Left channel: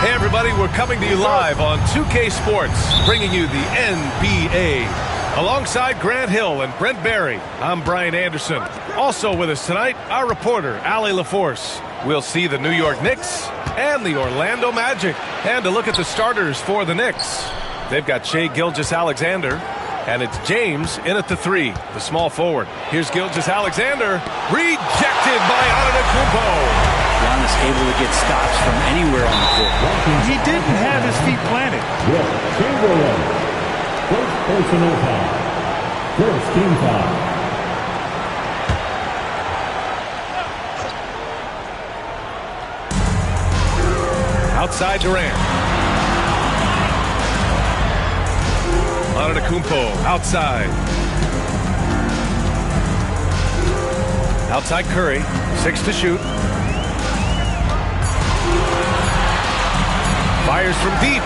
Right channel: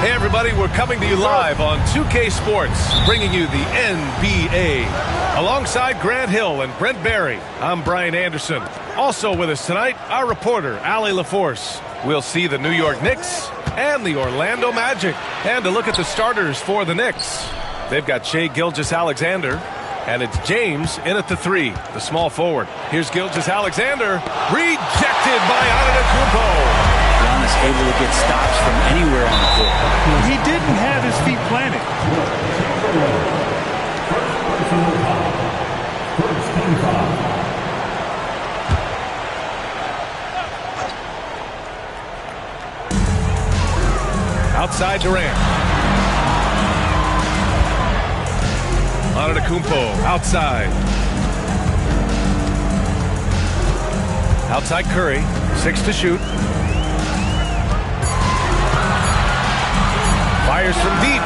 Hey everybody, we're coming to you live on 2K Sports, bringing you the NBA. Alongside Grant Hill and Brent Barry, I'm Brian Anderson. Also with us tonight, our reporter, Allie LaForce. We'll see the New York Knicks and the Orlando Magic. And to look at the starters for the Knicks. They've got Shai Gilgeous-Alexander, and it's James in at the 3, the small forward. Here's Gilgeous-Alexander, rejected by Antetokounmpo. Giannis able to get stops from anywhere on the court. He didn't have his feet planted. Wilt Chamberlain, first personal foul. First team foul. Outside Durant. Antetokounmpo outside. Outside Curry, 6 to shoot. Fires from deep.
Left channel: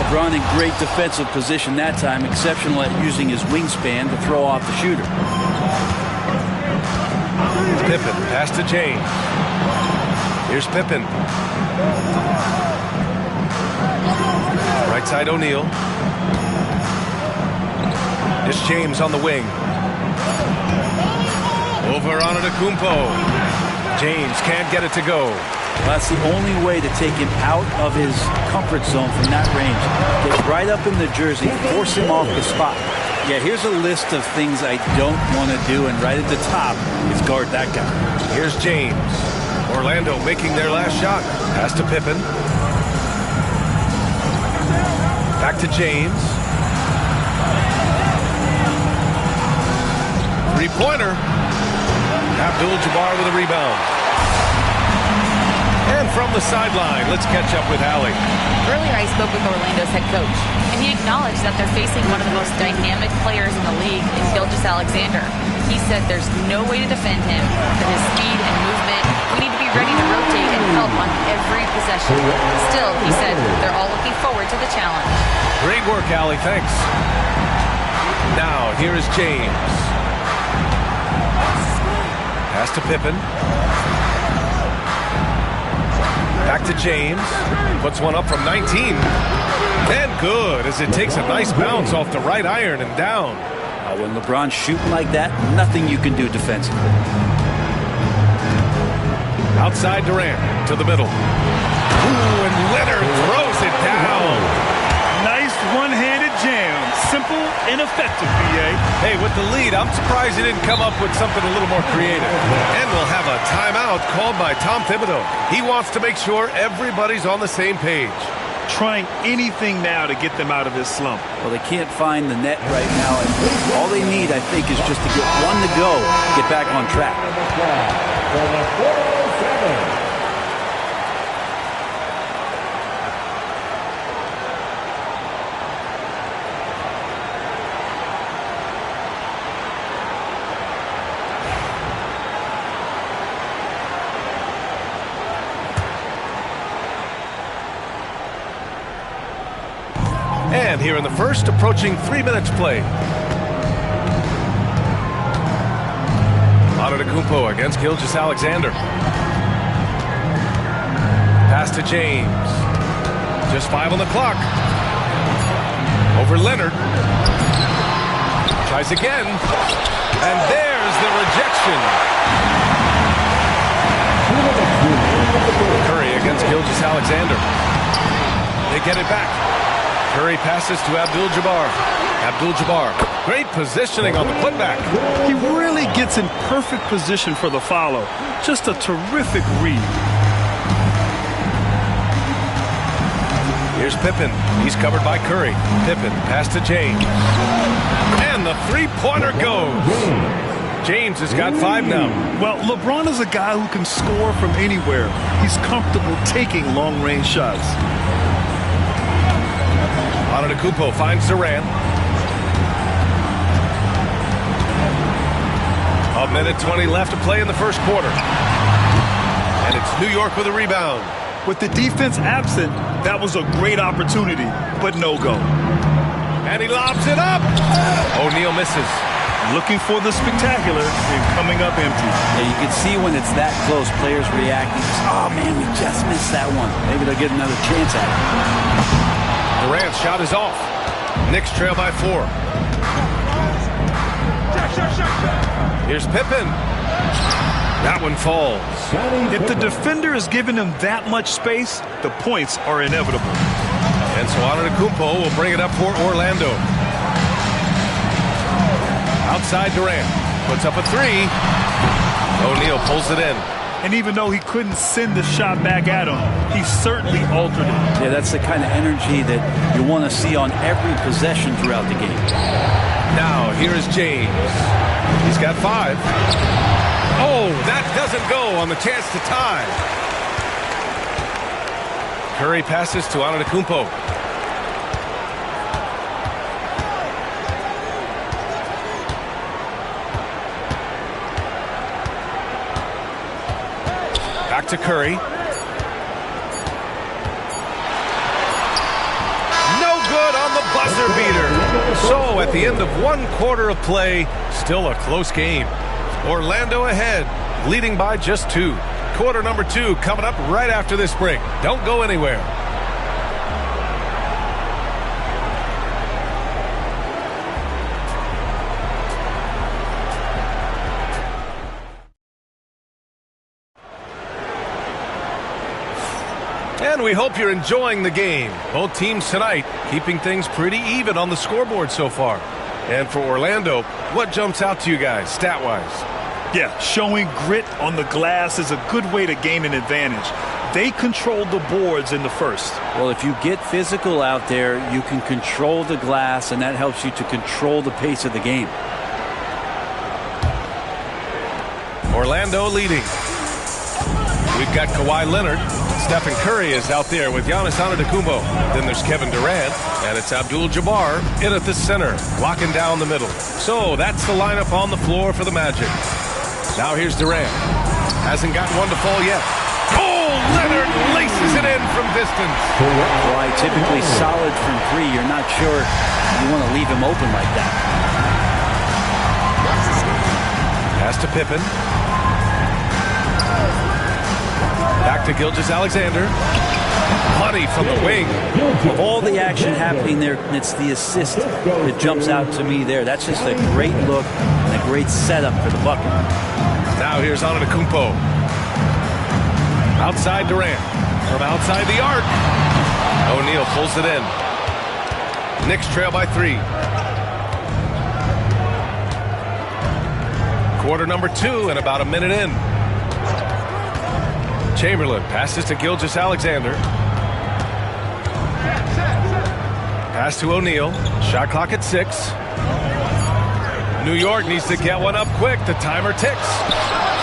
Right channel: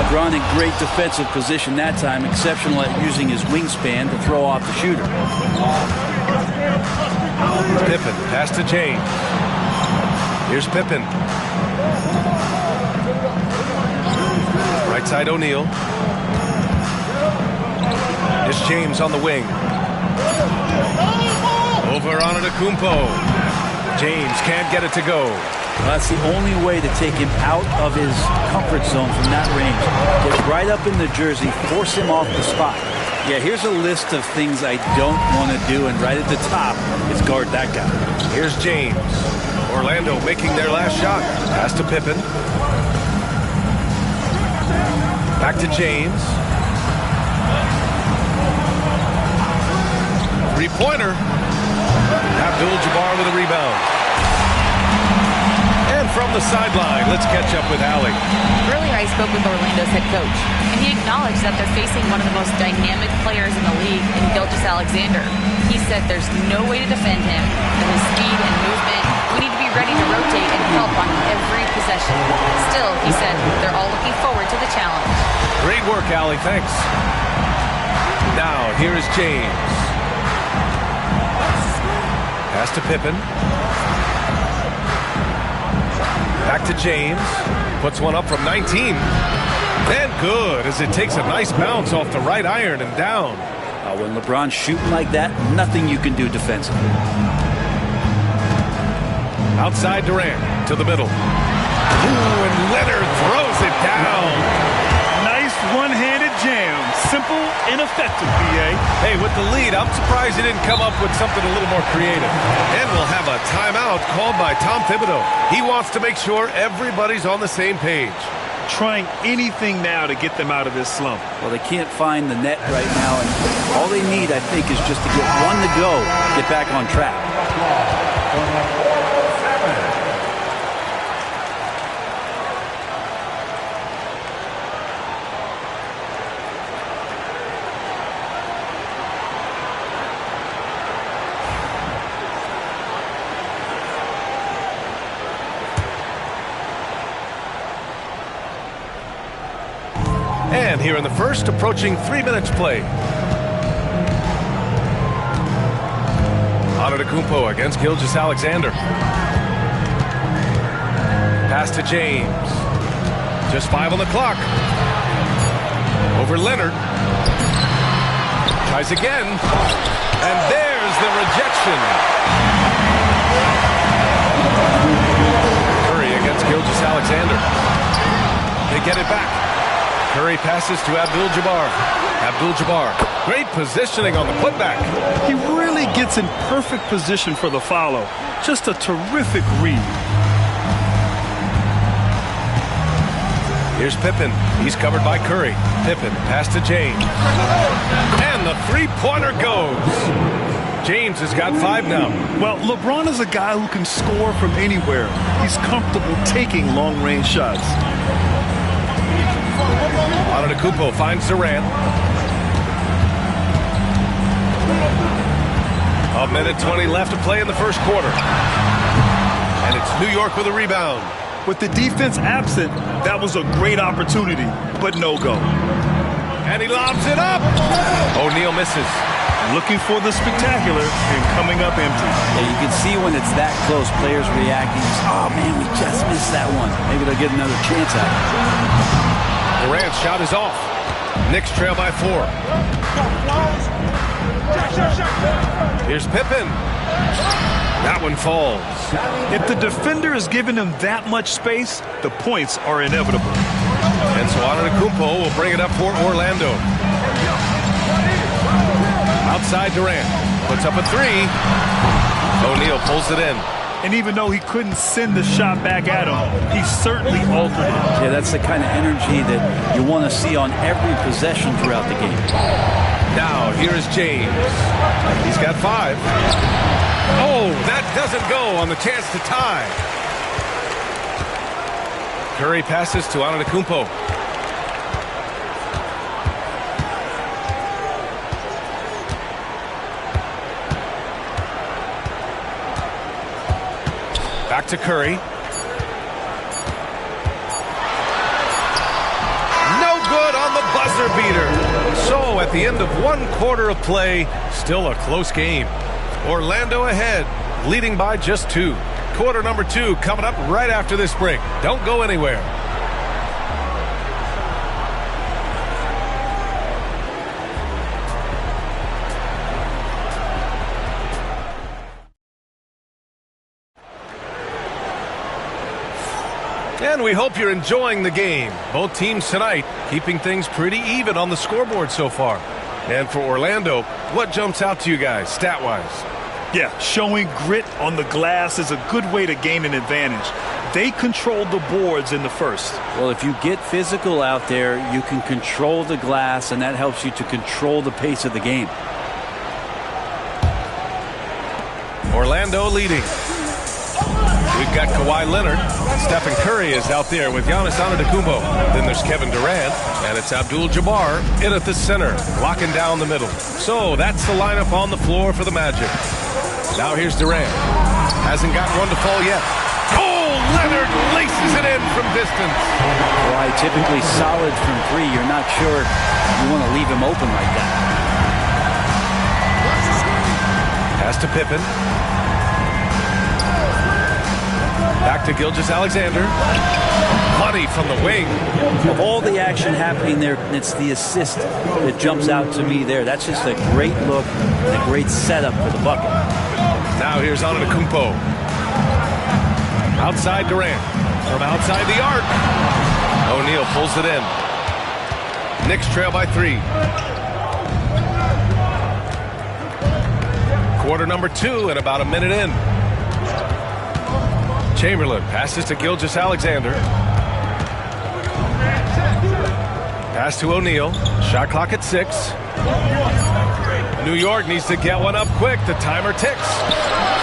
LeBron in great defensive position that time, exceptional at using his wingspan to throw off the shooter. Pippen, pass to James. Here's Pippen. Right side O'Neal. Here's James on the wing. Over Antetokounmpo. James can't get it to go. Well, that's the only way to take him out of his comfort zone from that range. Get right up in the jersey, force him off the spot. Yeah, here's a list of things I don't want to do, and right at the top is guard that guy. Here's James. Orlando making their last shot. Pass to Pippen. Back to James. Three-pointer. Abdul-Jabbar with a rebound. And from the sideline, let's catch up with Allie. Earlier, I spoke with Orlando's head coach, and he acknowledged that they're facing one of the most dynamic players in the league in Gilgeous-Alexander. He said there's no way to defend him, that his speed and movement, we need to be ready to rotate and help on every possession. Still, he said they're all looking forward to the challenge. Great work, Allie. Thanks. Now, here is James. Pass to Pippen. Back to James. Puts one up from 19. And good, as it takes a nice bounce off the right iron and down. When LeBron's shooting like that, nothing you can do defensively. Outside Durant to the middle. Ooh, and Leonard throws it down. Nice one-handed jam. Simple and effective, B.A. Hey, with the lead, I'm surprised he didn't come up with something a little more creative. And we'll have a timeout called by Tom Thibodeau. He wants to make sure everybody's on the same page. Trying anything now to get them out of this slump. Well, they can't find the net right now, and all they need, I think, is just to get one to go, get back on track. And here in the first, approaching 3 minutes play. Antetokounmpo against Gilgeous-Alexander. Pass to James. Just 5 on the clock. Over Leonard. Tries again. And there's the rejection. Curry against Gilgeous-Alexander. They get it back. Curry passes to Abdul-Jabbar. Abdul-Jabbar, great positioning on the putback. He really gets in perfect position for the follow. Just a terrific read. Here's Pippen. He's covered by Curry. Pippen, pass to James. And the three-pointer goes. James has got 5 now. Well, LeBron is a guy who can score from anywhere. He's comfortable taking long-range shots. Antetokounmpo finds Durant. 1:20 left to play in the first quarter. And it's New York with a rebound. With the defense absent, that was a great opportunity, but no go. And he lobs it up. O'Neal misses. Looking for the spectacular and coming up empty. Yeah, you can see when it's that close, players reacting. Oh, man, we just missed that one. Maybe they'll get another chance at it. Durant's shot is off. Knicks trail by 4. Here's Pippen. That one falls. If the defender is giving him that much space, the points are inevitable. And so Antetokounmpo will bring it up for Orlando. Outside Durant. Puts up a 3. O'Neal pulls it in. And even though he couldn't send the shot back at him, he certainly altered it. Yeah, that's the kind of energy that you want to see on every possession throughout the game. Now, here is James. He's got 5. Oh, that doesn't go on the chance to tie. Curry passes to Antetokounmpo. Back to Curry. good on the buzzer beater. So at the end of 1 quarter of play, still a close game. Orlando ahead, leading by just 2. Quarter number 2 coming up right after this break. Don't go anywhere. And we hope you're enjoying the game. Both teams tonight keeping things pretty even on the scoreboard so far. And for Orlando, what jumps out to you guys stat-wise? Yeah, showing grit on the glass is a good way to gain an advantage. They controlled the boards in the first. Well, if you get physical out there, you can control the glass, and that helps you to control the pace of the game. Orlando leading. We've got Kawhi Leonard. Stephen Curry is out there with Giannis Antetokounmpo. Then there's Kevin Durant, and it's Abdul-Jabbar in at the center, locking down the middle. So that's the lineup on the floor for the Magic. Now here's Durant. Hasn't gotten one to fall yet. Oh, Leonard laces it in from distance. Kawhi typically solid from 3. You're not sure you want to leave him open like that. Pass to Pippen. Back to Gilgeous-Alexander. Money from the wing. Of all the action happening there, it's the assist that jumps out to me there. That's just a great look and a great setup for the bucket. Now here's Antetokounmpo. Outside Durant. From outside the arc. O'Neal pulls it in. Knicks trail by 3. Quarter number 2 and about a minute in. Chamberlain passes to Gilgeous-Alexander. Pass to O'Neal. Shot clock at 6. New York needs to get one up quick. The timer ticks.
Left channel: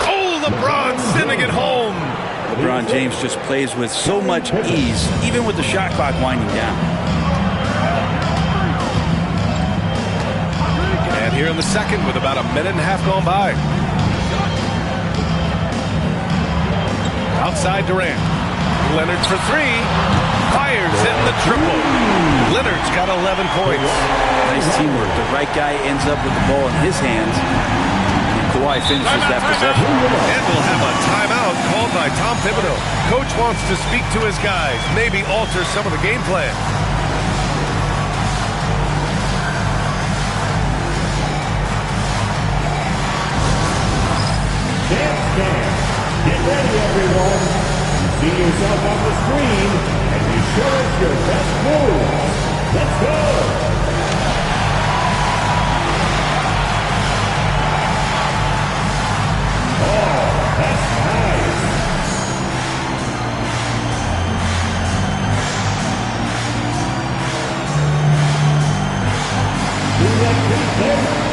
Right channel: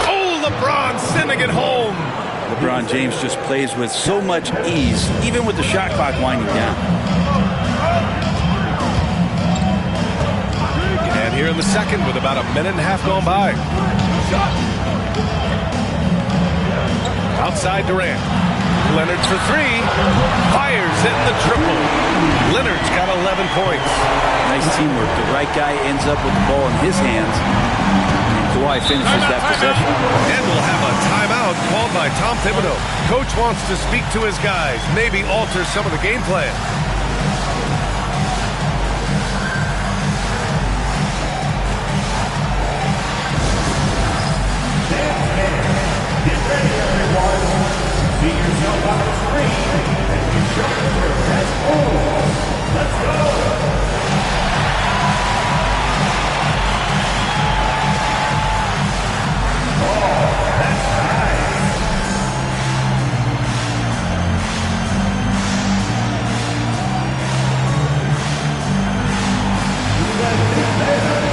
Oh, LeBron sending it home. LeBron James just plays with so much ease, even with the shot clock winding down. And here in the second with about a minute and a half gone by. Outside Durant. Leonard for 3. Fires in the triple. Leonard's got 11 points. Nice teamwork. The right guy ends up with the ball in his hands. And Kawhi finishes that possession. And we'll have a timeout called by Tom Thibodeau. Coach wants to speak to his guys. Maybe alter some of the game plan. Get ready, everyone. See yourself on the screen and be sure it's your best move. Let's go. Oh, that's nice. You left it there.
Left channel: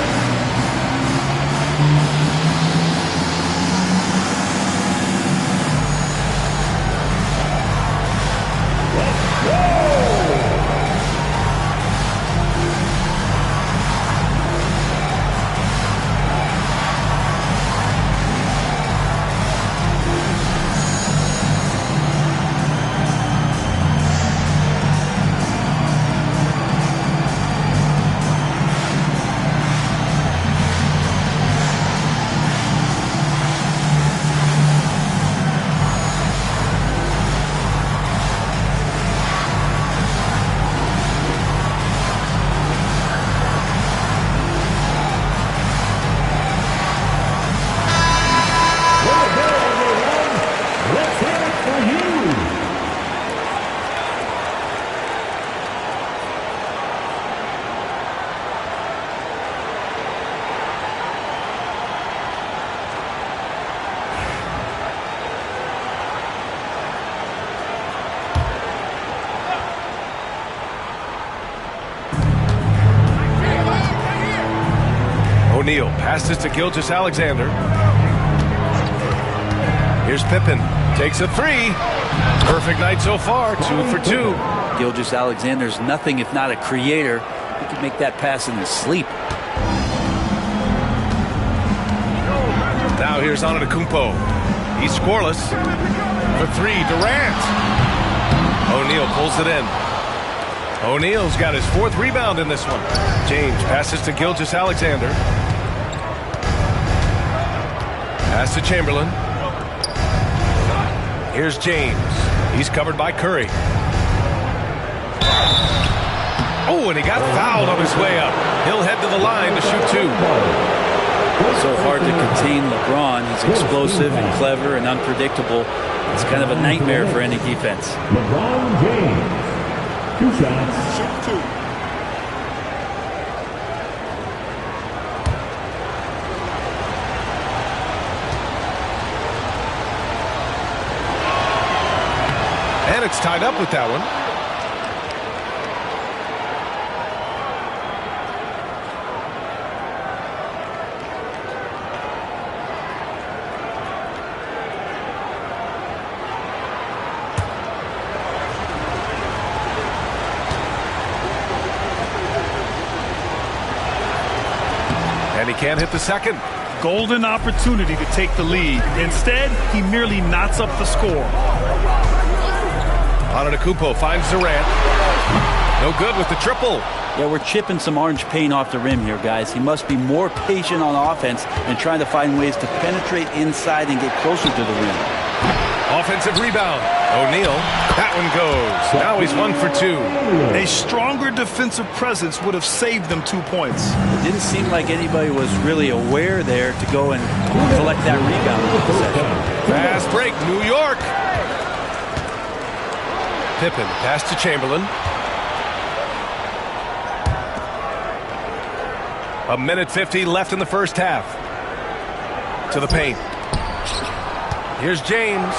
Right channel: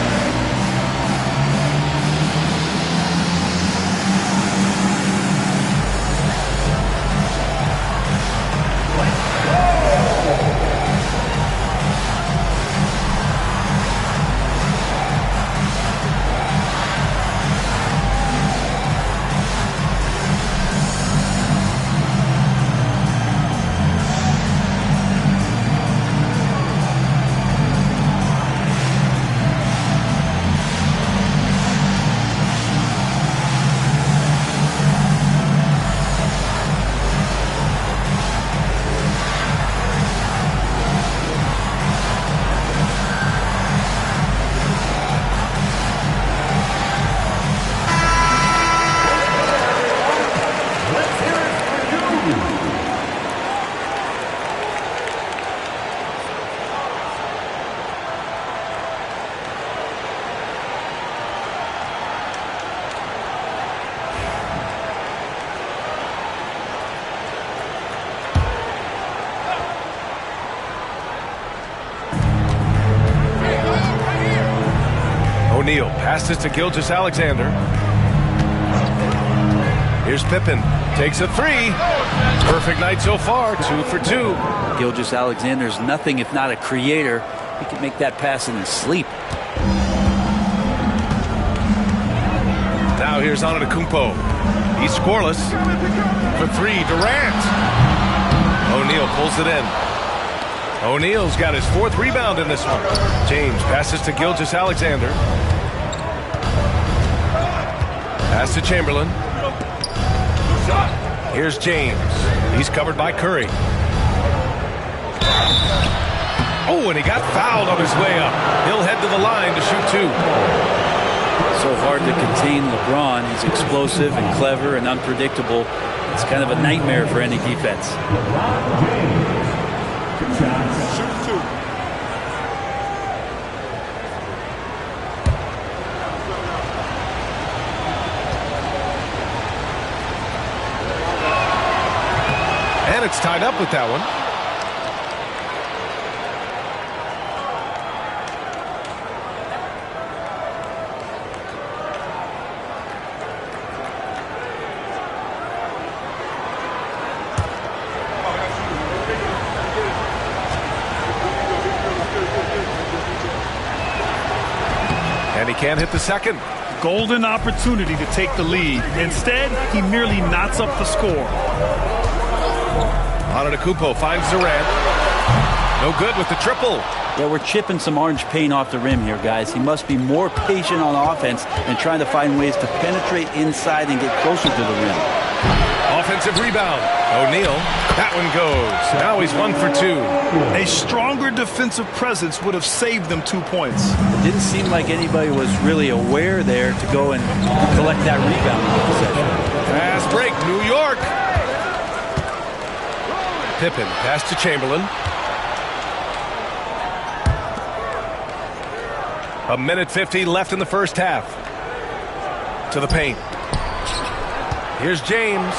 O'Neal passes to Gilgeous-Alexander. Here's Pippen. Takes a 3. Perfect night so far. 2 for 2. Gilgeous-Alexander's nothing if not a creator. He can make that pass in his sleep. Now here's Antetokounmpo. He's scoreless. For 3, Durant. O'Neal pulls it in. O'Neal's got his 4th rebound in this one. James passes to Gilgeous-Alexander. Pass to Chamberlain. Here's James. He's covered by Curry. Oh, and he got fouled on his way up. He'll head to the line to shoot 2. So hard to contain LeBron. He's explosive and clever and unpredictable. It's kind of a nightmare for any defense. LeBron James. 2 shots. Shoot 2. And it's tied up with that one. And he can't hit the second. Golden opportunity to take the lead. Instead, he merely knots up the score. Antetokounmpo finds Durant. No good with the triple. Yeah, we're chipping some orange paint off the rim here, guys. He must be more patient on offense and trying to find ways to penetrate inside and get closer to the rim. Offensive rebound. O'Neal. That one goes. Now he's 1 for 2. A stronger defensive presence would have saved them 2 points. It didn't seem like anybody was really aware there to go and collect that rebound in the possession. Fast break. New York. Pippen pass to Chamberlain. A minute 50 left in the first half. To the paint. Here's James.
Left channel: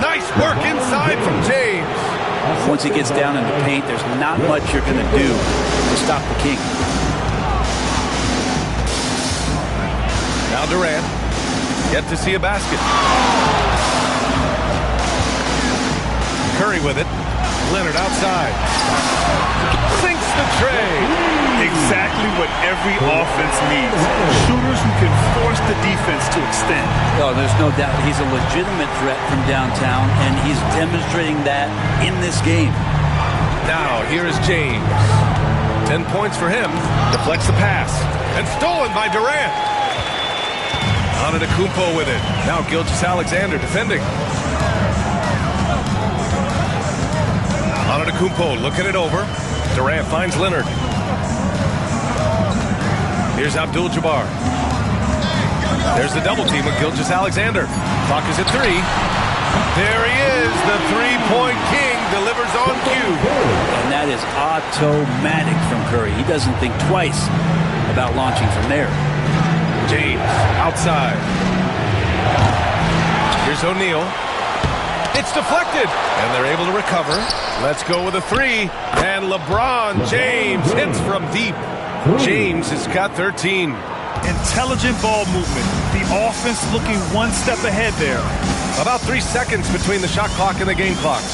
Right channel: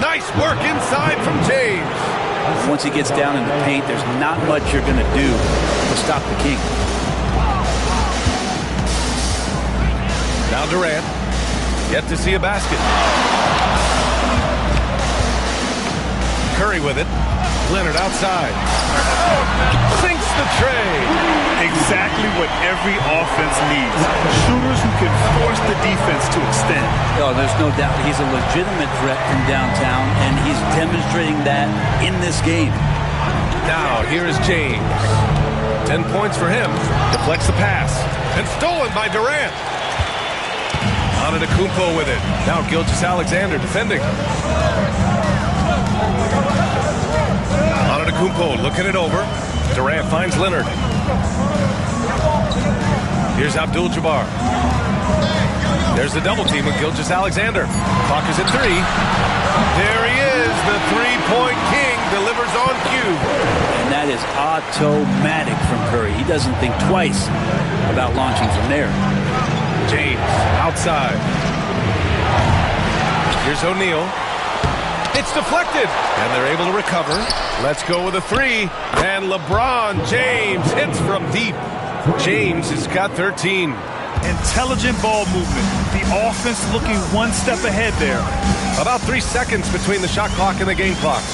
Nice work inside from James. Once he gets down in the paint, there's not much you're going to do to stop the King. Now Durant. Yet to see a basket. Curry with it. Leonard outside. Sinks the tray. Exactly what every offense needs. Shooters who can force the defense to extend. Oh, there's no doubt he's a legitimate threat from downtown, and he's demonstrating that in this game. Now, here is James. 10 points for him. Deflects the pass. And stolen by Durant. Antetokounmpo with it. Now Gilgeous-Alexander defending. Antetokounmpo looking it over. Durant finds Leonard. Here's Abdul-Jabbar. There's the double team with Gilgeous-Alexander. Clock is at 3. There he is. The 3-point king delivers on cue. And that is automatic from Curry. He doesn't think twice about launching from there. James outside. Here's O'Neal. It's deflected. And they're able to recover. Let's go with a 3. And LeBron James hits from deep. James has got 13. Intelligent ball movement. The offense looking one step ahead there. About 3 seconds between the shot clock and the game clock.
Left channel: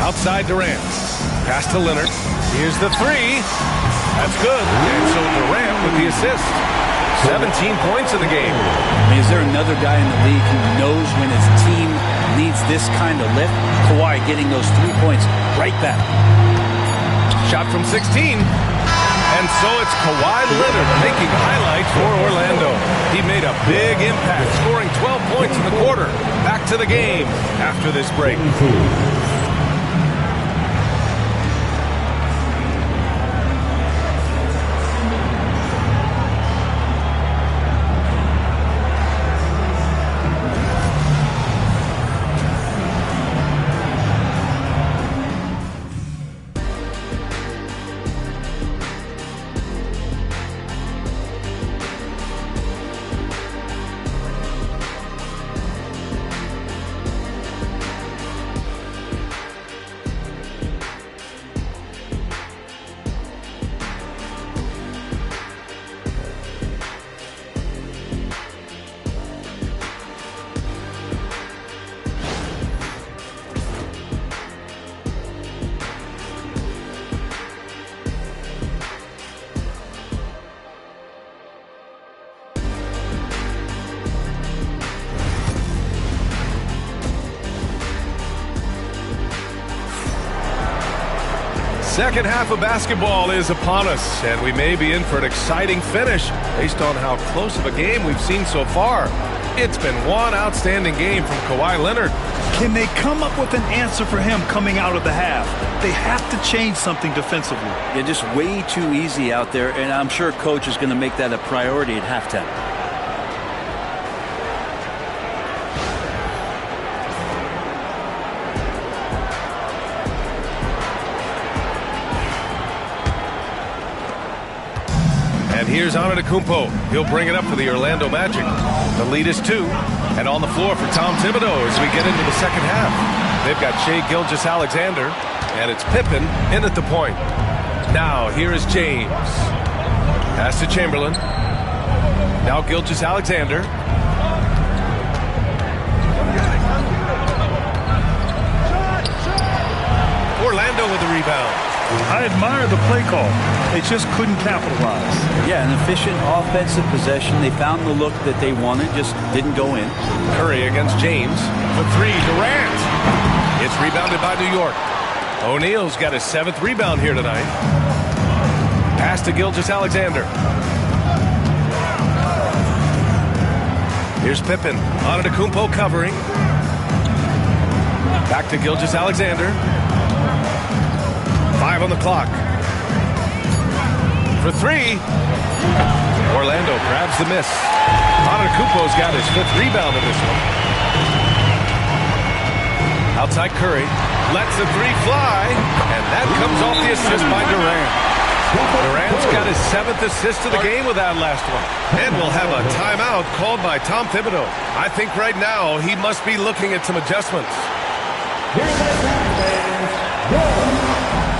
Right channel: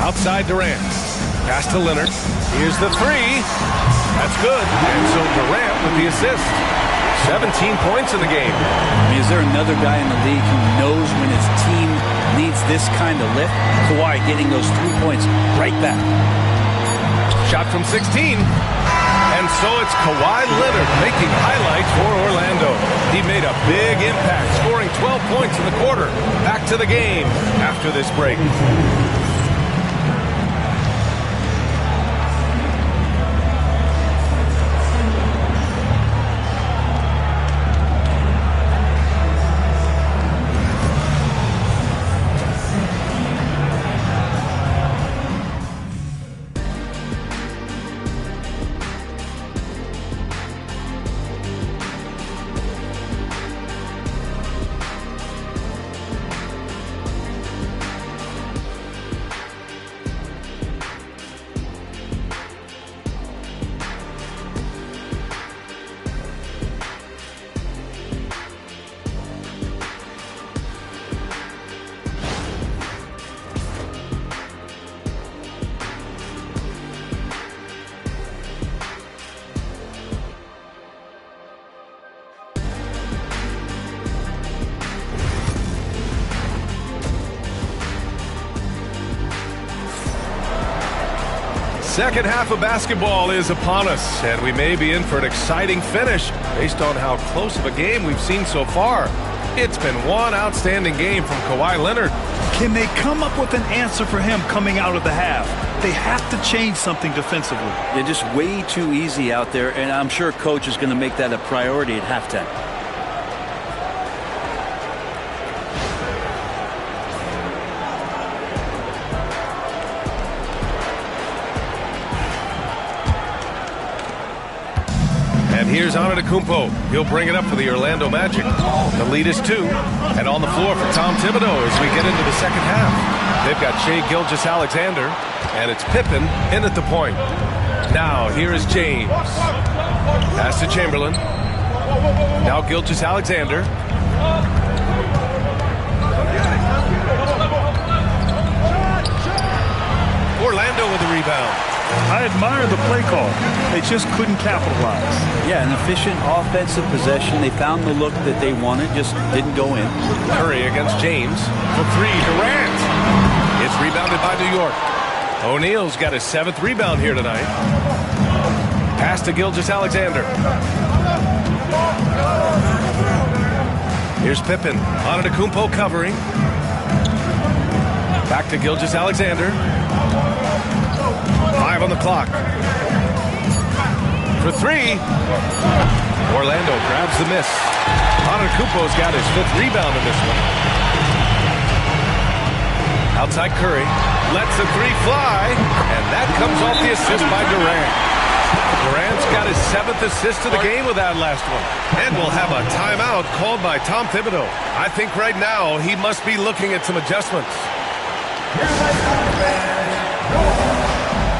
Outside Durant. Pass to Leonard. Here's the 3. That's good. And so Durant with the assist. 17 points in the game. I mean, is there another guy in the league who knows when his team needs this kind of lift? Kawhi getting those 3 points right back. Shot from 16. And so it's Kawhi Leonard making highlights for Orlando. He made a big impact, scoring 12 points in the quarter. Back to the game after this break. Second half of basketball is upon us, and we may be in for an exciting finish based on how close of a game we've seen so far. It's been one outstanding game from Kawhi Leonard. Can they come up with an answer for him coming out of the half? They have to change something defensively. Yeah, just way too easy out there, and I'm sure Coach is going to make that a priority at halftime. And here's Antetokounmpo. He'll bring it up for the Orlando Magic. The lead is 2. And on the floor for Tom Thibodeau as we get into the second half. They've got Shai Gilgeous-Alexander, and it's Pippen in at the point. Now, here is James. Pass to Chamberlain. Now Gilgeous-Alexander. Orlando with the rebound. I admire the play call. They just couldn't capitalize. Yeah, an efficient offensive possession. They found the look that they wanted, just didn't go in. Curry against James. For 3, Durant. It's rebounded by New York. O'Neal's got his 7th rebound here tonight. Pass to Gilgeous-Alexander. Here's Pippen. Antetokounmpo covering. Back to Gilgeous-Alexander. 5 on the clock. For 3. Orlando grabs the miss. Antetokounmpo's got his 5th rebound in this one. Outside Curry. Lets the 3 fly. And that comes off the assist by Durant. Durant's got his 7th assist of the game with that last one. And we'll have a timeout called by Tom Thibodeau. I think right now he must be looking at some adjustments. Here they come, fans. Your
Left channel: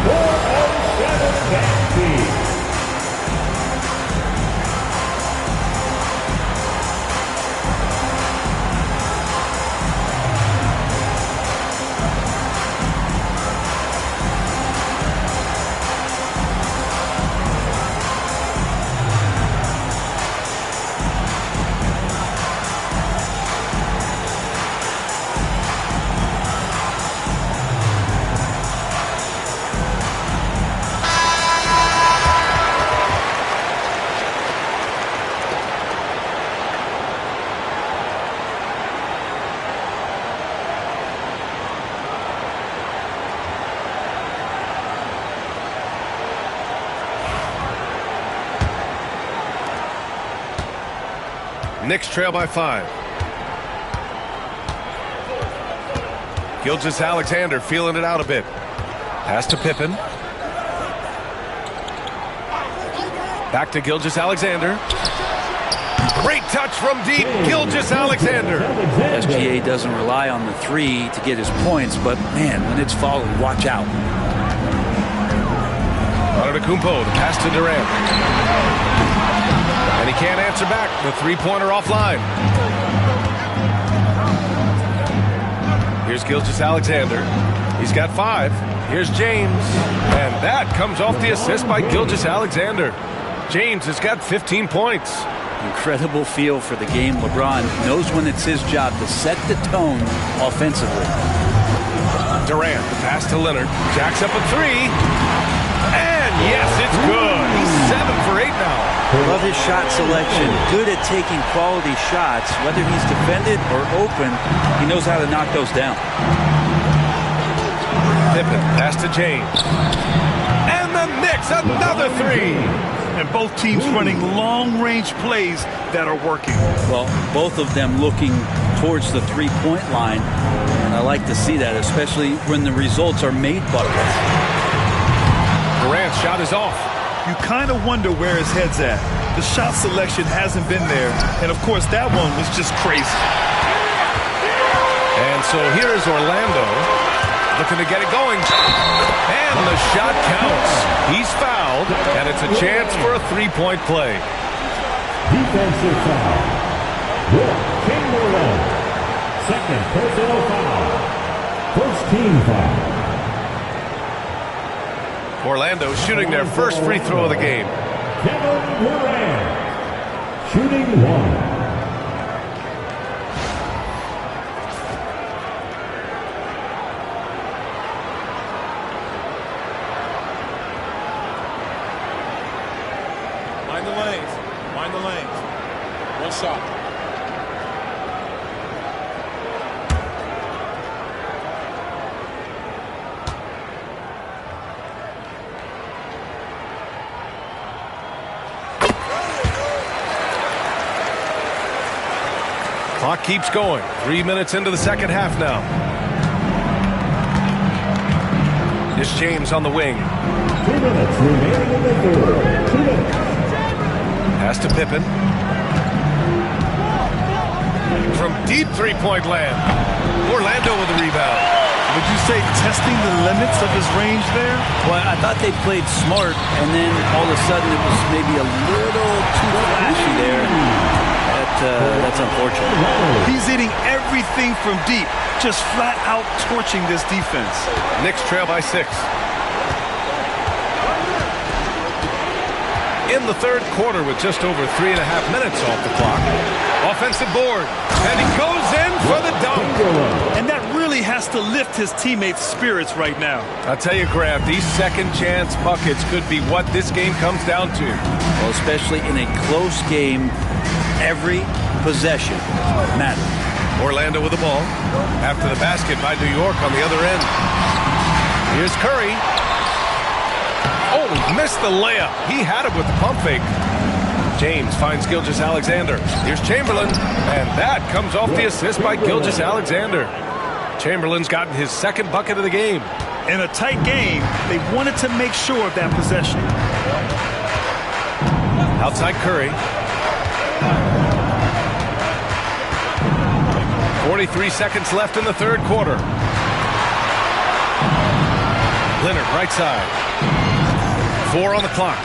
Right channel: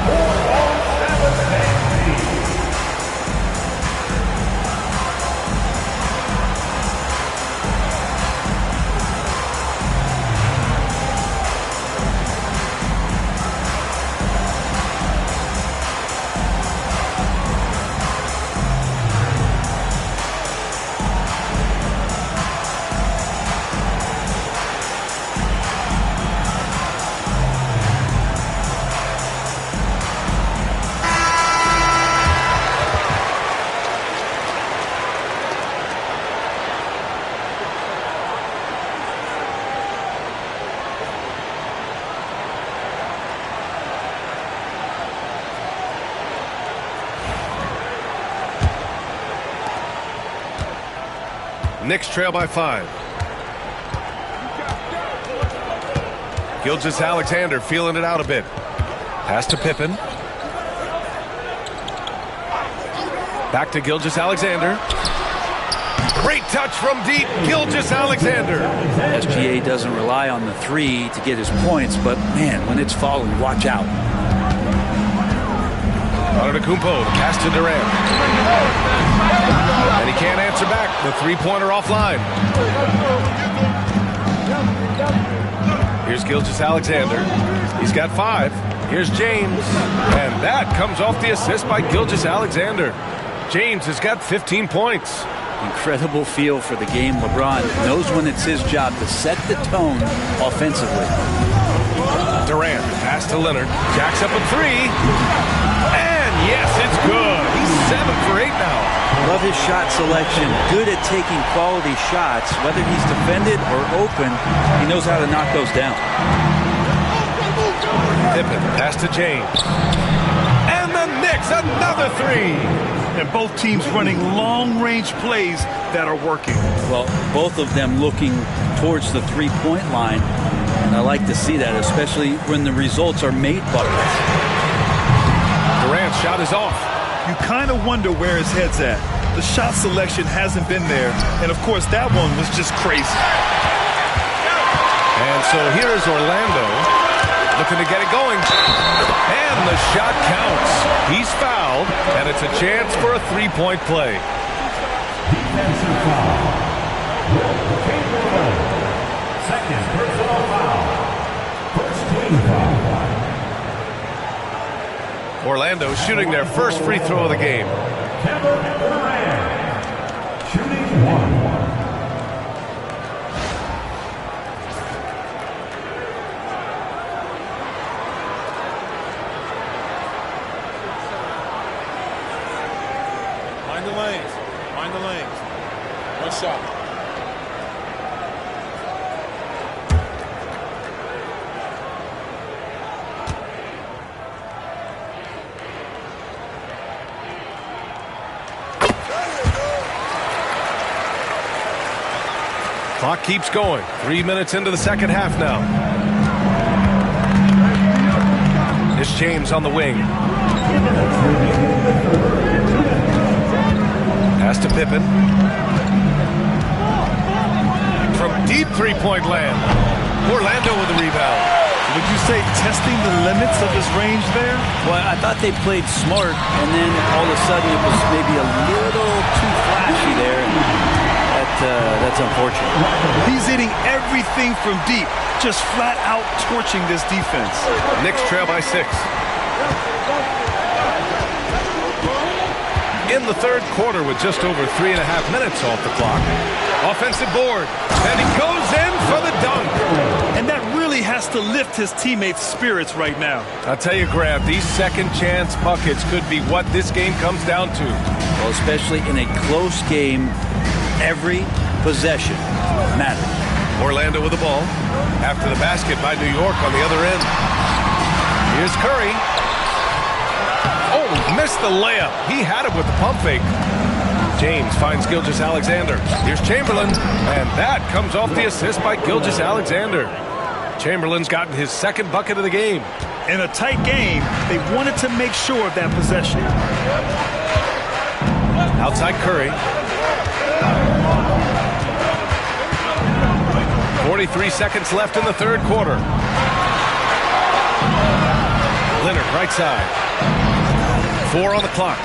407 Fantasy. Knicks trail by 5. Gilgeous-Alexander feeling it out a bit. Pass to Pippen. Back to Gilgeous-Alexander. Great touch from deep. Gilgeous-Alexander. SGA doesn't rely on the 3 to get his points, but man, when it's falling, watch out. Antetokounmpo, the pass to Durant. And he can't answer back. The 3-pointer offline. Here's Gilgeous-Alexander. He's got 5. Here's James. And that comes off the assist by Gilgeous-Alexander. James has got 15 points. Incredible feel for the game. LeBron knows when it's his job to set the tone offensively. Durant, the pass to Leonard. Jacks up a 3. And yes, it's good. He's 7 for 8 now. Love his shot selection. Good at taking quality shots. Whether he's defended or open, he knows how to knock those down. Pippen, pass to James. And the Knicks, another 3. And both teams running long-range plays that are working. Well, both of them looking towards the 3-point line. And I like to see that, especially when the results are made buckets. Durant's shot is off. You kind of wonder where his head's at. The shot selection hasn't been there. And, of course, that one was just crazy. And so here is Orlando looking to get it going. And the shot counts. He's fouled, and it's a chance for a 3-point play. Defensive foul. Will Chamberlain. Second personal foul. First team foul. Orlando shooting their first free throw of the game. Kevin Durant, shooting 1. Mind the lanes. Mind the lanes. One shot. Clock keeps going. 3 minutes into the second half now. Here's James on the wing. Pass to Pippen. From deep three-point land. Orlando with the rebound. Would you say testing the limits of his range there? Well, I thought they played smart, and then all of a sudden it was maybe a little too flashy there. And that's unfortunate. He's hitting everything from deep, just flat out torching this defense. Knicks trail by 6. In the third quarter with just over 3.5 minutes off the clock. Offensive board. And he goes in for the dunk. And that really has to lift his teammates' spirits right now. I'll tell you, Grant, these second chance buckets could be what this game comes down to. Well, especially in a close game, every possession matters. Orlando with the ball. After the basket by New York on the other end. Here's Curry. Oh, missed the layup. He had it with the pump fake. James finds Gilgeous-Alexander. Here's Chamberlain. And that comes off the assist by Gilgeous-Alexander. Chamberlain's gotten his second bucket of the game. In a tight game, they wanted to make sure of that possession. Outside Curry. 43 seconds left in the third quarter. Leonard right side. 4 on the clock.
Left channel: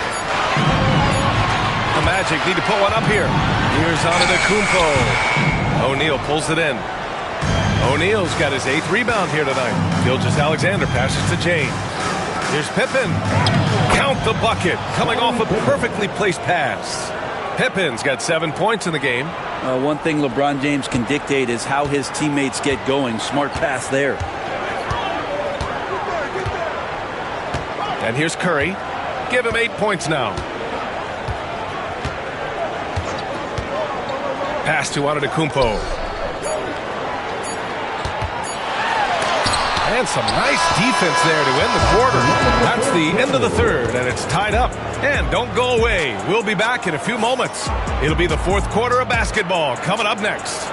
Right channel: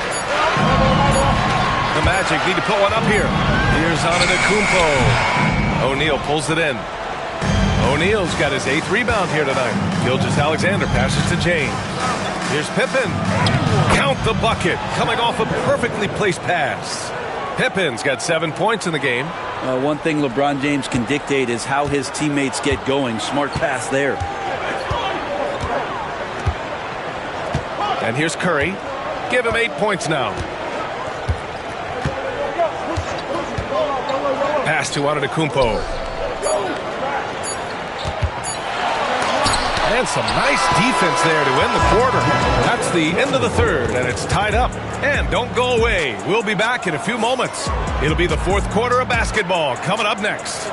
The Magic need to put one up here. Here's Antetokounmpo. O'Neal pulls it in. O'Neal's got his 8th rebound here tonight. Gilgeous-Alexander passes to James. Here's Pippen. Count the bucket. Coming off a perfectly placed pass. Pippen's got 7 points in the game. One thing LeBron James can dictate is how his teammates get going. Smart pass there. And here's Curry. Give him 8 points now. Pass to Antetokounmpo. And some nice defense there to end the quarter. That's the end of the third, and it's tied up. And don't go away. We'll be back in a few moments. It'll be the fourth quarter of basketball coming up next.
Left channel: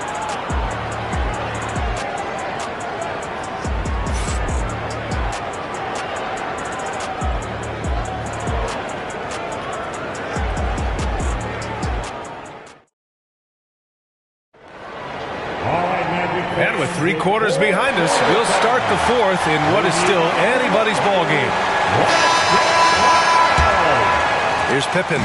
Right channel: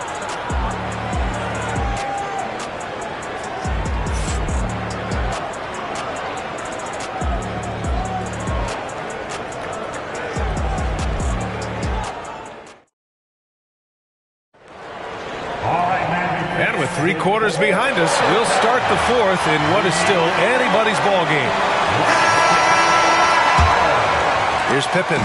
And with 3 quarters behind us, we'll start the fourth in what is still anybody's ball game. Here's Pippen.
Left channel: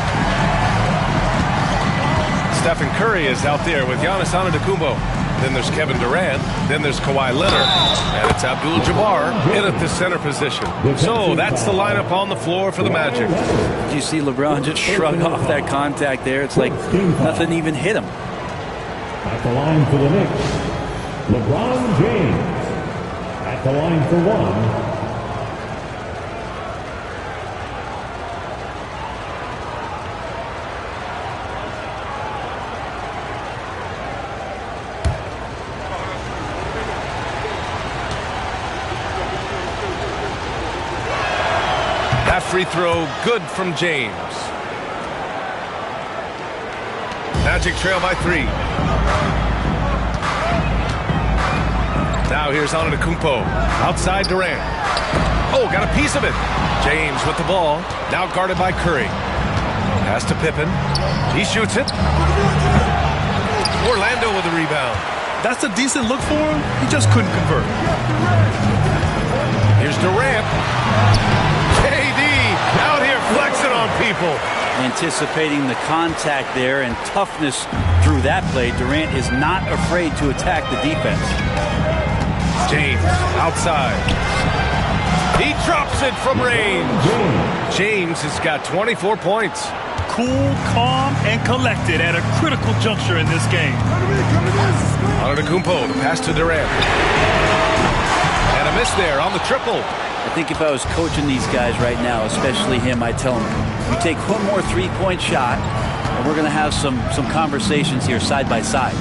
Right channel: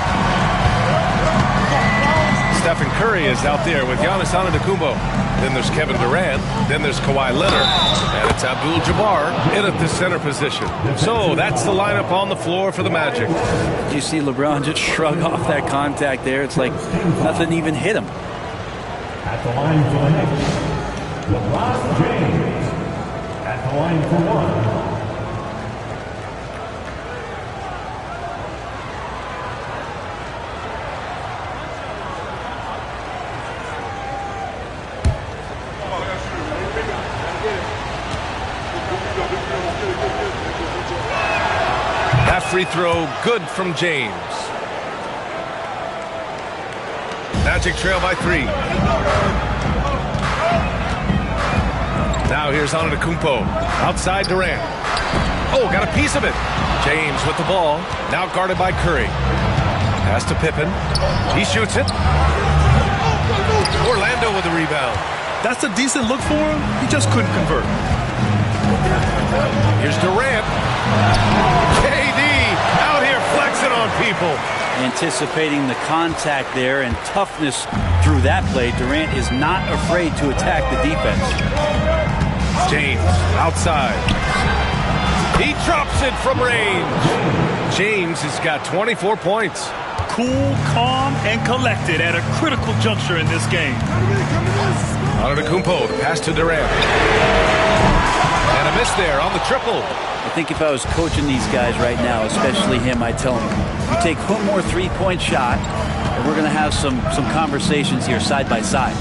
Stephen Curry is out there with Giannis Antetokounmpo. Then there's Kevin Durant. Then there's Kawhi Leonard. And it's Abdul-Jabbar in at the center position. So that's the lineup on the floor for the Magic. You see LeBron just shrug off that contact there. It's like nothing even hit him. At the line for the Knicks, LeBron James. At the line for one, That free throw good from James. Magic trail by 3. Now here's Antetokounmpo. Outside Durant. Oh, got a piece of it. James with the ball. Now guarded by Curry. Pass to Pippen. He shoots it. Orlando with the rebound. That's a decent look for him. He just couldn't convert. Here's Durant. KD out here flexing on people. Anticipating the contact there and toughness through that play, Durant is not afraid to attack the defense. James outside. He drops it from range. James has got 24 points. Cool, calm, and collected at a critical juncture in this game. Antetokounmpo, the pass to Durant. And a miss there on the triple. I think if I was coaching these guys right now, especially him, I'd tell him, you take one more three-point shot, and we're going to have some conversations here side by side.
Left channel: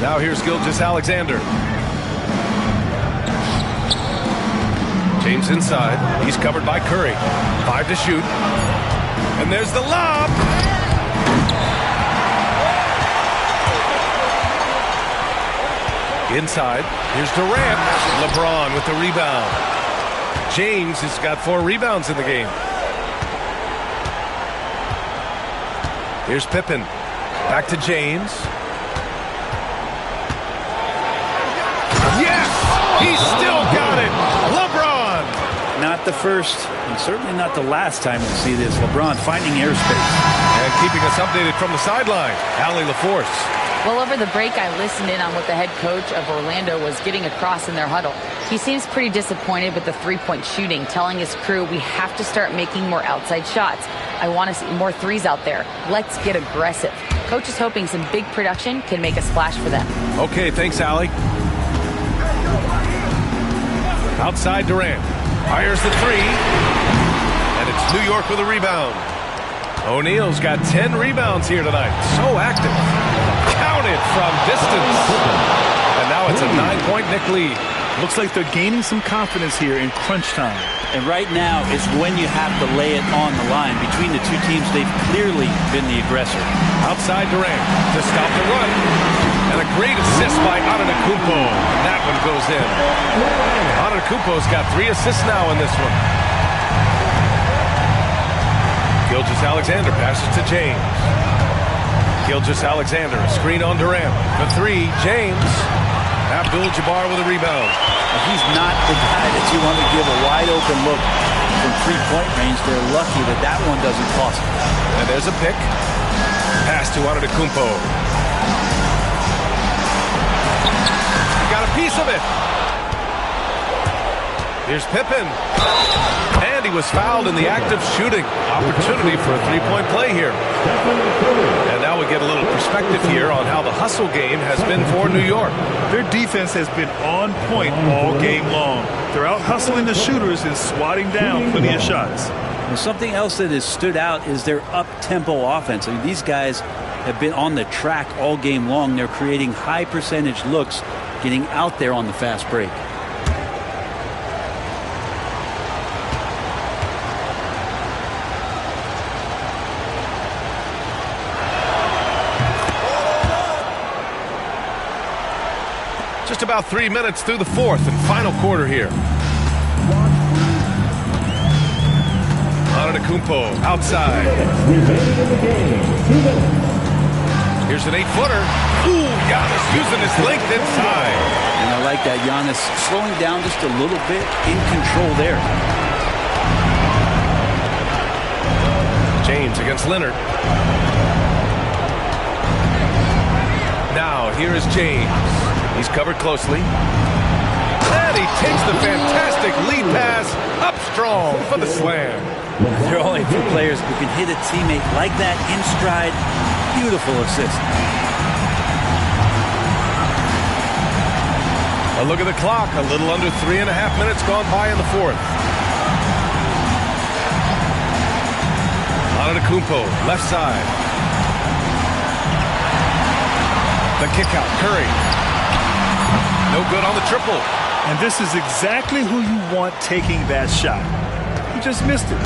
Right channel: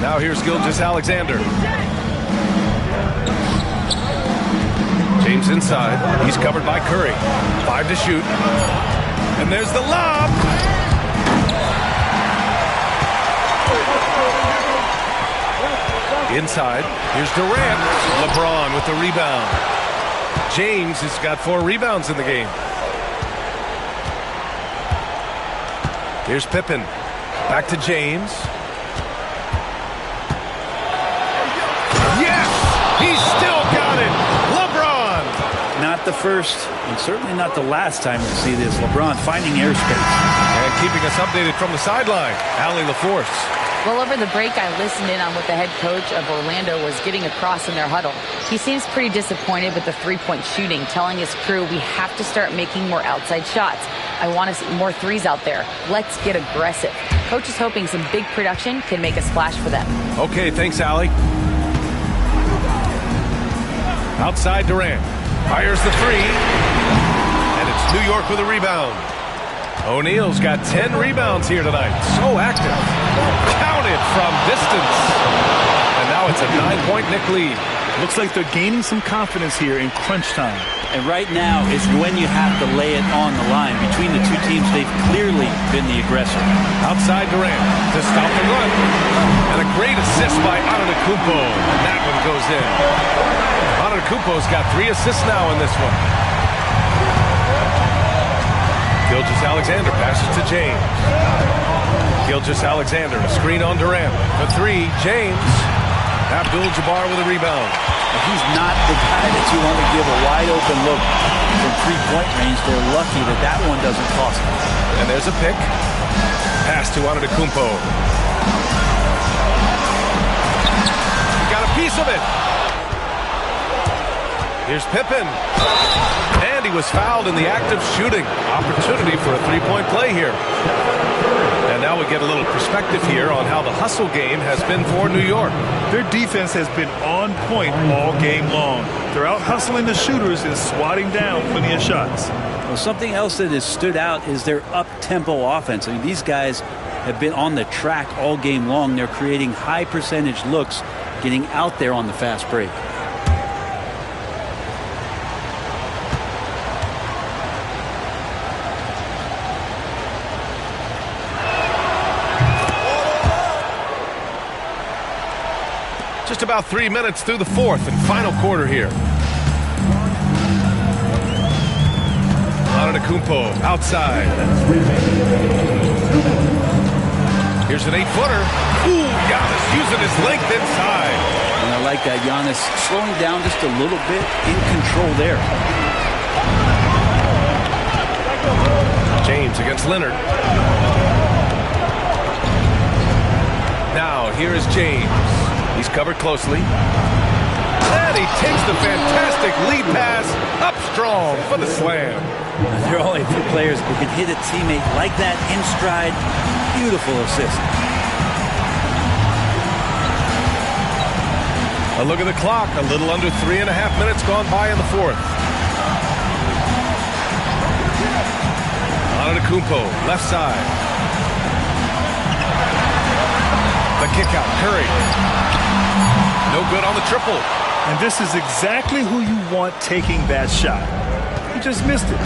Now here's Gilgeous-Alexander. James inside. He's covered by Curry. 5 to shoot. And there's the lob. Inside. Here's Durant. LeBron with the rebound. James has got 4 rebounds in the game. Here's Pippen. Back to James. Yes! He's still got it! LeBron! Not the first, and certainly not the last time we'll see this. LeBron finding airspace. And keeping us updated from the sideline, Allie LaForce. Well, over the break, I listened in on what the head coach of Orlando was getting across in their huddle. He seems pretty disappointed with the three-point shooting, telling his crew, we have to start making more outside shots. I want to see more threes out there. Let's get aggressive. Coach is hoping some big production can make a splash for them. Okay, thanks, Allie. Outside Durant. Fires the three. And it's New York with a rebound. O'Neal's got 10 rebounds here tonight. So active. Counted from distance. And now it's a 9-point Knick lead. Looks like they're gaining some confidence here in crunch time. And right now is when you have to lay it on the line. Between the two teams, they've clearly been the aggressor. Outside Durant to stop the run. And a great assist by Antetokounmpo. And that one goes in. Antetokounmpo's got 3 assists now in this one. Gilgeous-Alexander passes to James. Gilgeous-Alexander, a screen on Durant. For 3, James. Abdul-Jabbar with a rebound. He's not the guy that you want to give a wide open look from three-point range. They're lucky that that one doesn't cost them. And there's a pick. Pass to Antetokounmpo. He got a piece of it. Here's Pippen. And he was fouled in the act of shooting. Opportunity for a three-point play here. And now we get a little perspective here on how the hustle game has been for New York. Their defense has been on point all game long. They're out hustling the shooters and swatting down plenty of shots. Well, something else that has stood out is their up-tempo offense. I mean, these guys have been on the track all game long. They're creating high-percentage looks, getting out there on the fast break. Just about 3 minutes through the fourth and final quarter here. Antetokounmpo outside. Here's an 8-footer. Ooh, Giannis using his length inside. And I like that. Giannis slowing down just a little bit, in control there. James against Leonard. Now here is James. He's covered closely. And he takes the fantastic lead pass up strong for the slam. There are only a few players who can hit a teammate like that in stride. Beautiful assist. A look at the clock. A little under 3.5 minutes gone by in the fourth. Antetokounmpo, left side. The kick out, Curry. No good on the triple. And this is exactly who you want taking that shot. He just missed it.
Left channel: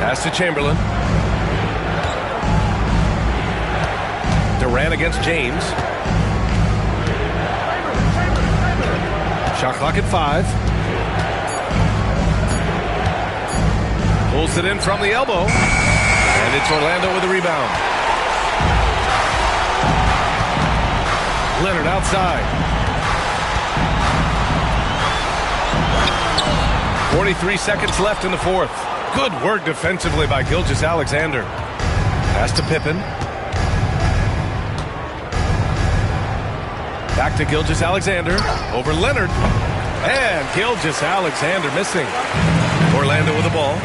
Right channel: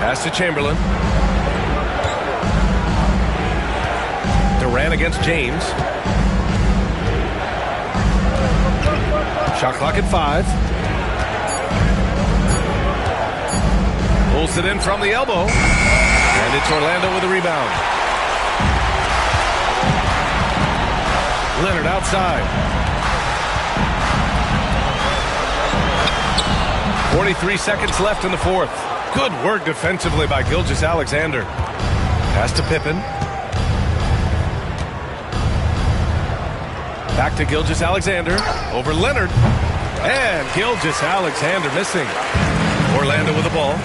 Pass to Chamberlain. Durant against James. Shot clock at 5. Pulls it in from the elbow. And it's Orlando with a rebound. Leonard outside. 43 seconds left in the fourth. Good work defensively by Gilgeous-Alexander. Pass to Pippen. Back to Gilgeous-Alexander. Over Leonard. And Gilgeous-Alexander missing. Orlando with the ball.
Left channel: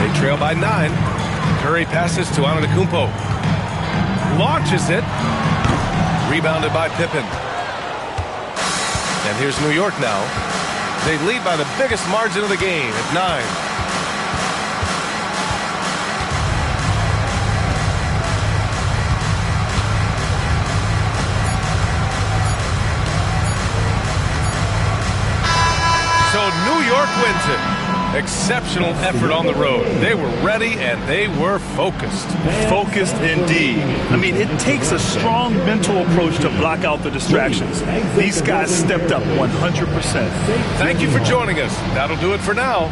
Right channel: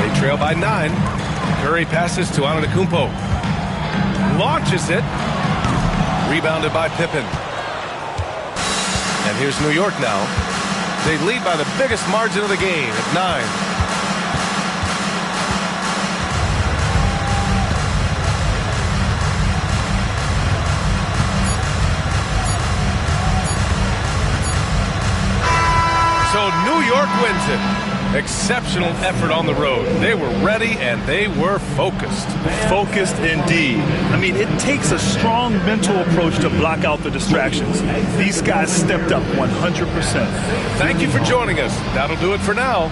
They trail by 9. Curry passes to Antetokounmpo. Launches it. Rebounded by Pippen. And here's New York now. They lead by the biggest margin of the game at 9. So New York wins it. Exceptional effort on the road. They were ready and they were focused. Focused indeed. I mean, it takes a strong mental approach to block out the distractions. These guys stepped up 100%. Thank you for joining us. That'll do it for now.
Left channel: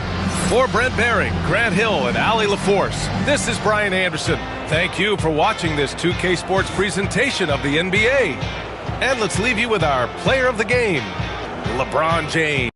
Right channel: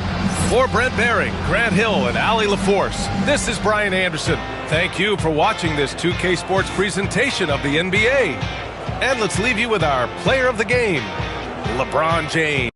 For Brent Barry, Grant Hill, and Allie LaForce, this is Brian Anderson. Thank you for watching this 2K Sports presentation of the NBA. And let's leave you with our player of the game, LeBron James.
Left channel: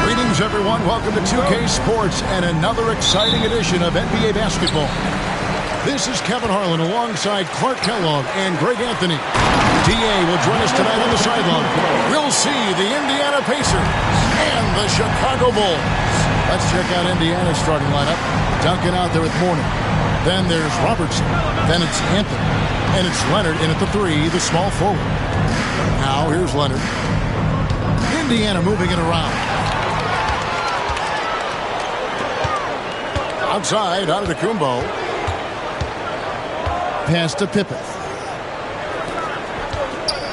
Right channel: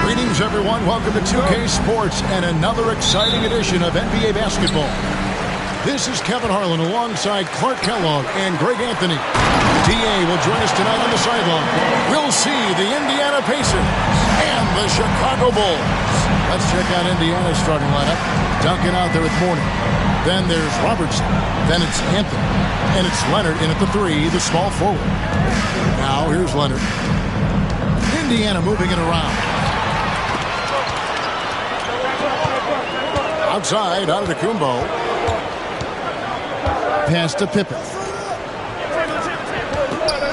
Greetings, everyone. Welcome to 2K Sports and another exciting edition of NBA basketball. This is Kevin Harlan alongside Clark Kellogg and Greg Anthony. DA will join us tonight on the sideline. We'll see the Indiana Pacers and the Chicago Bulls. Let's check out Indiana's starting lineup. Duncan out there with Mourning. Then there's Robertson. Then it's Anthony. And it's Leonard in at the 3, the small forward. Now here's Leonard. Indiana moving it around. Outside, Antetokounmpo. Pass to Pippen.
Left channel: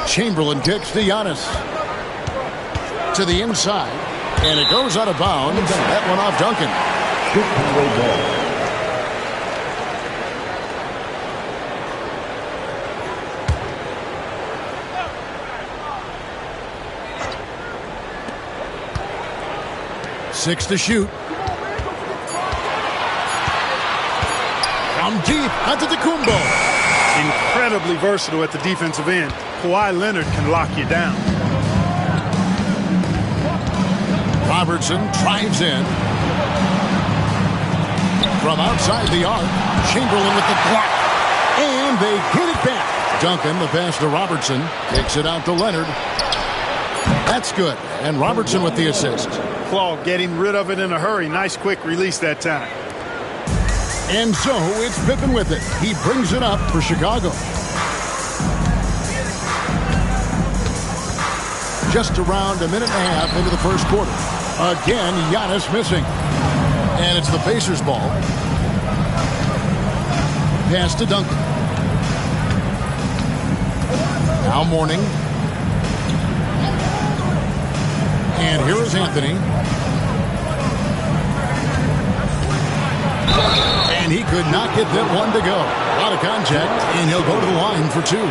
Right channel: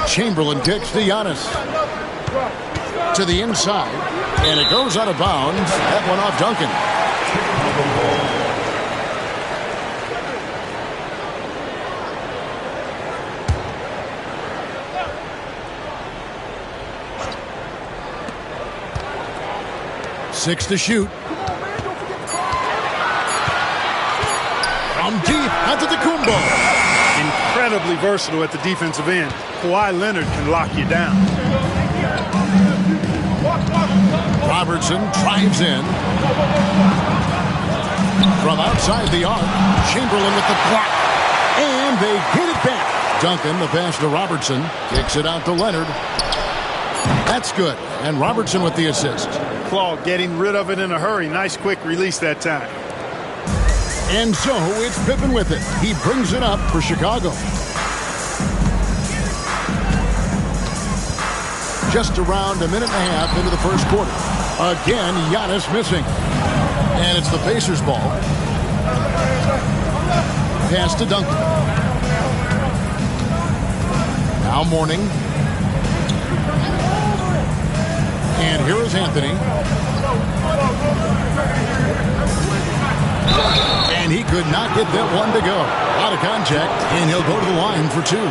Chamberlain kicks to Giannis. To the inside. And it goes out of bounds. That one off Duncan. Six to shoot. From deep, Antetokounmpo. Incredibly versatile at the defensive end. Kawhi Leonard can lock you down. Robertson drives in. From outside the arc, Chamberlain with the block. And they get it back. Duncan, the pass to Robertson, kicks it out to Leonard. That's good. And Robertson with the assist. Claw getting rid of it in a hurry. Nice quick release that time. And so it's Pippen with it. He brings it up for Chicago. Just around a minute and a half into the first quarter. Again, Giannis missing. And it's the Pacers' ball. Pass to Duncan. Now Mourning. And here is Anthony. And he could not get that one to go. A lot of contact, and he'll go to the line for two.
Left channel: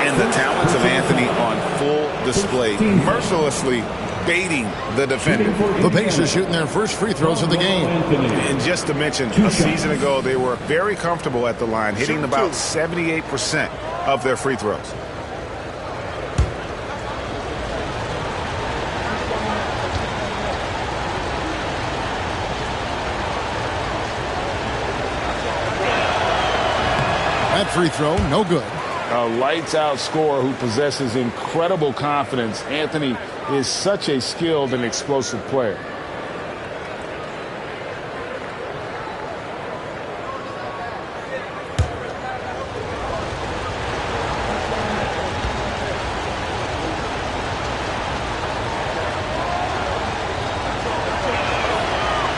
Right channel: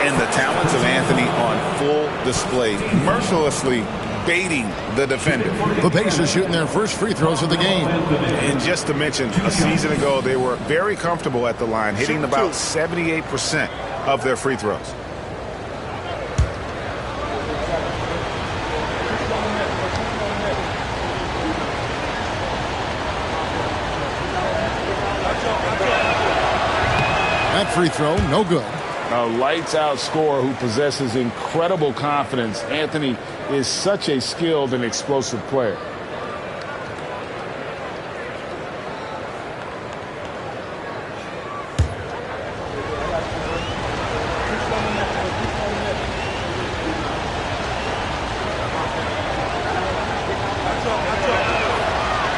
And the talents of Anthony on full display. Mercilessly baiting the defender. The Pacers shooting their first free throws of the game. And just to mention, a season ago, they were very comfortable at the line, hitting about 78% of their free throws. That free throw, no good. A lights-out scorer who possesses incredible confidence. Anthony is such a skilled and explosive player.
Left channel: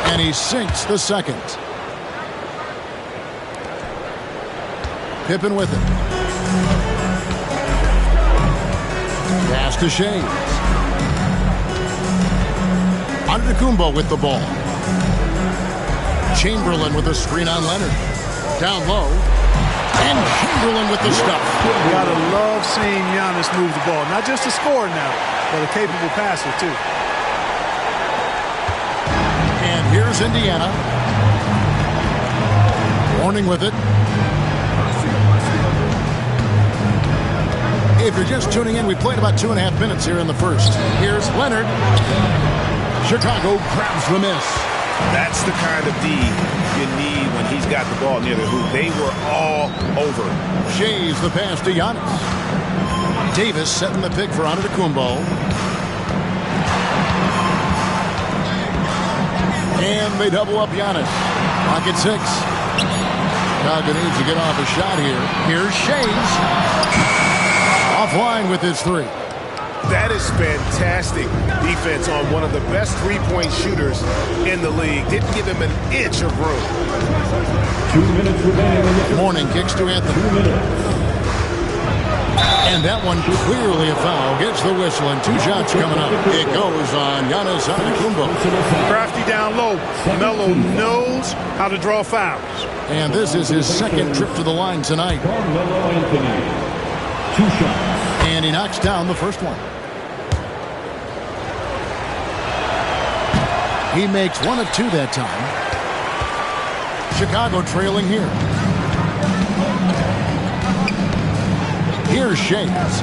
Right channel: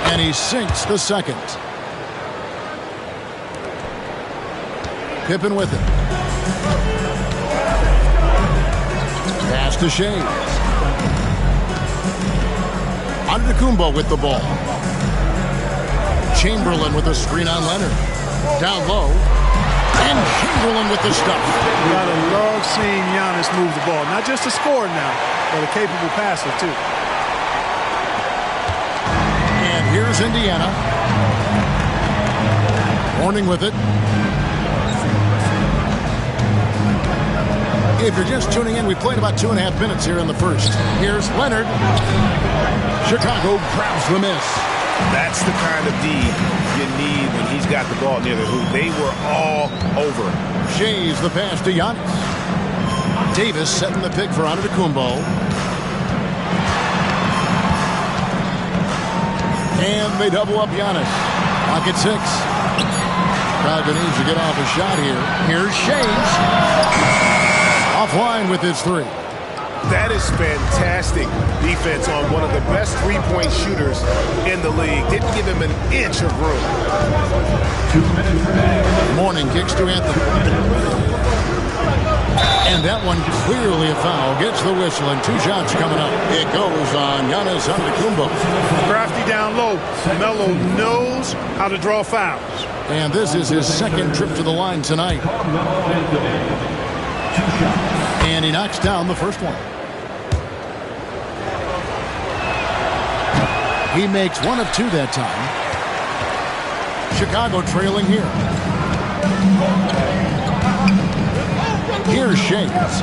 And he sinks the second. Pippen with it. Pass to Shays. Antetokounmpo with the ball. Chamberlain with a screen on Leonard. Down low. And Chamberlain with the stuff. You gotta love seeing Giannis move the ball. Not just a scorer now, but a capable passer too. And here's Indiana. Warning with it. If you're just tuning in, we played about 2.5 minutes here in the first. Here's Leonard. Chicago grabs the miss. That's the kind of D you need when he's got the ball near the hoop. They were all over him. Shays the pass to Giannis. Davis setting the pick for Antetokounmpo. And they double up Giannis. Clock at 6. Chicago needs to get off a shot here. Here's Shays. Offline with his three. That is fantastic defense on one of the best three-point shooters in the league. Didn't give him an inch of room. 2 minutes remaining. Morning kicks to Anthony. And that one clearly a foul. Gets the whistle and 2 shots coming up. It goes on Giannis Antetokounmpo. Crafty down low. Melo knows how to draw fouls. And this is his second trip to the line tonight. And he knocks down the first one. He makes 1 of 2 that time. Chicago trailing here. Here's Shays.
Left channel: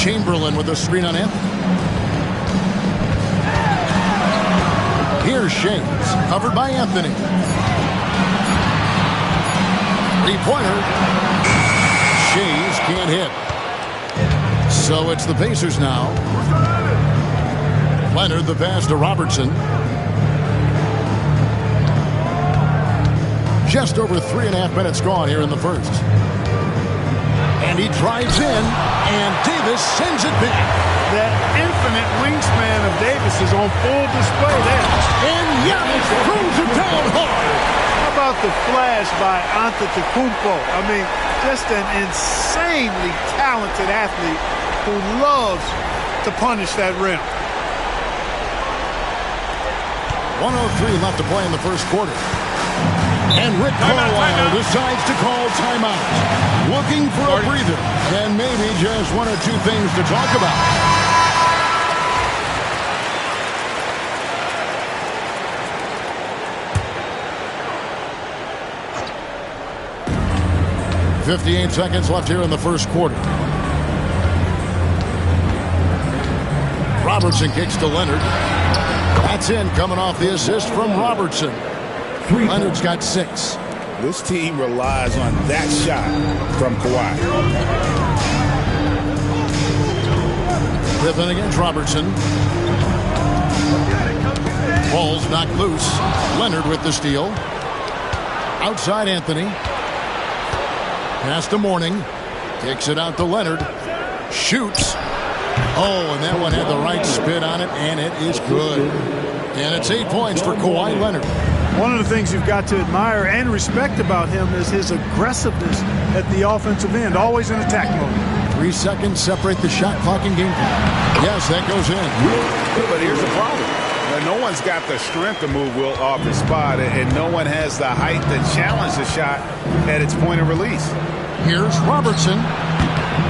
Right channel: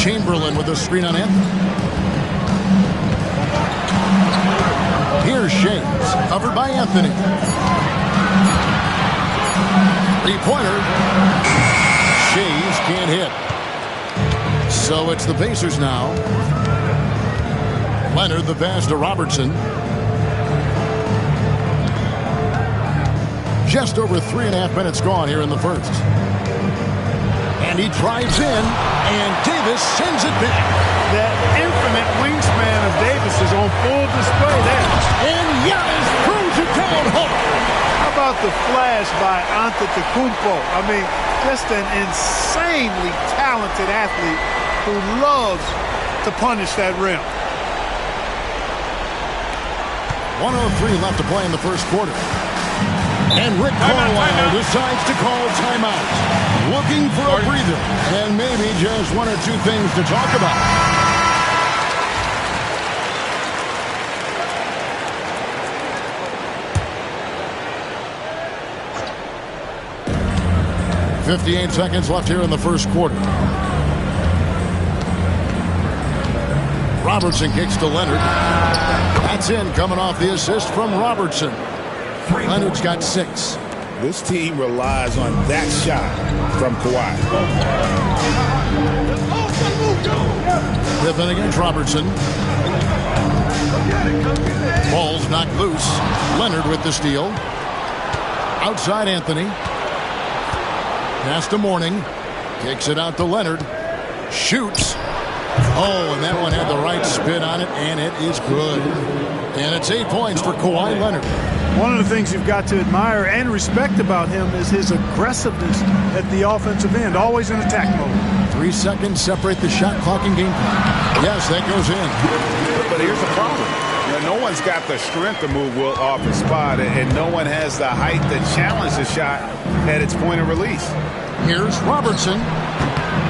Chamberlain with a screen on Anthony. Here's Shays. Covered by Anthony. Three-pointer. Shays can't hit. So it's the Pacers now. Leonard the pass to Robertson. Just over 3.5 minutes gone here in the first. And he drives in, and Davis sends it back. That infinite wingspan of Davis is on full display there. And Giannis throws it down hard. How about the flash by Antetokounmpo? I mean, just an insanely talented athlete who loves to punish that rim. 1:03 left to play in the first quarter. And Rick Carlisle decides to call timeout. Looking for a breather. And maybe just 1 or 2 things to talk about. .58 seconds left here in the first quarter. Robertson kicks to Leonard. That's in, coming off the assist from Robertson. Leonard's got 6. This team relies on that shot from Kawhi. Pippen against Robertson. Ball's knocked loose. Leonard with the steal. Outside Anthony. Pass to Mourning. Kicks it out to Leonard. Shoots. Oh, and that one had the right spin on it, and it is good. And it's 8 points for Kawhi Leonard. One of the things you've got to admire and respect about him is his aggressiveness at the offensive end, always in attack mode. 3 seconds separate the shot clock and game clock. Yes, that goes in. But here's the problem. No one's got the strength to move Wilt off his spot, and no one has the height to challenge the shot at its point of release. Here's Robertson.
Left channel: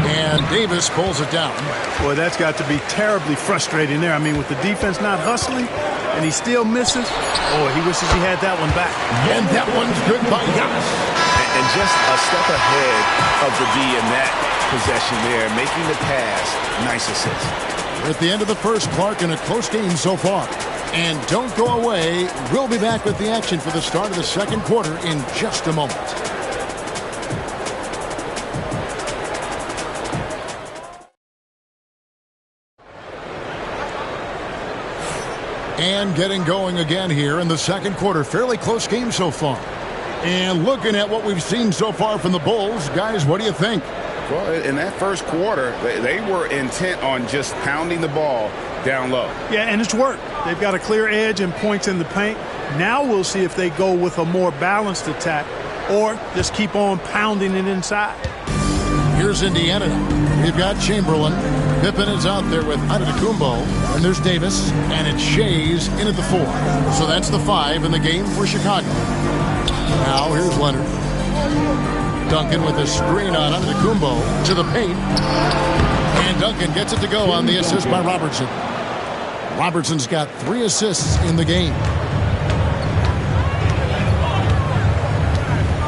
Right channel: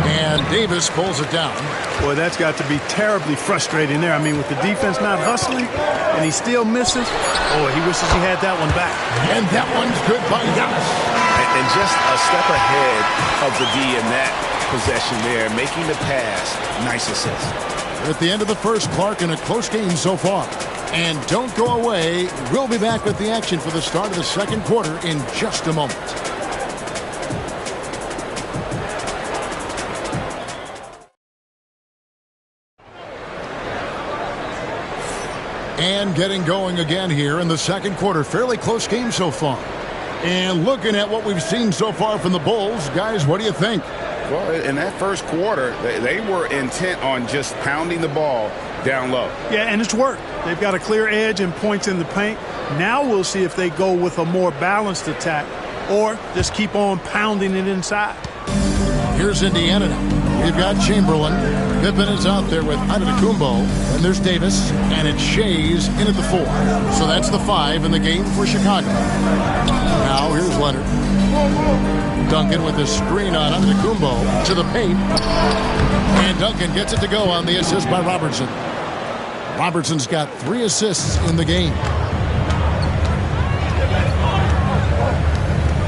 And Davis pulls it down. Boy, that's got to be terribly frustrating there. I mean, with the defense not hustling and he still misses, boy, he wishes he had that one back. And that one's good by Giannis. And just a step ahead of the D in that possession there, making the pass. Nice assist. We're at the end of the first, Clark, in a close game so far. And don't go away. We'll be back with the action for the start of the second quarter in just a moment. And getting going again here in the second quarter. Fairly close game so far. And looking at what we've seen so far from the Bulls, guys, what do you think? Well, in that first quarter, they were intent on just pounding the ball down low. Yeah, and it's worked. They've got a clear edge and points in the paint. Now we'll see if they go with a more balanced attack or just keep on pounding it inside. Here's Indiana now. We've got Chamberlain. Pippen is out there with Antetokounmpo. And there's Davis. And it's Shays in at the 4. So that's the 5 in the game for Chicago. Now here's Leonard. Duncan with a screen on Antetokounmpo to the paint. And Duncan gets it to go on the assist by Robertson. Robertson's got 3 assists in the game.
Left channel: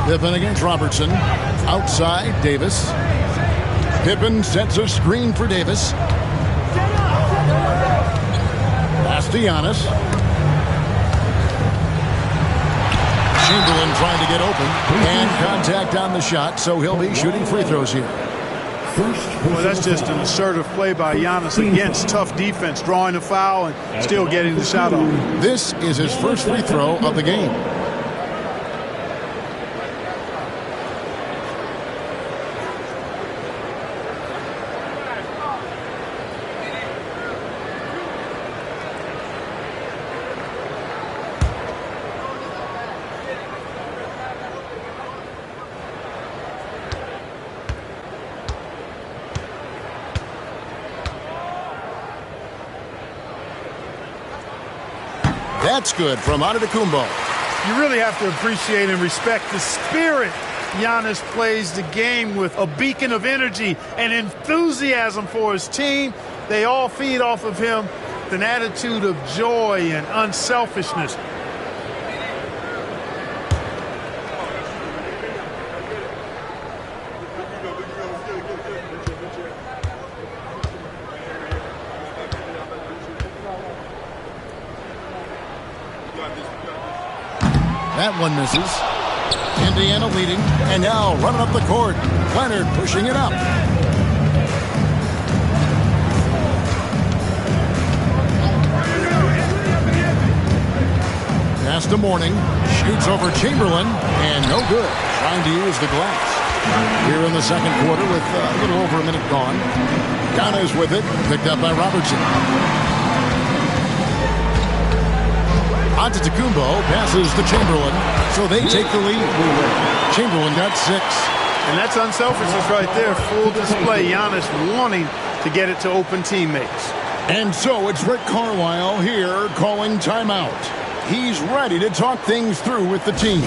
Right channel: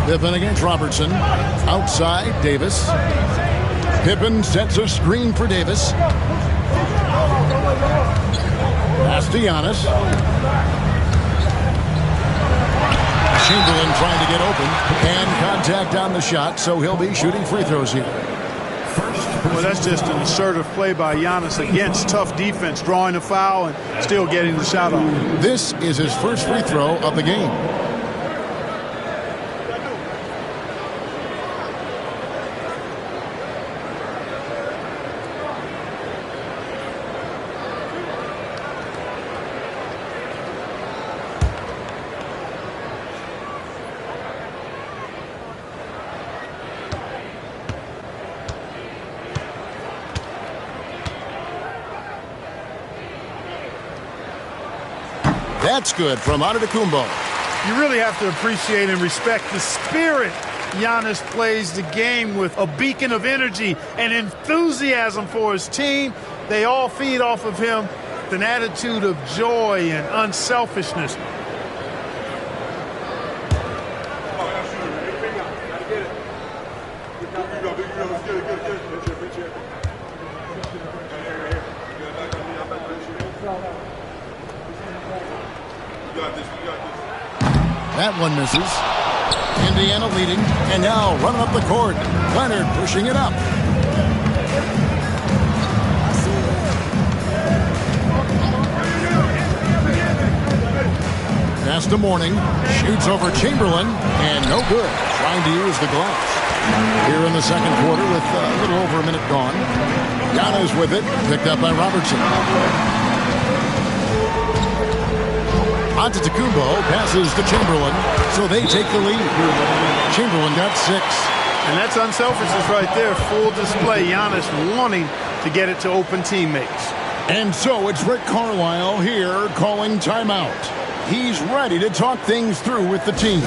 Pippen against Robertson. Outside, Davis. Pippen sets a screen for Davis. Pass to Giannis. Chamberlain trying to get open. And contact on the shot, so he'll be shooting free throws here. Well, that's just an assertive play by Giannis against tough defense, drawing a foul and still getting the shot off. This is his first free throw of the game. That's good from Antetokounmpo. You really have to appreciate and respect the spirit Giannis plays the game with, a beacon of energy and enthusiasm for his team. They all feed off of him with an attitude of joy and unselfishness. That one misses. Indiana leading, and now running up the court. Leonard pushing it up. Pass to Mourning. Shoots over Chamberlain, and no good. Trying to use the glass. Here in the second quarter with a little over a minute gone. Giannis with it, picked up by Robertson. Antetokounmpo passes to Chamberlain, so they take the lead. Chamberlain got 6. And that's unselfishness right there. Full display. Giannis wanting to get it to open teammates. And so it's Rick Carlisle here calling timeout. He's ready to talk things through with the team.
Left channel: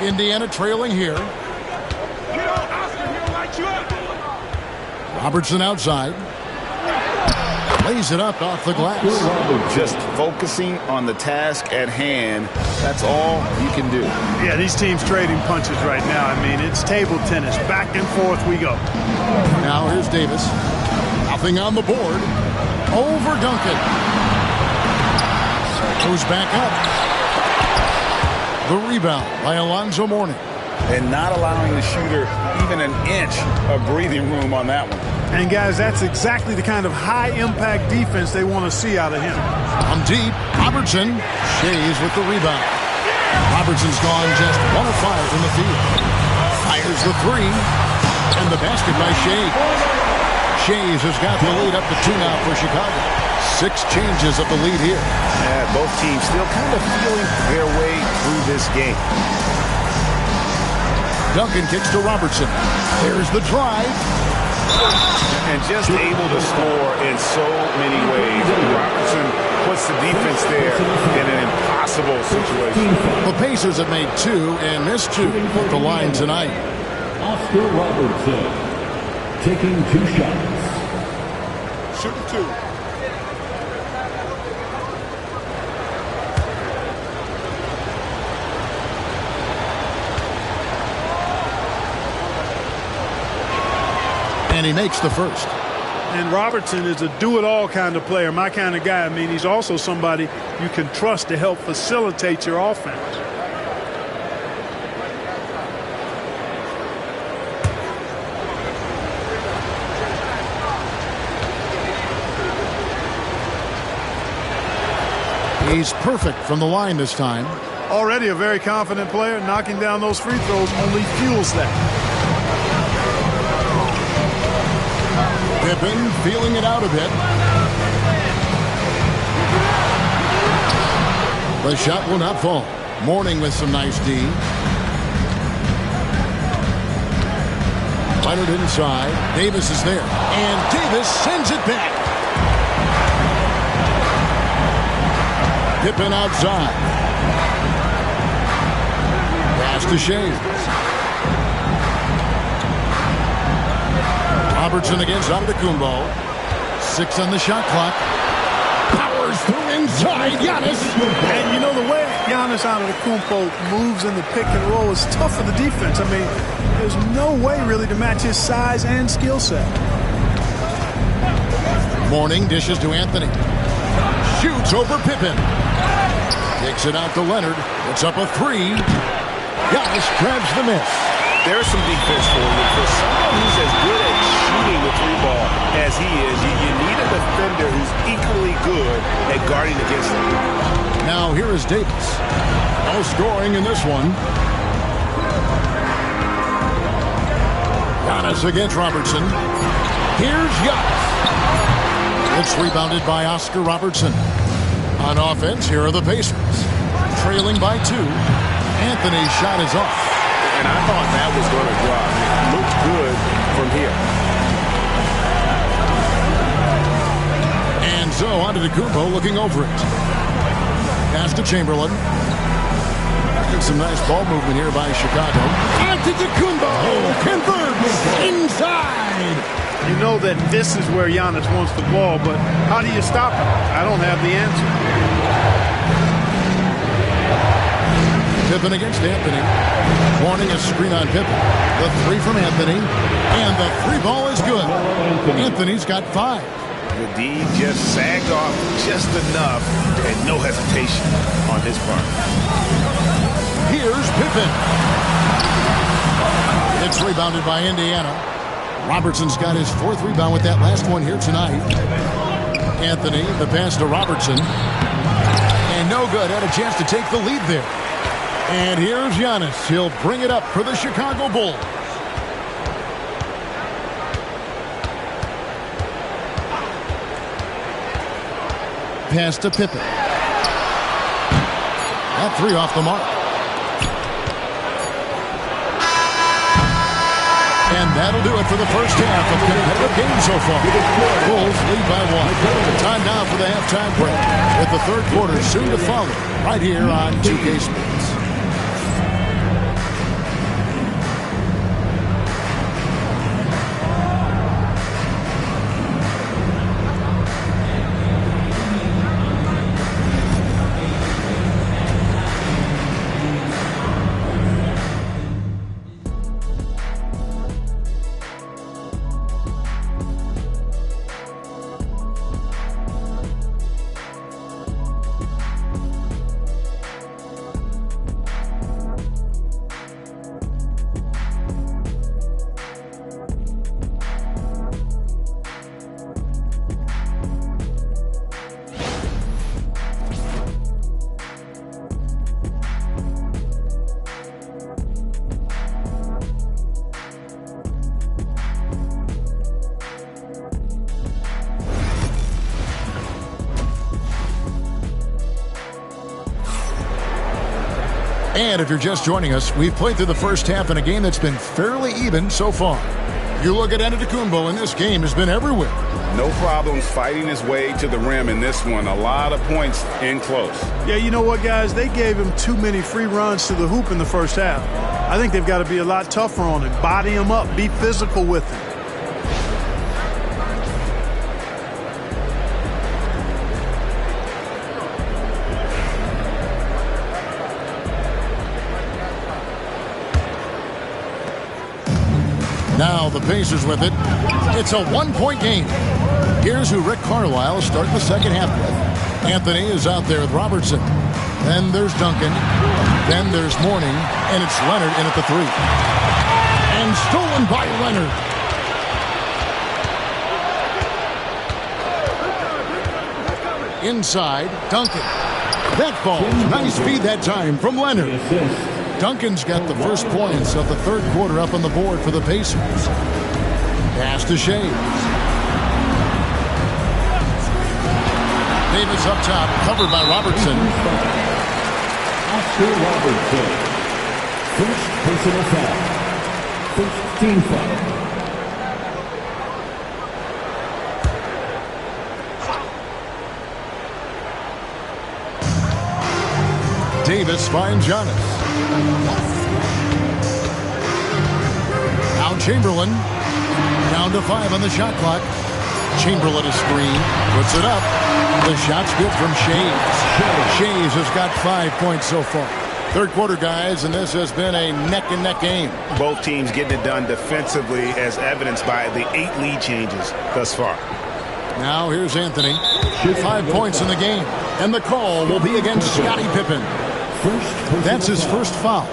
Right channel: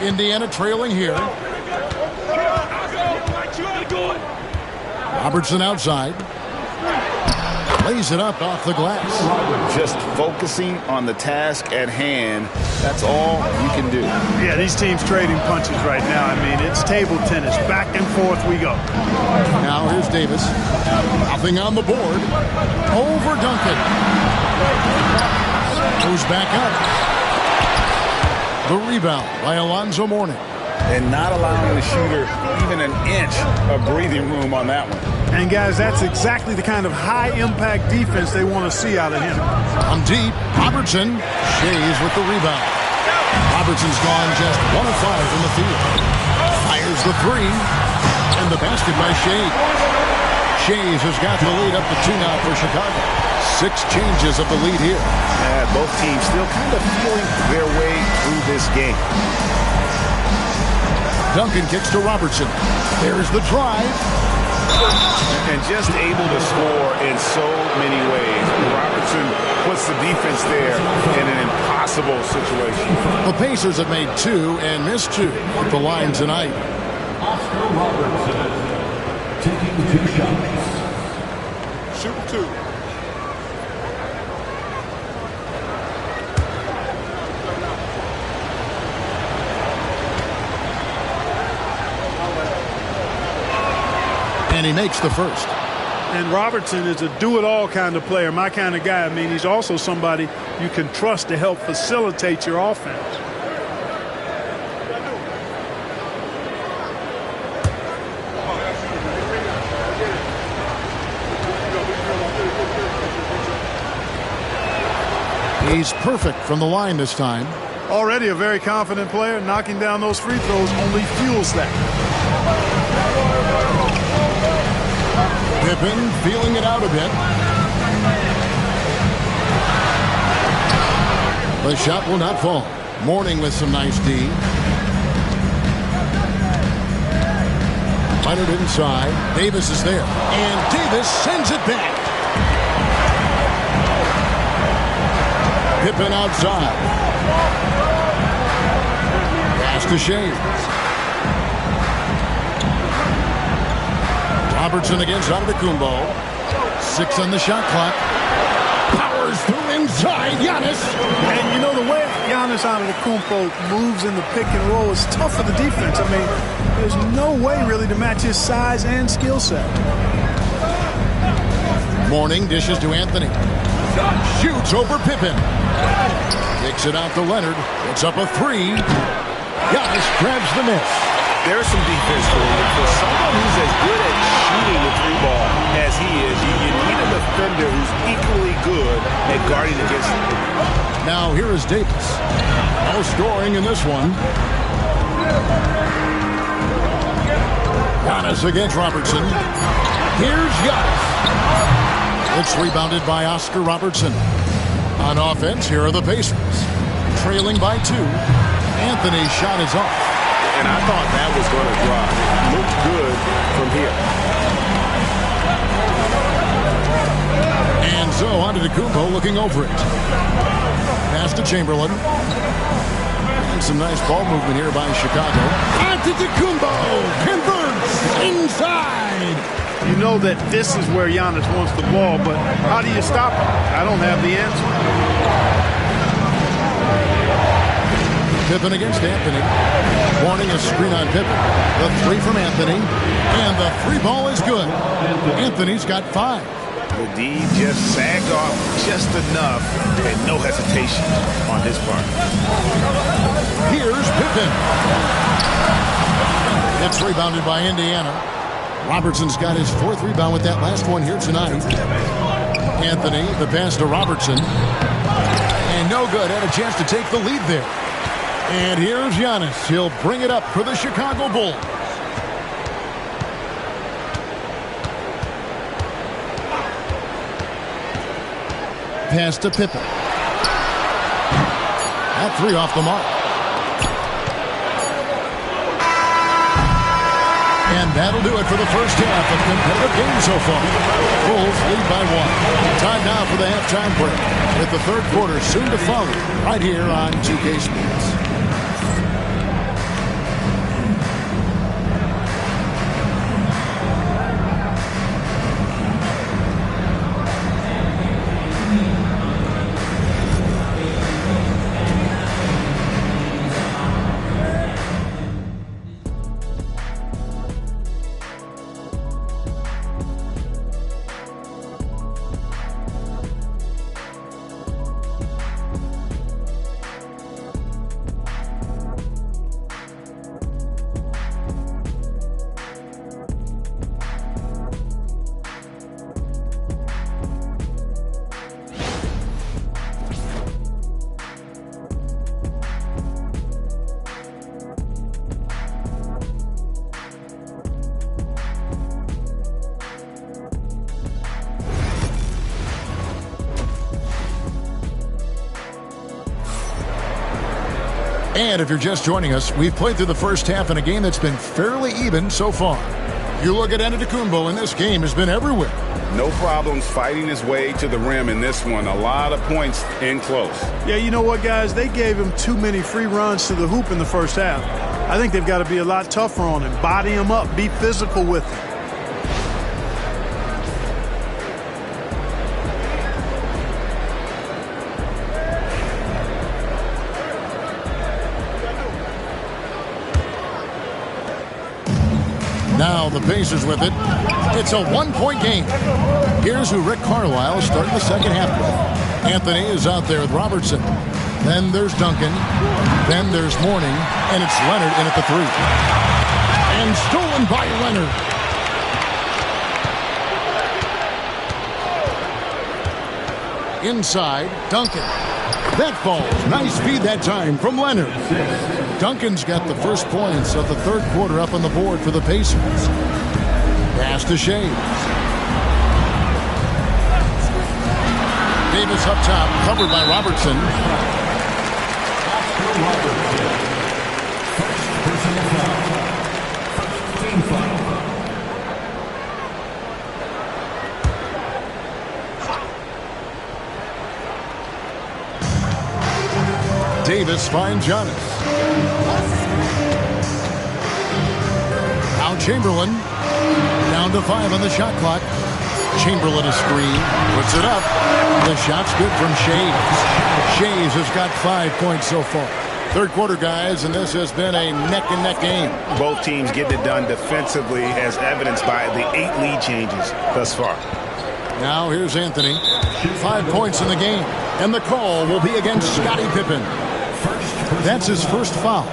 Indiana trailing here. Robertson outside. Lays it up off the glass. Just focusing on the task at hand. That's all you can do. Yeah, these teams trading punches right now. I mean, it's table tennis. Back and forth we go. Now here's Davis. Nothing on the board. Over Duncan. Goes back up. The rebound by Alonzo Mourning. And not allowing the shooter even an inch of breathing room on that one. And, guys, that's exactly the kind of high-impact defense they want to see out of him. On deep, Robertson. Shays with the rebound. Robertson's gone just 1 of 5 from the field. Fires the three. And the basket by Shays. Shays has got the lead up to 2 now for Chicago. 6 changes of the lead here. Yeah, both teams still kind of feeling their way through this game. Duncan kicks to Robertson. There's the drive. And just able to score in so many ways. Robertson puts the defense there in an impossible situation. The Pacers have made 2 and missed 2 at the line tonight. Oscar Robertson taking 2 shots. Shooting 2. And he makes the first. And Robertson is a do-it-all kind of player, my kind of guy. I mean, he's also somebody you can trust to help facilitate your offense. He's perfect from the line this time. Already a very confident player. Knocking down those free throws only fuels that. Pippen feeling it out a bit. The shot will not fall. Mourning with some nice D. Leonard inside. Davis is there. And Davis sends it back. Pippen outside. Pass to Shays. Robertson against Antetokounmpo. 6 on the shot clock. Powers through inside. Giannis. And you know the way Giannis Antetokounmpo moves in the pick and roll is tough for the defense. I mean, there's no way really to match his size and skill set. Mourning dishes to Anthony. Shoots over Pippen. Kicks it out to Leonard. It's up a 3. Giannis grabs the miss. There's some defense for you. For someone who's as good at shooting the 3-ball as he is, you need a defender who's equally good at guarding against him. Now here is Davis. No scoring in this one. Giannis against Robertson. Here's Giannis. It's rebounded by Oscar Robertson. On offense, here are the Pacers. Trailing by 2. Anthony's shot is off. And I thought that was going to drop. It looked good from here. And so Antetokounmpo looking over it. Pass to Chamberlain. And some nice ball movement here by Chicago. Antetokounmpo converts inside. You know that this is where Giannis wants the ball, but how do you stop him? I don't have the answer. Pippen against Anthony. Warning a screen on Pippen. The 3 from Anthony. And the 3-ball is good. Anthony's got 5. The D just sagged off just enough and no hesitation on his part. Here's Pippen. It's rebounded by Indiana. Robertson's got his 4th rebound with that last one here tonight. Anthony, the pass to Robertson. And no good. Had a chance to take the lead there. And here's Giannis. He'll bring it up for the Chicago Bulls. Pass to Pippen. That 3 off the mark. And that'll do it for the first half of competitive games so far. Bulls lead by 1. Time now for the halftime break, with the third quarter soon to follow right here on 2K Sports. And if you're just joining us, we've played through the first half in a game that's been fairly even so far. You look at Antetokounmpo, and this game has been everywhere. No problems fighting his way to the rim in this one. A lot of points in close. Yeah, you know what, guys? They gave him too many free runs to the hoop in the first half. I think they've got to be a lot tougher on him. Body him up. Be physical with him. Now the Pacers with it. It's a one-point game. Here's who Rick Carlisle starting the second half with. Anthony is out there with Robertson. Then there's Duncan. Then there's Mourning. And it's Leonard in at the 3. And stolen by Leonard. Inside, Duncan. That falls. Nice feed that time from Leonard. Duncan's got the first points of the third quarter up on the board for the Pacers. Pass to Shays. Davis up top, covered by Robertson. Oscar Robertson. First personal foul. First team foul. Davis finds Giannis. Now Chamberlain. Down to 5 on the shot clock. Chamberlain a screen. Puts it up. The shot's good from Shays. Shays has got 5 points so far. Third quarter, guys, and this has been a neck-and-neck game. Both teams getting it done defensively, as evidenced by the 8 lead changes thus far. Now here's Anthony. 5 points in the game. And the call will be against Scottie Pippen. That's his first foul.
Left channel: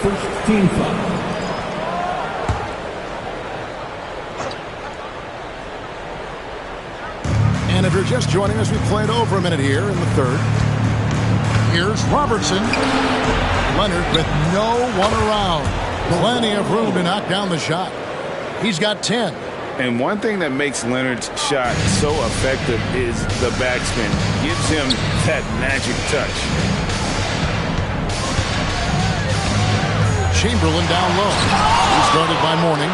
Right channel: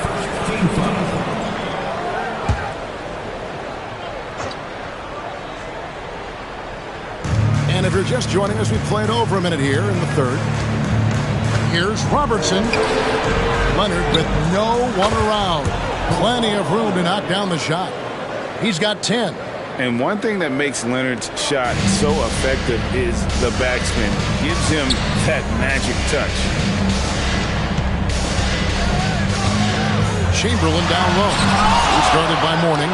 First team foul. And if you're just joining us, we played over a minute here in the third. Here's Robertson. Leonard with no one around. Plenty of room to knock down the shot. He's got 10. And one thing that makes Leonard's shot so effective is the backspin. Gives him that magic touch. Chamberlain down low. He's guarded by Mourning.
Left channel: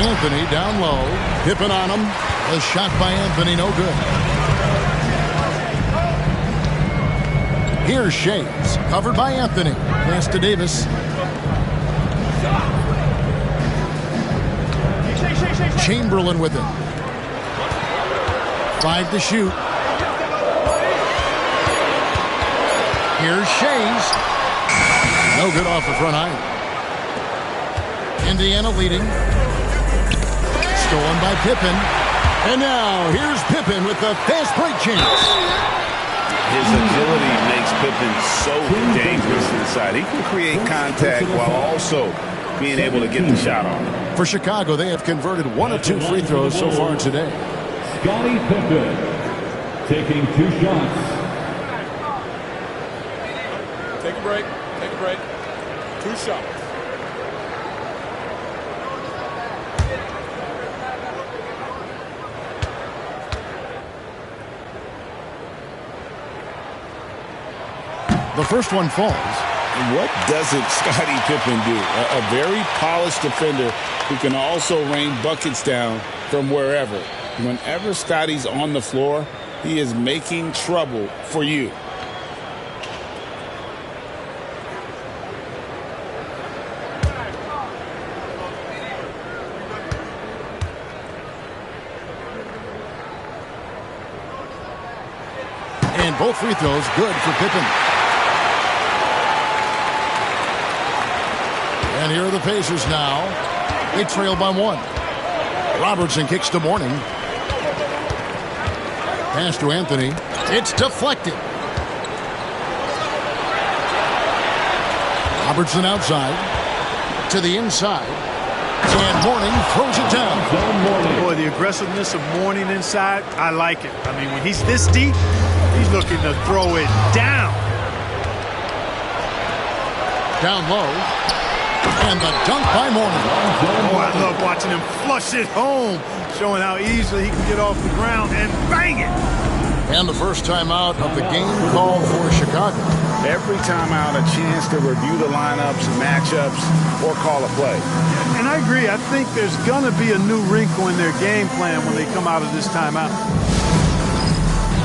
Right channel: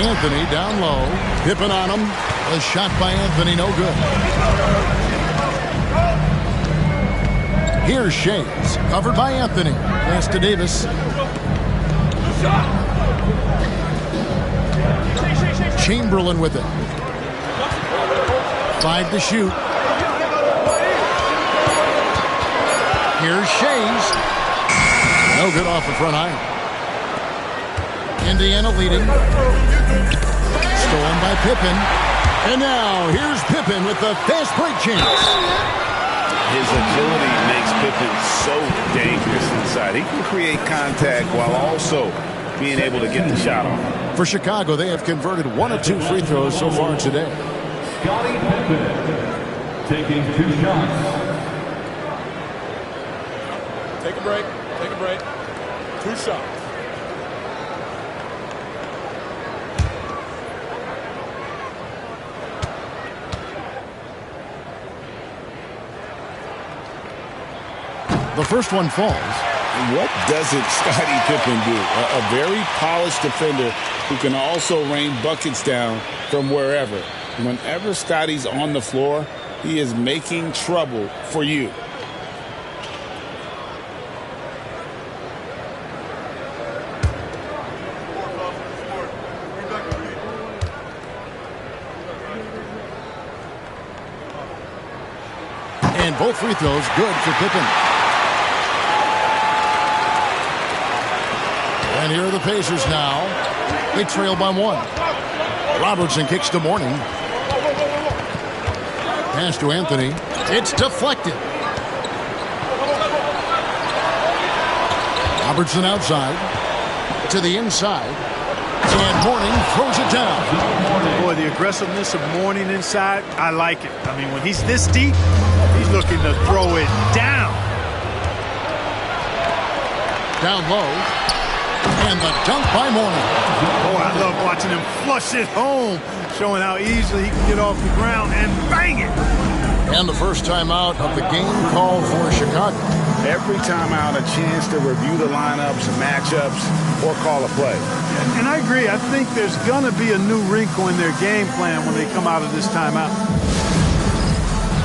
Anthony down low. Pippen on him. A shot by Anthony, no good. Here's Shays, covered by Anthony. Pass to Davis. Chamberlain with it. 5 to shoot. Here's Shays. No good off the front iron. Indiana leading. Stolen by Pippen. And now here's Pippen with the fast break chance. His agility makes Pippen so dangerous inside. He can create contact while also being able to get the shot off. For Chicago, they have converted 1 of 2 free throws so far today. Scottie Pippen taking 2 shots. Take a break. Take a break. 2 shots. The first one falls. What doesn't Scottie Pippen do? A very polished defender who can also rain buckets down from wherever. Whenever Scottie's on the floor, he is making trouble for you. And both free throws good for Pippen. And here are the Pacers now. They trail by 1. Robertson kicks to Mourning. Pass to Anthony. It's deflected. Robertson outside. To the inside. And Mourning throws it down. Boy, the aggressiveness of Mourning inside, I like it. I mean, when he's this deep, he's looking to throw it down. Down low. And the dunk by Mourning. Oh, I love watching him flush it home, showing how easily he can get off the ground and bang it. And the first timeout of the game called for Chicago. Every timeout, a chance to review the lineups, matchups, or call a play. And I agree. I think there's going to be a new wrinkle in their game plan when they come out of this timeout.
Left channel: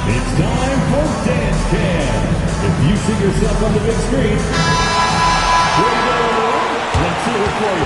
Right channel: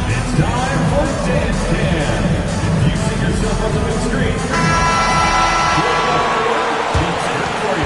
It's time for Dance Cam. If you see yourself on the big screen, let's hear it for you.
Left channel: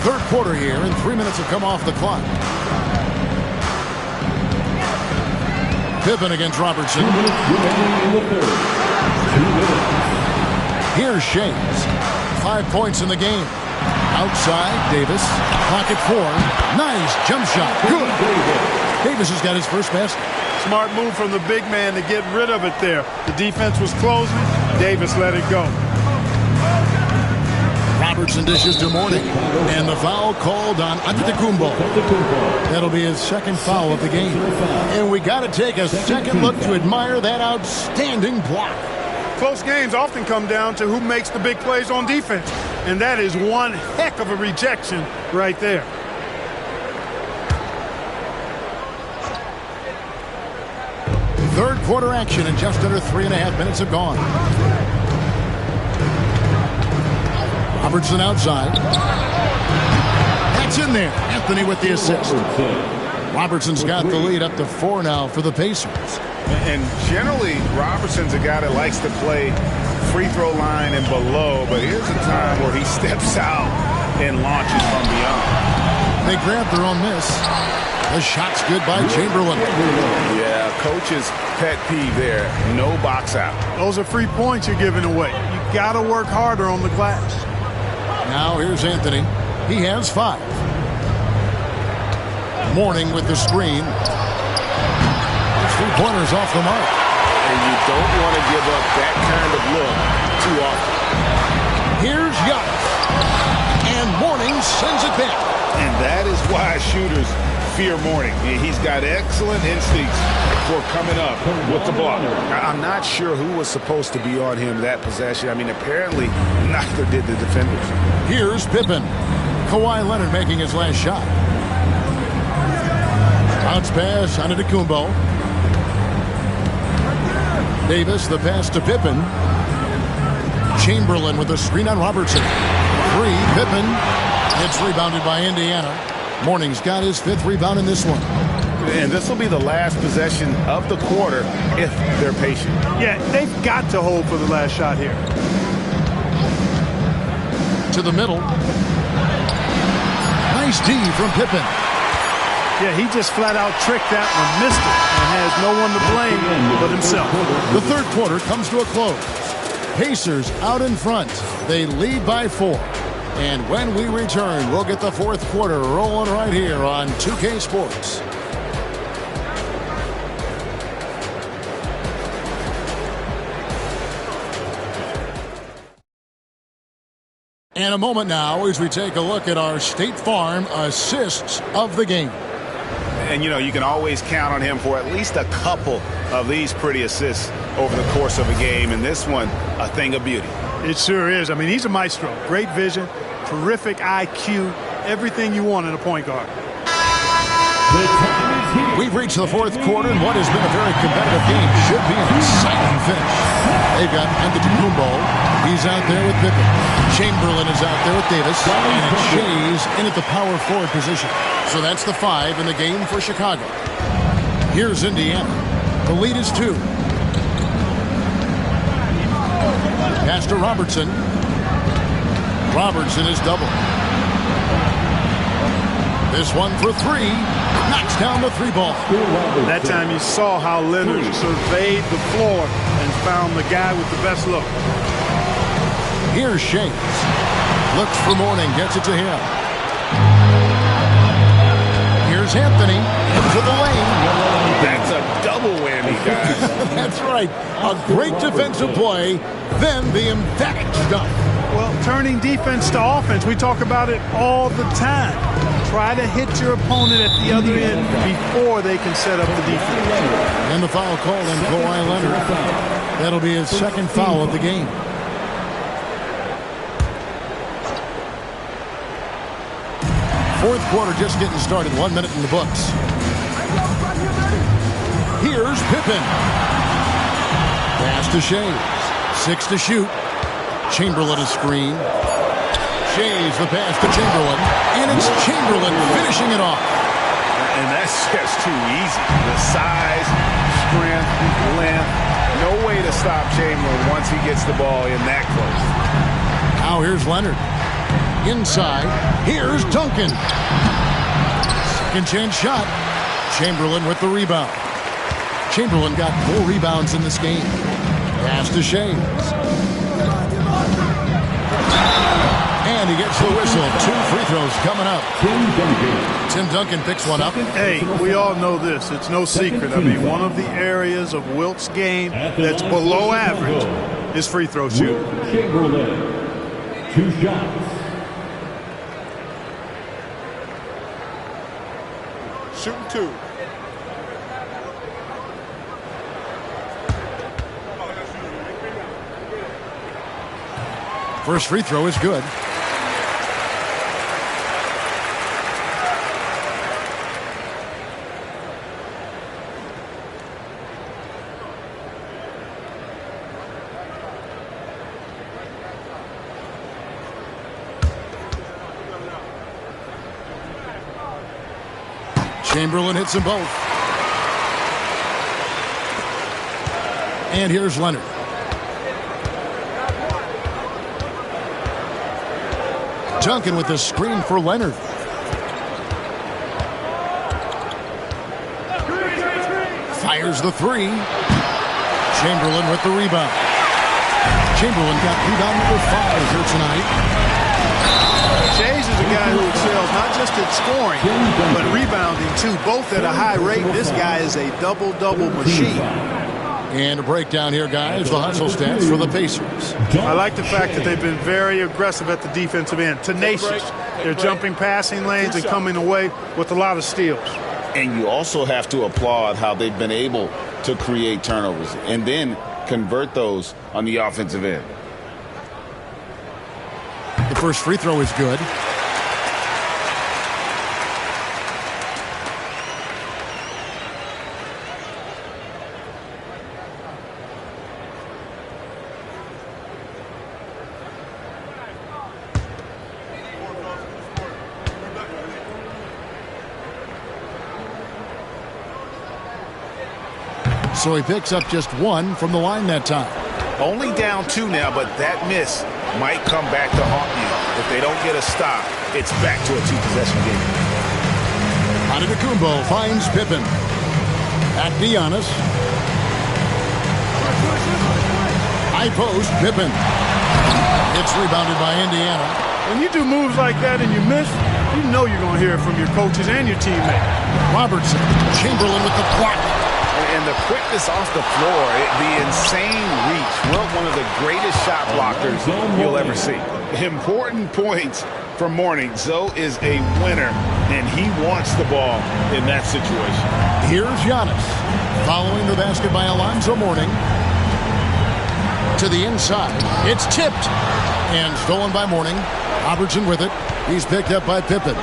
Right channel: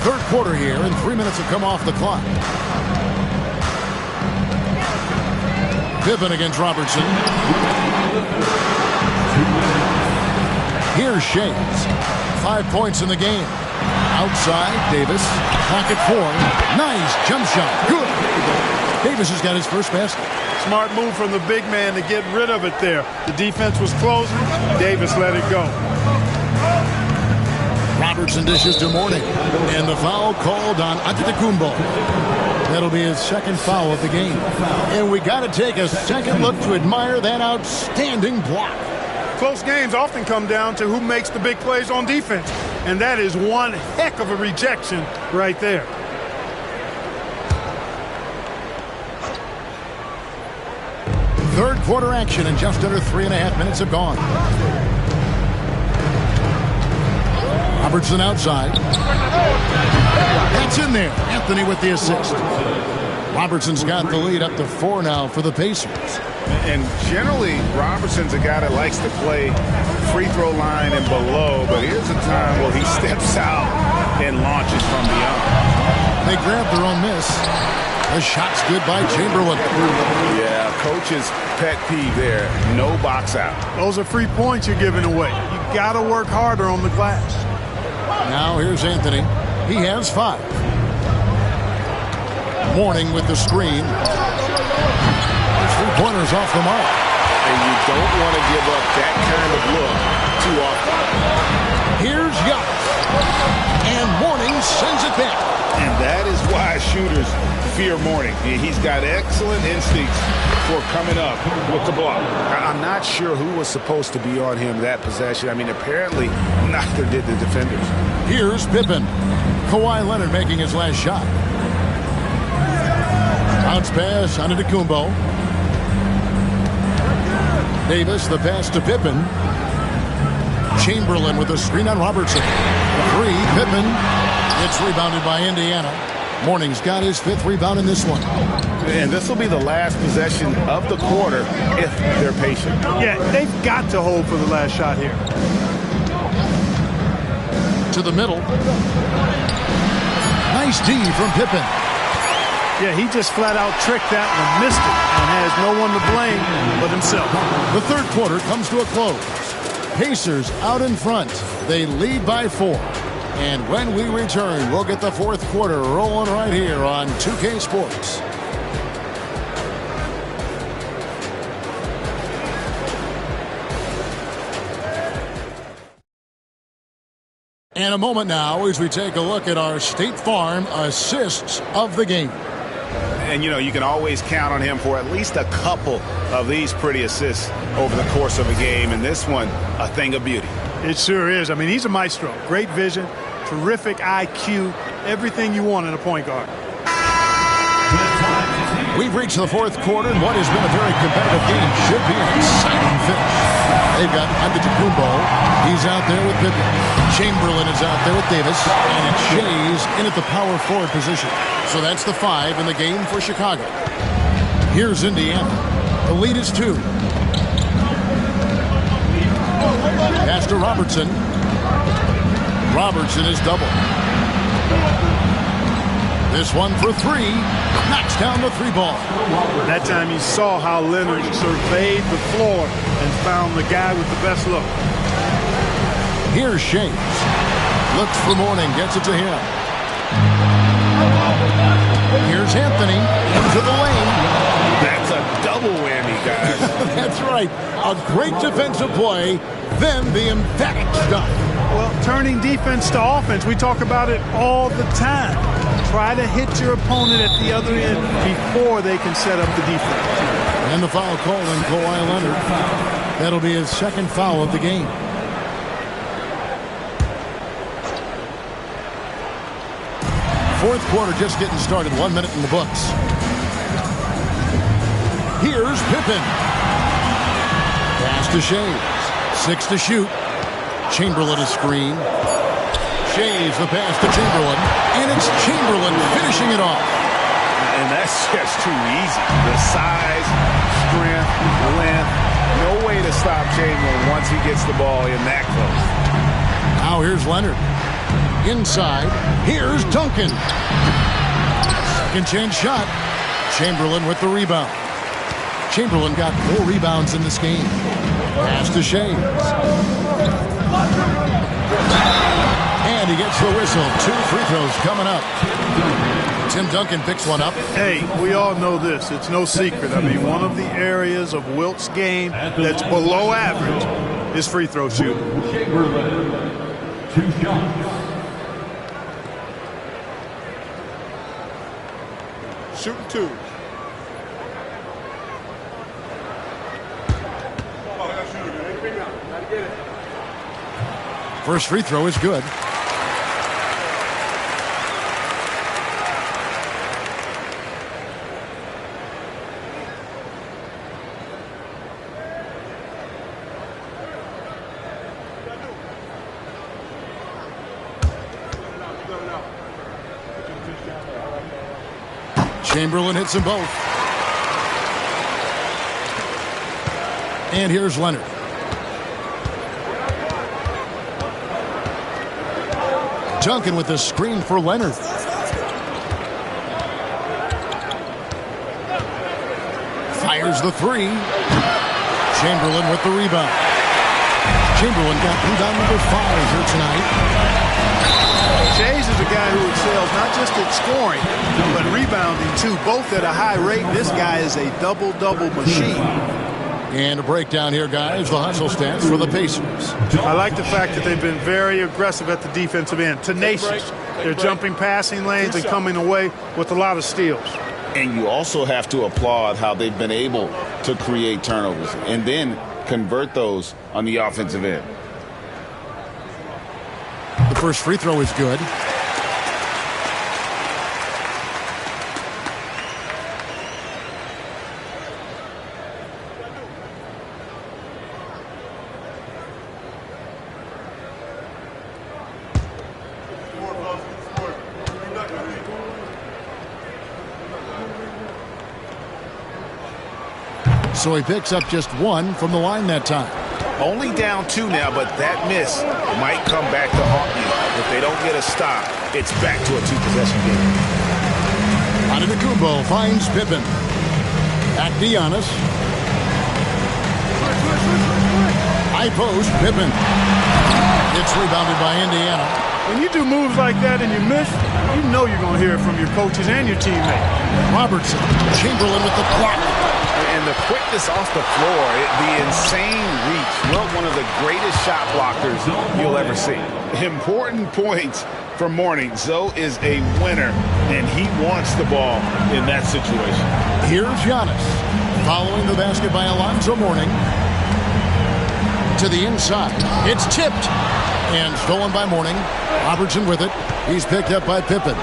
Third quarter here, and 3 minutes have come off the clock. Pippen against Robertson. 2 minutes remaining in the third. 2 minutes. Here's Shays. 5 points in the game. Outside, Davis. Clock at 4. Nice jump shot. Good. Davis has got his first basket. Smart move from the big man to get rid of it there. The defense was closing. Davis let it go. Robertson dishes to Mourning. And the foul called on Antetokounmpo. That'll be his second foul of the game. And we got to take a second look to admire that outstanding block. Close games often come down to who makes the big plays on defense. And that is one heck of a rejection right there. Third quarter action, and just under 3.5 minutes have gone. Robertson outside. That's in there. Anthony with the assist. Robertson's got the lead up to 4 now for the Pacers. And generally, Robertson's a guy that likes to play free throw line and below, but here's a time where he steps out and launches from beyond. They grab their own miss. The shot's good by Chamberlain. Yeah, coach's pet peeve there. No box out. Those are free points you're giving away. You got to work harder on the glass. Now here's Anthony. He has 5. Mourning with the screen. His 3-pointers off the mark. And you don't want to give up that kind of look too often. Here's Giannis. And Mourning sends it back. And that is why shooters fear Mourning. He's got excellent instincts for coming up with the block. I'm not sure who was supposed to be on him that possession. I mean, apparently neither did the defenders. Here's Pippen. Kawhi Leonard making his last shot. Bounce pass on Antetokounmpo. Davis, the pass to Pippen. Chamberlain with a screen on Robertson. 3, Pippen. It's rebounded by Indiana. Mourning's got his 5th rebound in this one. And this will be the last possession of the quarter if they're patient. Yeah, they've got to hold for the last shot here. To the middle. Nice D from Pippen. Yeah, he just flat out tricked that one, missed it, and has no one to blame but himself. The third quarter comes to a close. Pacers out in front. They lead by 4. And when we return, we'll get the fourth quarter rolling right here on 2K Sports. And a moment now as we take a look at our State Farm assists of the game. And, you know, you can always count on him for at least a couple of these pretty assists over the course of a game. And this one, a thing of beauty. It sure is. I mean, he's a maestro. Great vision, terrific IQ, everything you want in a point guard. We've reached the fourth quarter, and what has been a very competitive game should be an exciting finish. They've got Antetokounmpo. He's out there with Pippen. Chamberlain is out there with Davis. And it's Shays in at the power forward position. So that's the 5 in the game for Chicago. Here's Indiana. The lead is 2. Pass to Robertson. Robertson is double. This one for 3. Knocks down the 3 ball. That time you saw how Leonard surveyed the floor and found the guy with the best look. Here's Shays. Looks for Mourning. Gets it to him. Here's Anthony into the lane. That's a double whammy, guys. That's right. A great defensive play, then the emphatic stuff. Well, turning defense to offense, we talk about it all the time. Try to hit your opponent at the other end before they can set up the defense. And the foul called on Kawhi Leonard. That'll be his second foul of the game. Fourth quarter just getting started. 1 minute in the books. Here's Pippen. Pass to Shays. 6 to shoot. Chamberlain a screen. Shays the pass to Chamberlain. And it's Chamberlain finishing it off. And that's just too easy. The size, strength, length. No way to stop Chamberlain once he gets the ball in that close. Now here's Leonard. Inside. Here's Duncan. Second chance shot. Chamberlain with the rebound. Chamberlain got 4 rebounds in this game. Pass to Shays. And he gets the whistle. 2 free throws coming up. Tim Duncan picks one up. Hey, we all know this. It's no secret. I mean, one of the areas of Wilt's game that's below average is free throw shooting. Chamberlain, 2 shots. Shooting 2. First free throw is good. Chamberlain hits them both. And here's Leonard. Duncan with the screen for Leonard. Fires the 3. Chamberlain with the rebound. Chamberlain got rebound number 5 here tonight. Shays is a guy who excels not just at scoring, but rebounding too, both at a high rate. This guy is a double-double machine. And a breakdown here, guys. The hustle stats for the Pacers. I like the fact that they've been very aggressive at the defensive end. Tenacious. They're jumping passing lanes and coming away with a lot of steals. And you also have to applaud how they've been able to create turnovers and then convert those on the offensive end. The first free throw is good. So he picks up just 1 from the line that time. Only down 2 now, but that miss might come back to haunt you. If they don't get a stop, it's back to a 2-possession game. Antetokounmpo finds Pippen. Back to Giannis. High post, Pippen. It's rebounded by Indiana. When you do moves like that and you miss, you know you're going to hear it from your coaches and your teammates. Robertson. Chamberlain with the block. And the quickness off the floor, the insane reach. Well, one of the greatest shot blockers you'll ever see. Important points from Mourning. Zoe is a winner, and he wants the ball in that situation. Here's Giannis. Following the basket by Alonzo Mourning. To the inside. It's tipped. And stolen by Mourning. Robertson with it. He's picked up by Pippen.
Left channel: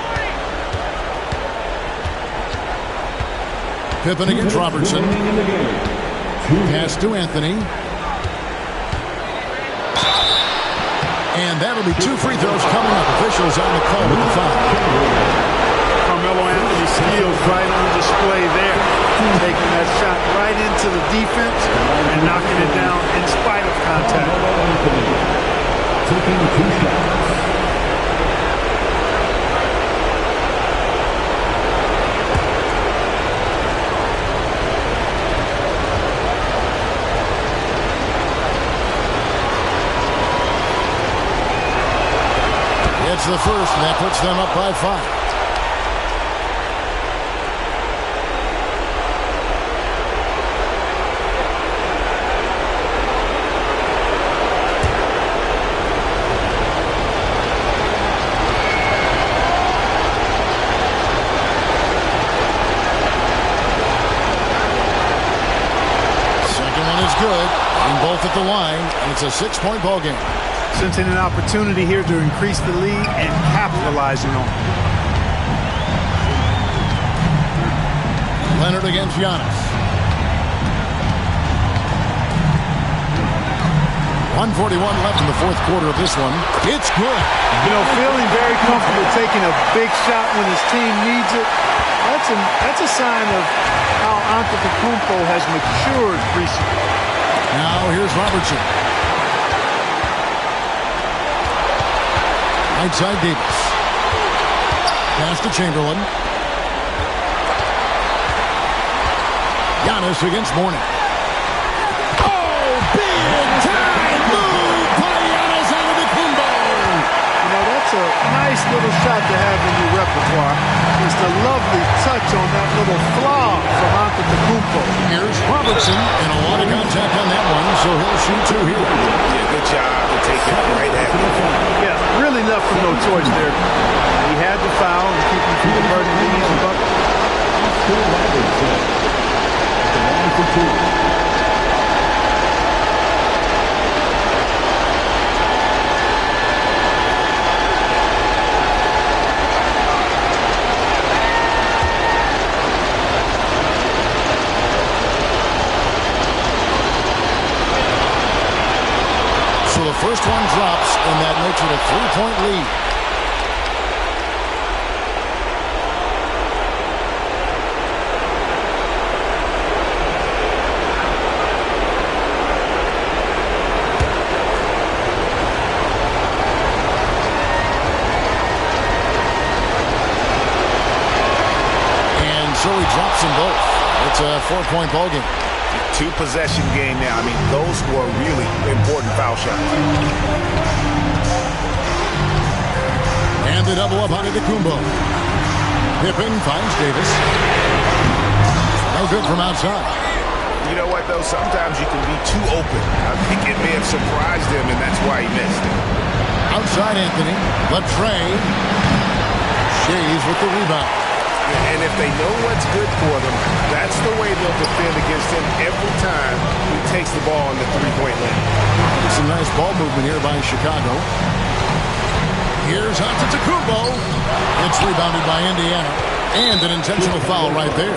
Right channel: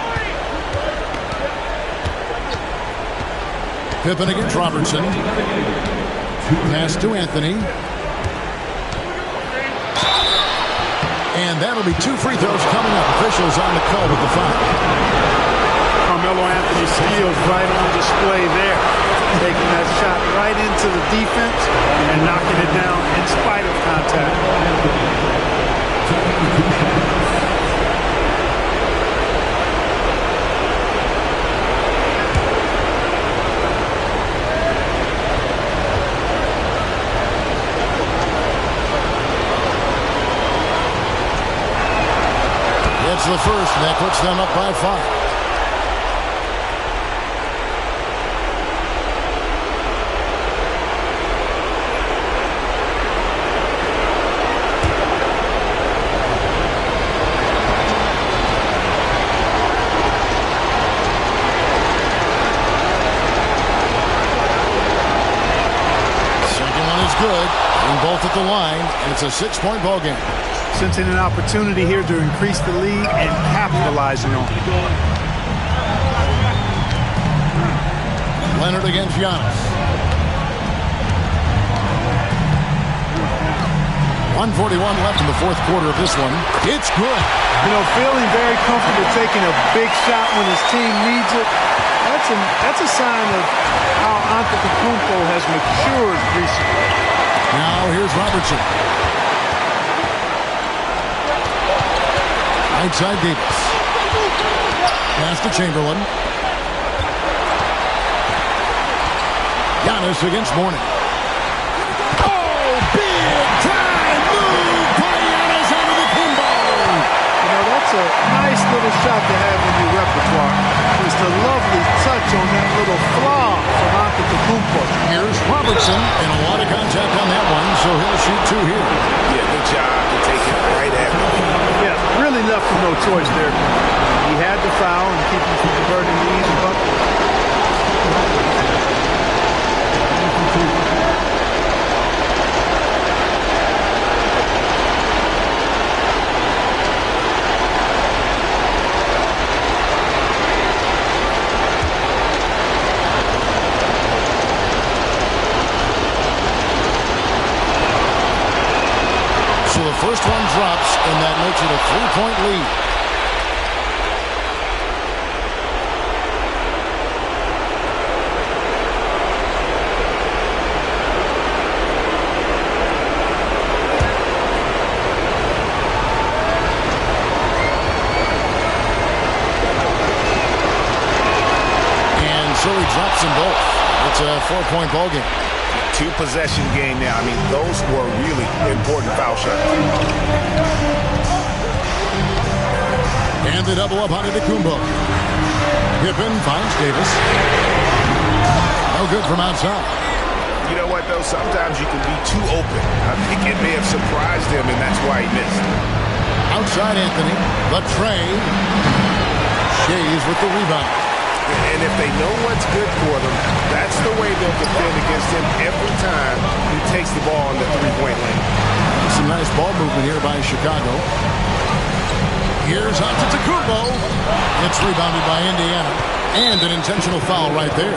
Pippen against Robertson. Pass to Anthony. And that'll be 2 free throws coming up. Officials on the call with the foul. Carmelo Anthony's skills right on display there. Taking that shot right into the defense and knocking it down in spite of contact. Taking 2 shots. It's the first, and that puts them up by 5. good. Getting both at the line, and it's a 6-point ball game. Sensing an opportunity here to increase the lead and capitalizing on it. Leonard against Giannis. 1:41 left in the fourth quarter of this one. It's good. You know, feeling very comfortable taking a big shot when his team needs it. That's a sign of how Antetokounmpo has matured recently. Now here's Robertson. Right side Davis. Pass to Chamberlain. Giannis against Mourning. Oh, big time move by Giannis Antetokounmpo. You know, that's a nice little shot to have in your repertoire. Just a lovely touch on that little flaw from Antetokounmpo. Here's Robertson, and a lot of contact on that one, so he'll shoot two here. Yeah, good job to take it right at him. Yeah, really left him no choice there. He had to foul and keep him from converting the easy bucket. So the first one drops, and that makes it a 3-point lead. So he drops them both. It's a 4-point ball game. 2-possession game now. I mean, those were really important foul shots. And the double up on Antetokounmpo. Pippen finds Davis. No good from outside. You know what, though? Sometimes you can be too open. I think it may have surprised him, and that's why he missed. Outside Anthony. Latrey. Shays with the rebound. And if they know what's good for them, that's the way they'll defend against him every time he takes the ball in the three-point lane. Some nice ball movement here by Chicago. Here's Antetokounmpo. It's rebounded by Indiana. And an intentional foul right there.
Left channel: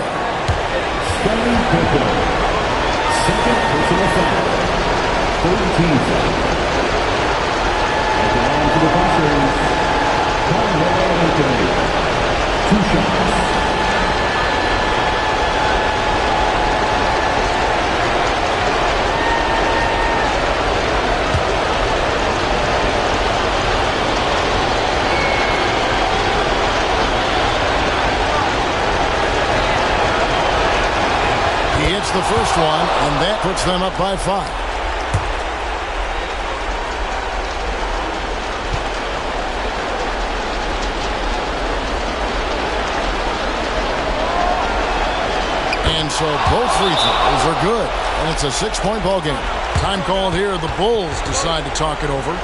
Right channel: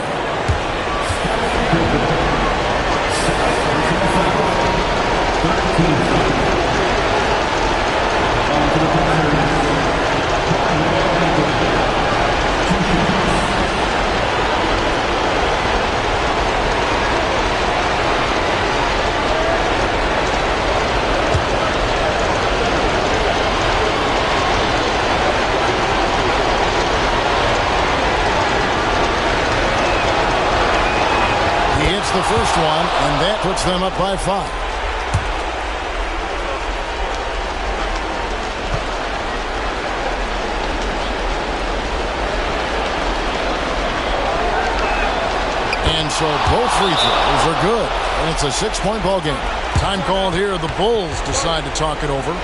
He hits the first one, and that puts them up by 5. And so both free throws are good, and it's a 6-point ball game. Time called here. The Bulls decide to talk it over.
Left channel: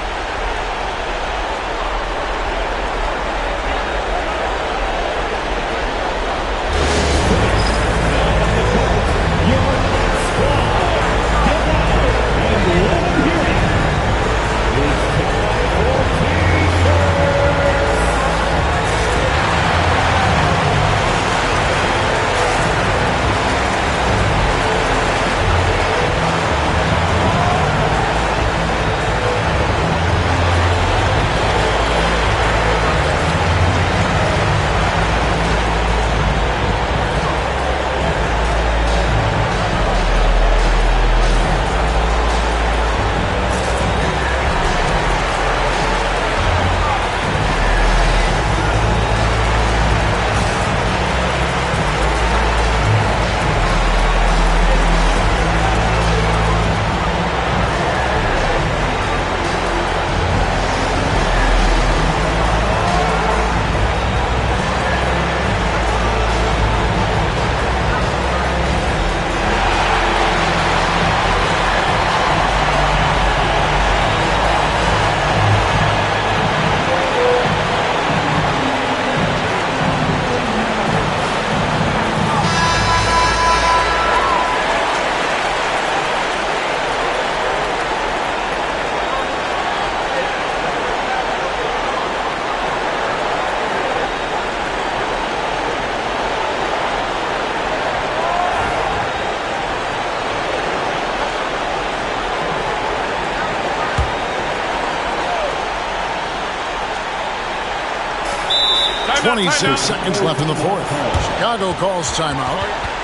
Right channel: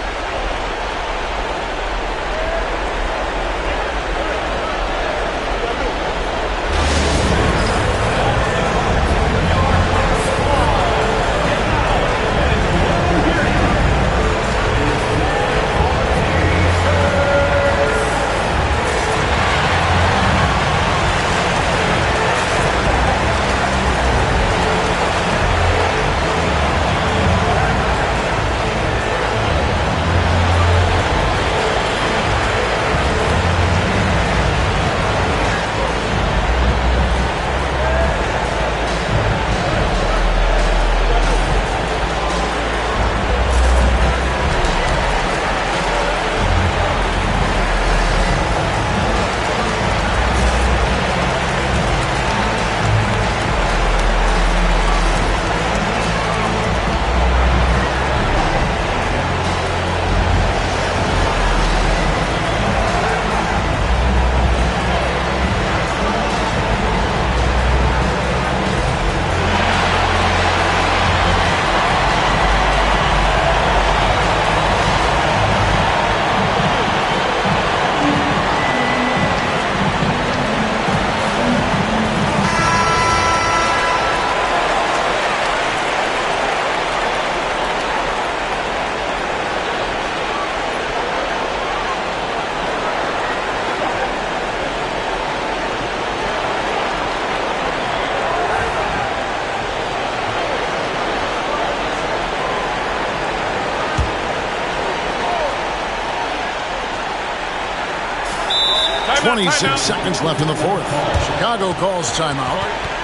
26 seconds left in the fourth. Chicago calls timeout.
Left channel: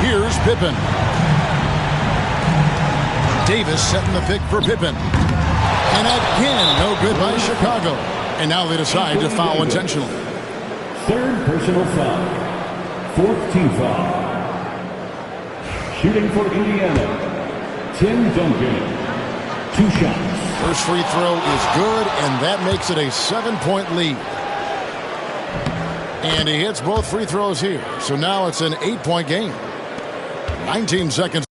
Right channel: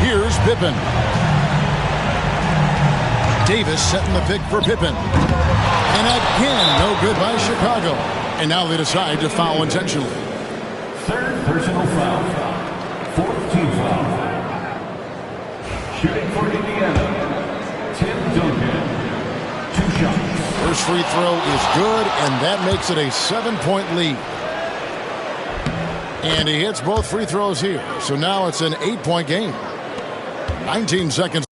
Here's Pippen. Davis setting the pick for Pippen. And again, no good by Chicago. And now they decide to foul intentionally. Third personal foul. Fourth team foul. Shooting for Indiana, Tim Duncan. 2 shots. First free throw is good, and that makes it a 7-point lead. And he hits both free throws here. So now it's an 8-point game. 19 seconds.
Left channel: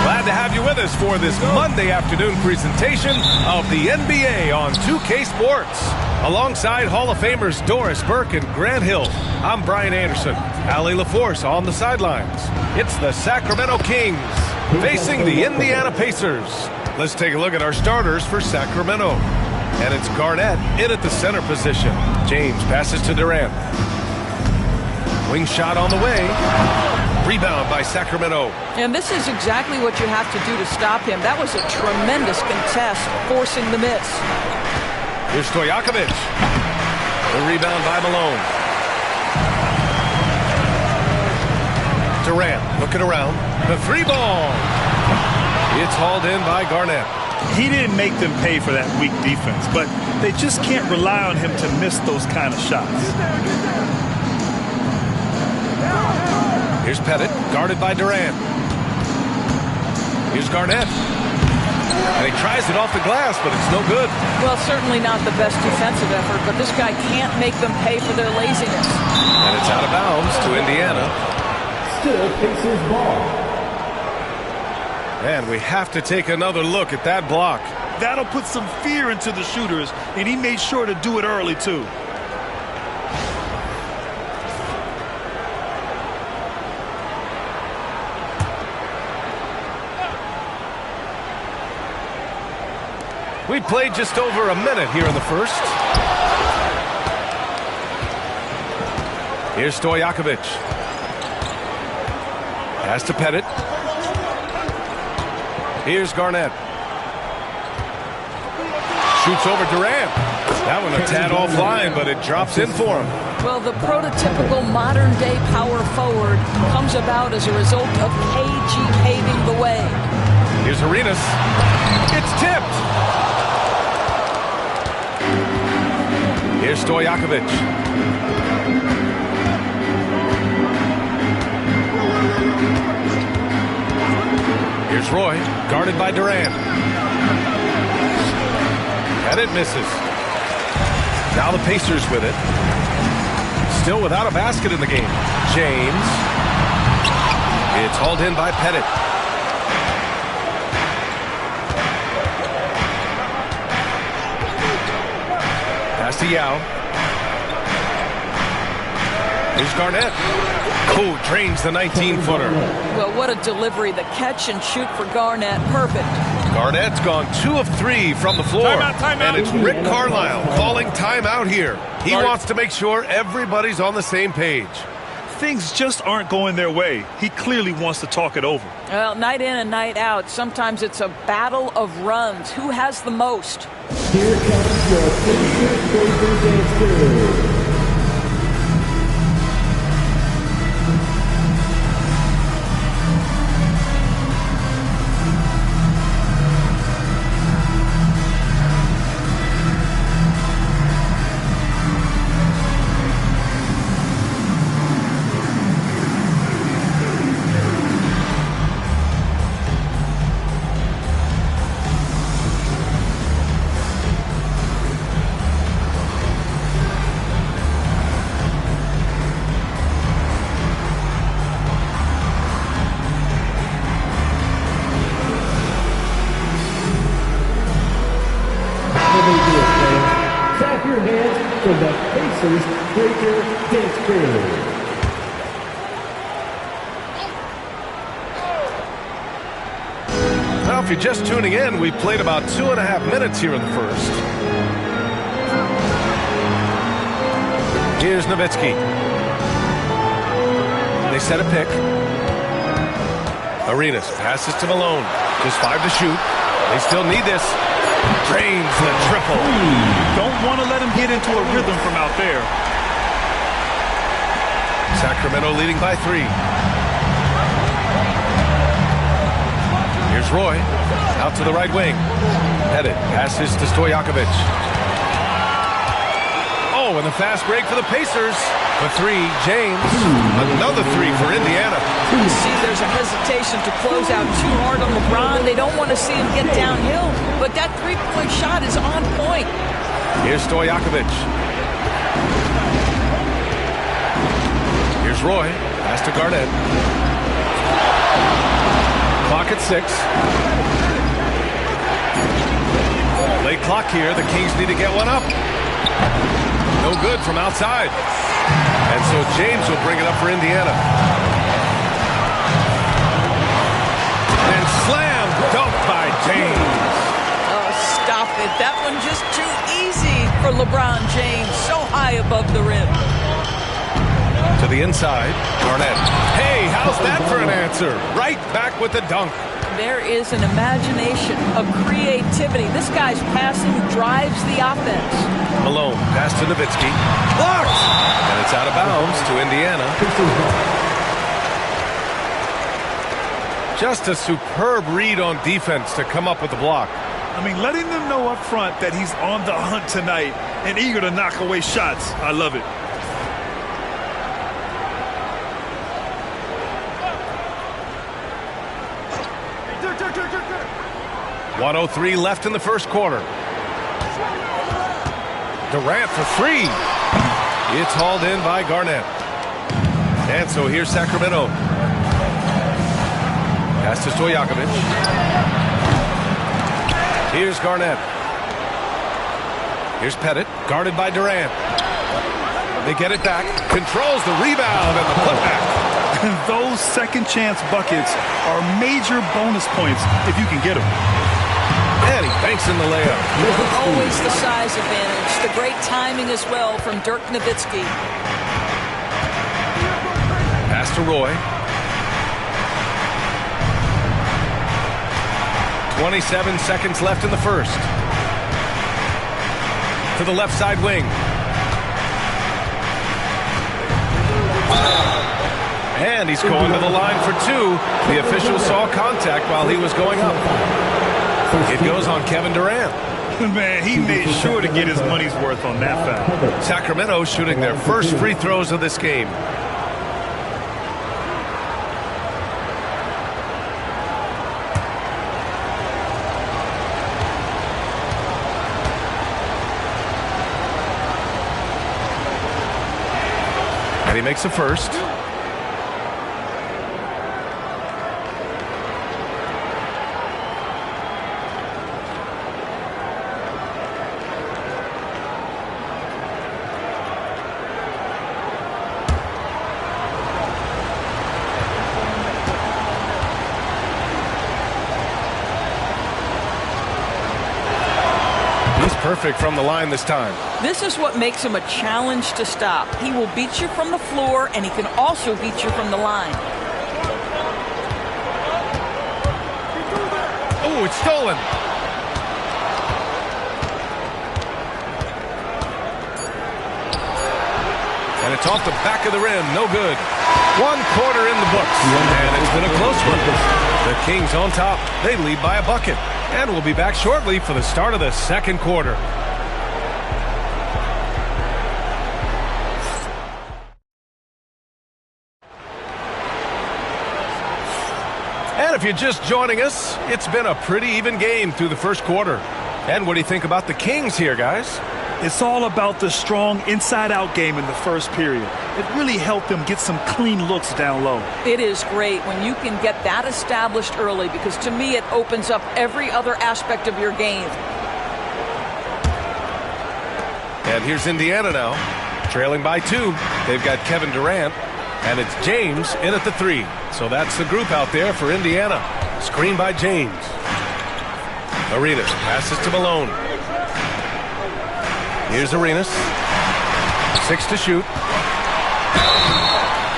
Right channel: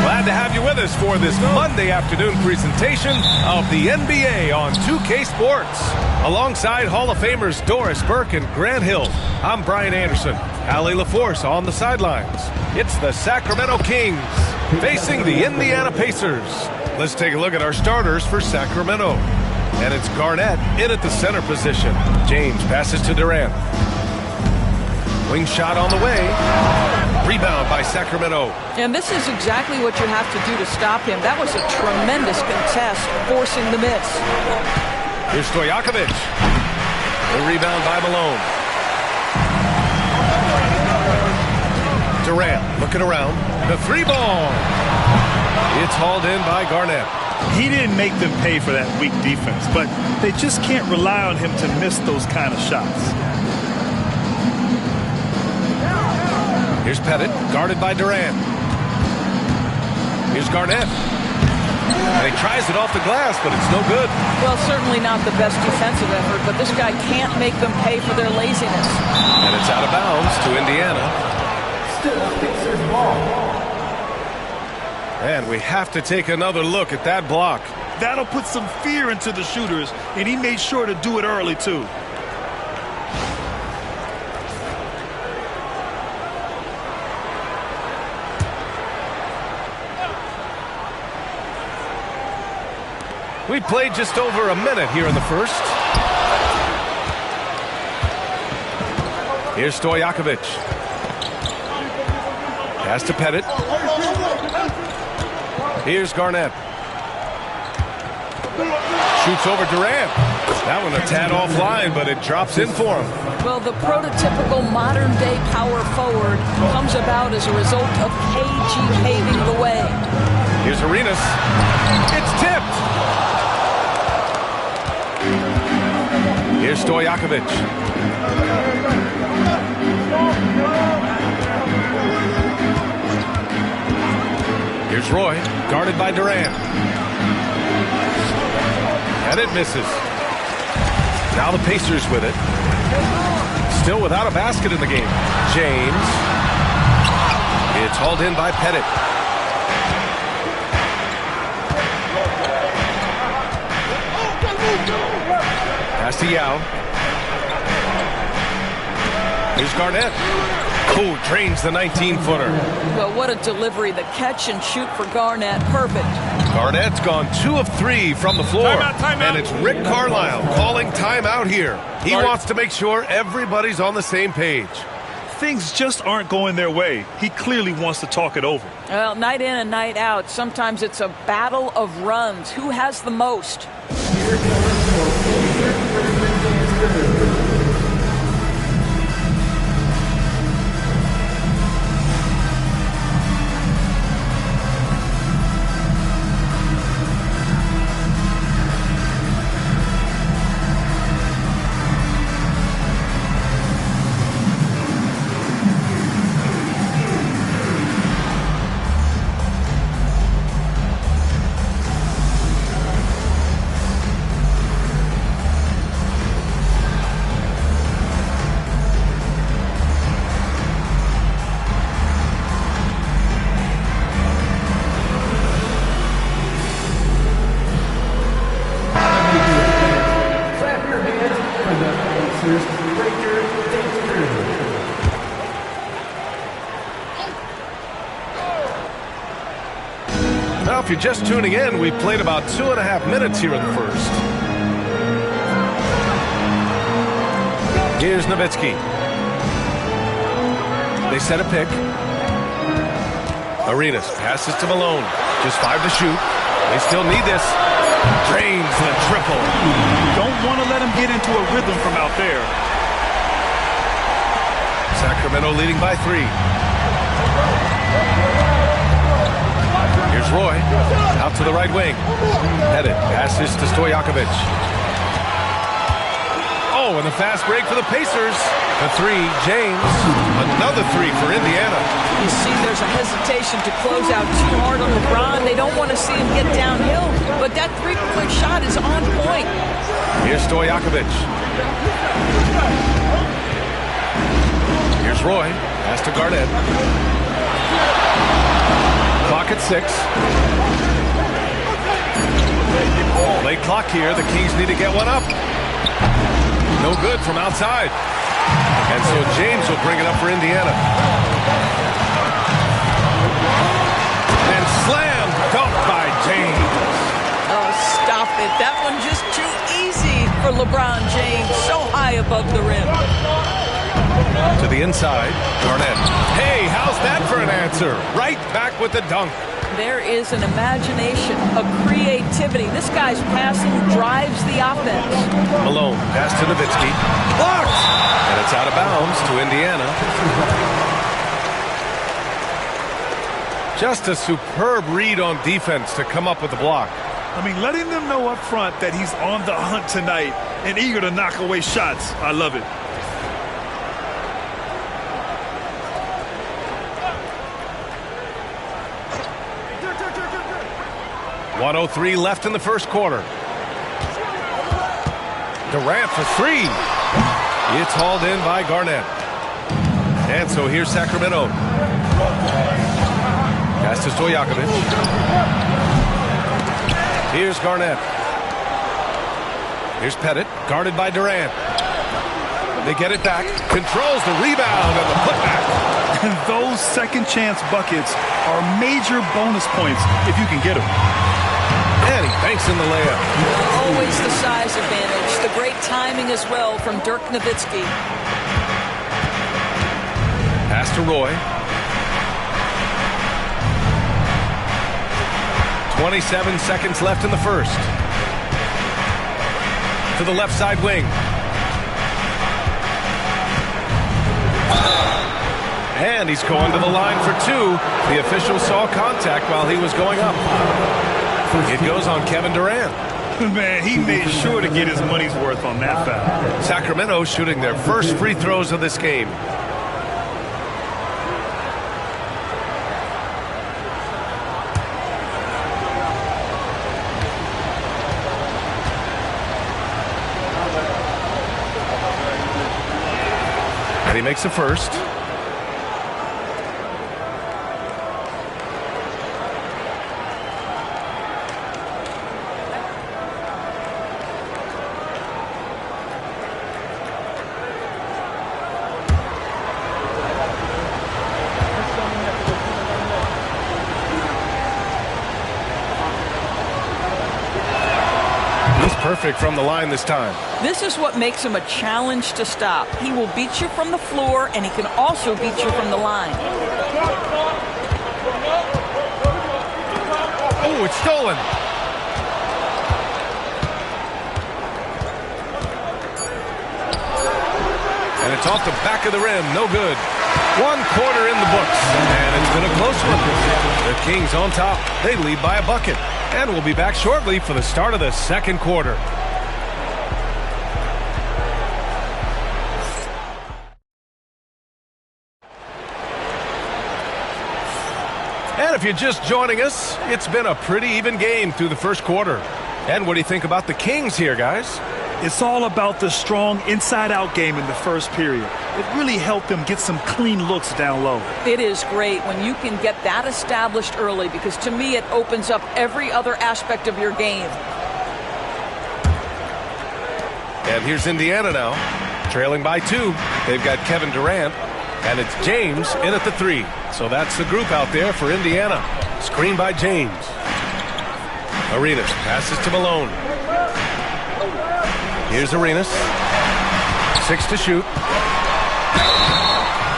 Glad to have you with us for this Monday afternoon presentation of the NBA on 2K Sports. Alongside Hall of Famers Doris Burke and Grant Hill, I'm Brian Anderson. Allie LaForce on the sidelines. It's the Sacramento Kings facing the Indiana Pacers. Let's take a look at our starters for Sacramento. And it's Garnett in at the center position. James passes to Durant. Wing shot on the way. Rebound by Sacramento. And this is exactly what you have to do to stop him. That was a tremendous contest, forcing the miss. Here's Stojakovic. The rebound by Malone. Durant looking around. The three ball. It's hauled in by Garnett. He didn't make them pay for that weak defense, but they just can't rely on him to miss those kind of shots. Here's Pettit, guarded by Durant. Here's Garnett. And he tries it off the glass, but it's no good. Well, certainly not the best defensive effort, but this guy can't make them pay for their laziness. And it's out of bounds to Indiana. Still Pacers ball. And we have to take another look at that block. That'll put some fear into the shooters, and he made sure to do it early, too. We played just over a minute here in the first. Here's Stojakovic. Pass to Pettit. Here's Garnett. Shoots over Durant. That one a tad offline, but it drops in for him. Well, the prototypical modern-day power forward comes about as a result of KG paving the way. Here's Arenas. It's tipped. Here's Stojakovic. Here's Roy, guarded by Durant. And it misses. Now the Pacers with it. Still without a basket in the game. James. It's hauled in by Pettit. Pass to Yao. Here's Garnett. Oh, drains the 19-footer. Well, what a delivery. The catch and shoot for Garnett. Perfect. Garnett's gone 2 of 3 from the floor. Timeout. And it's Rick Carlisle calling timeout here. He wants to make sure everybody's on the same page. Things just aren't going their way. He clearly wants to talk it over. Well, night in and night out, sometimes it's a battle of runs. Who has the most? Here comes your favorite Thursday dancer. For the Pacers, Frazier Dansker. Now, if you're just tuning in, we played about 2.5 minutes here in the first. Here's Nowitzki. They set a pick. Arenas passes to Malone. Just 5 to shoot. They still need this. Drains the triple. Don't want to let him get into a rhythm from out there. Sacramento leading by 3. Here's Roy. Out to the right wing. Headed. Passes to Stojakovic. Oh, and the fast break for the Pacers. The 3, James. Another 3 for Indiana. You see there's a hesitation to close out too hard on LeBron. They don't want to see him get downhill, but that three-point shot is on point. Here's Stojakovic. Here's Roy. Pass to Garnett. Clock at 6. Late clock here. The Kings need to get one up. No good from outside. And so James will bring it up for Indiana. And slam dunk by James. Oh, stop it. That one just too easy for LeBron James. So high above the rim. To the inside, Garnett. Hey, how's that for an answer? Right back with the dunk. There is an imagination, a creativity. This guy's passing drives the offense. Malone, pass to Nowitzki. Blocked! And it's out of bounds to Indiana. Just a superb read on defense to come up with the block. I mean, letting them know up front that he's on the hunt tonight and eager to knock away shots. I love it. .103 left in the first quarter. Durant for 3. It's hauled in by Garnett. And so here's Sacramento. Pass to Stojakovic. Here's Garnett. Here's Pettit, guarded by Durant. They get it back. Controls the rebound and the putback. Those second chance buckets are major bonus points if you can get them. And he banks in the layup. Always the size advantage. The great timing as well from Dirk Nowitzki. Pass to Roy. 27 seconds left in the first. To the left side wing. And he's going to the line for 2. The official saw contact while he was going up. It goes on Kevin Durant. Man, he made sure to get his money's worth on that foul. Sacramento shooting their first free throws of this game. And he makes the first. Perfect from the line this time. This is what makes him a challenge to stop. He will beat you from the floor, and he can also beat you from the line. Oh, it's stolen. And it's off the back of the rim. No good. 1 quarter in the books. And it's been a close one. The Kings on top. They lead by a bucket. And we'll be back shortly for the start of the second quarter. And if you're just joining us, it's been a pretty even game through the first quarter. And what do you think about the Kings here, guys? It's all about the strong inside-out game in the first period. It really helped them get some clean looks down low. It is great when you can get that established early because to me it opens up every other aspect of your game. And here's Indiana now, trailing by 2. They've got Kevin Durant, and it's James in at the 3. So that's the group out there for Indiana. Screen by James. Arenas passes to Malone. Here's Arenas. 6 to shoot.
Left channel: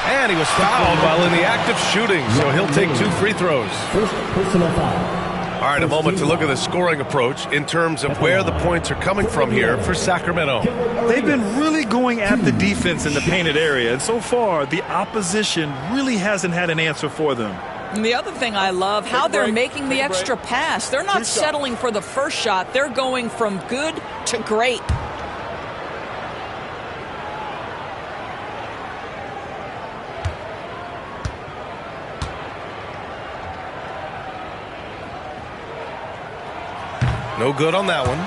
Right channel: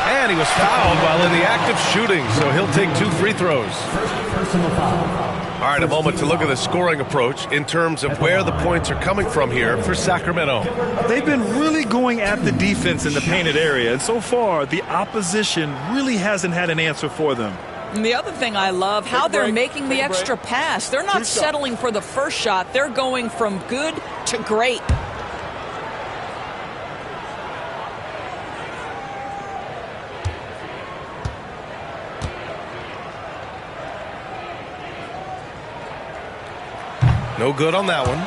And he was fouled while in the act of shooting, so he'll take 2 free throws. First personal foul. All right, a moment to look at the scoring approach in terms of where the points are coming from here for Sacramento. They've been really going at the defense in the painted area, and so far the opposition really hasn't had an answer for them. And the other thing I love, how they're making the extra pass. They're not settling for the first shot. They're going from good to great. No good on that one.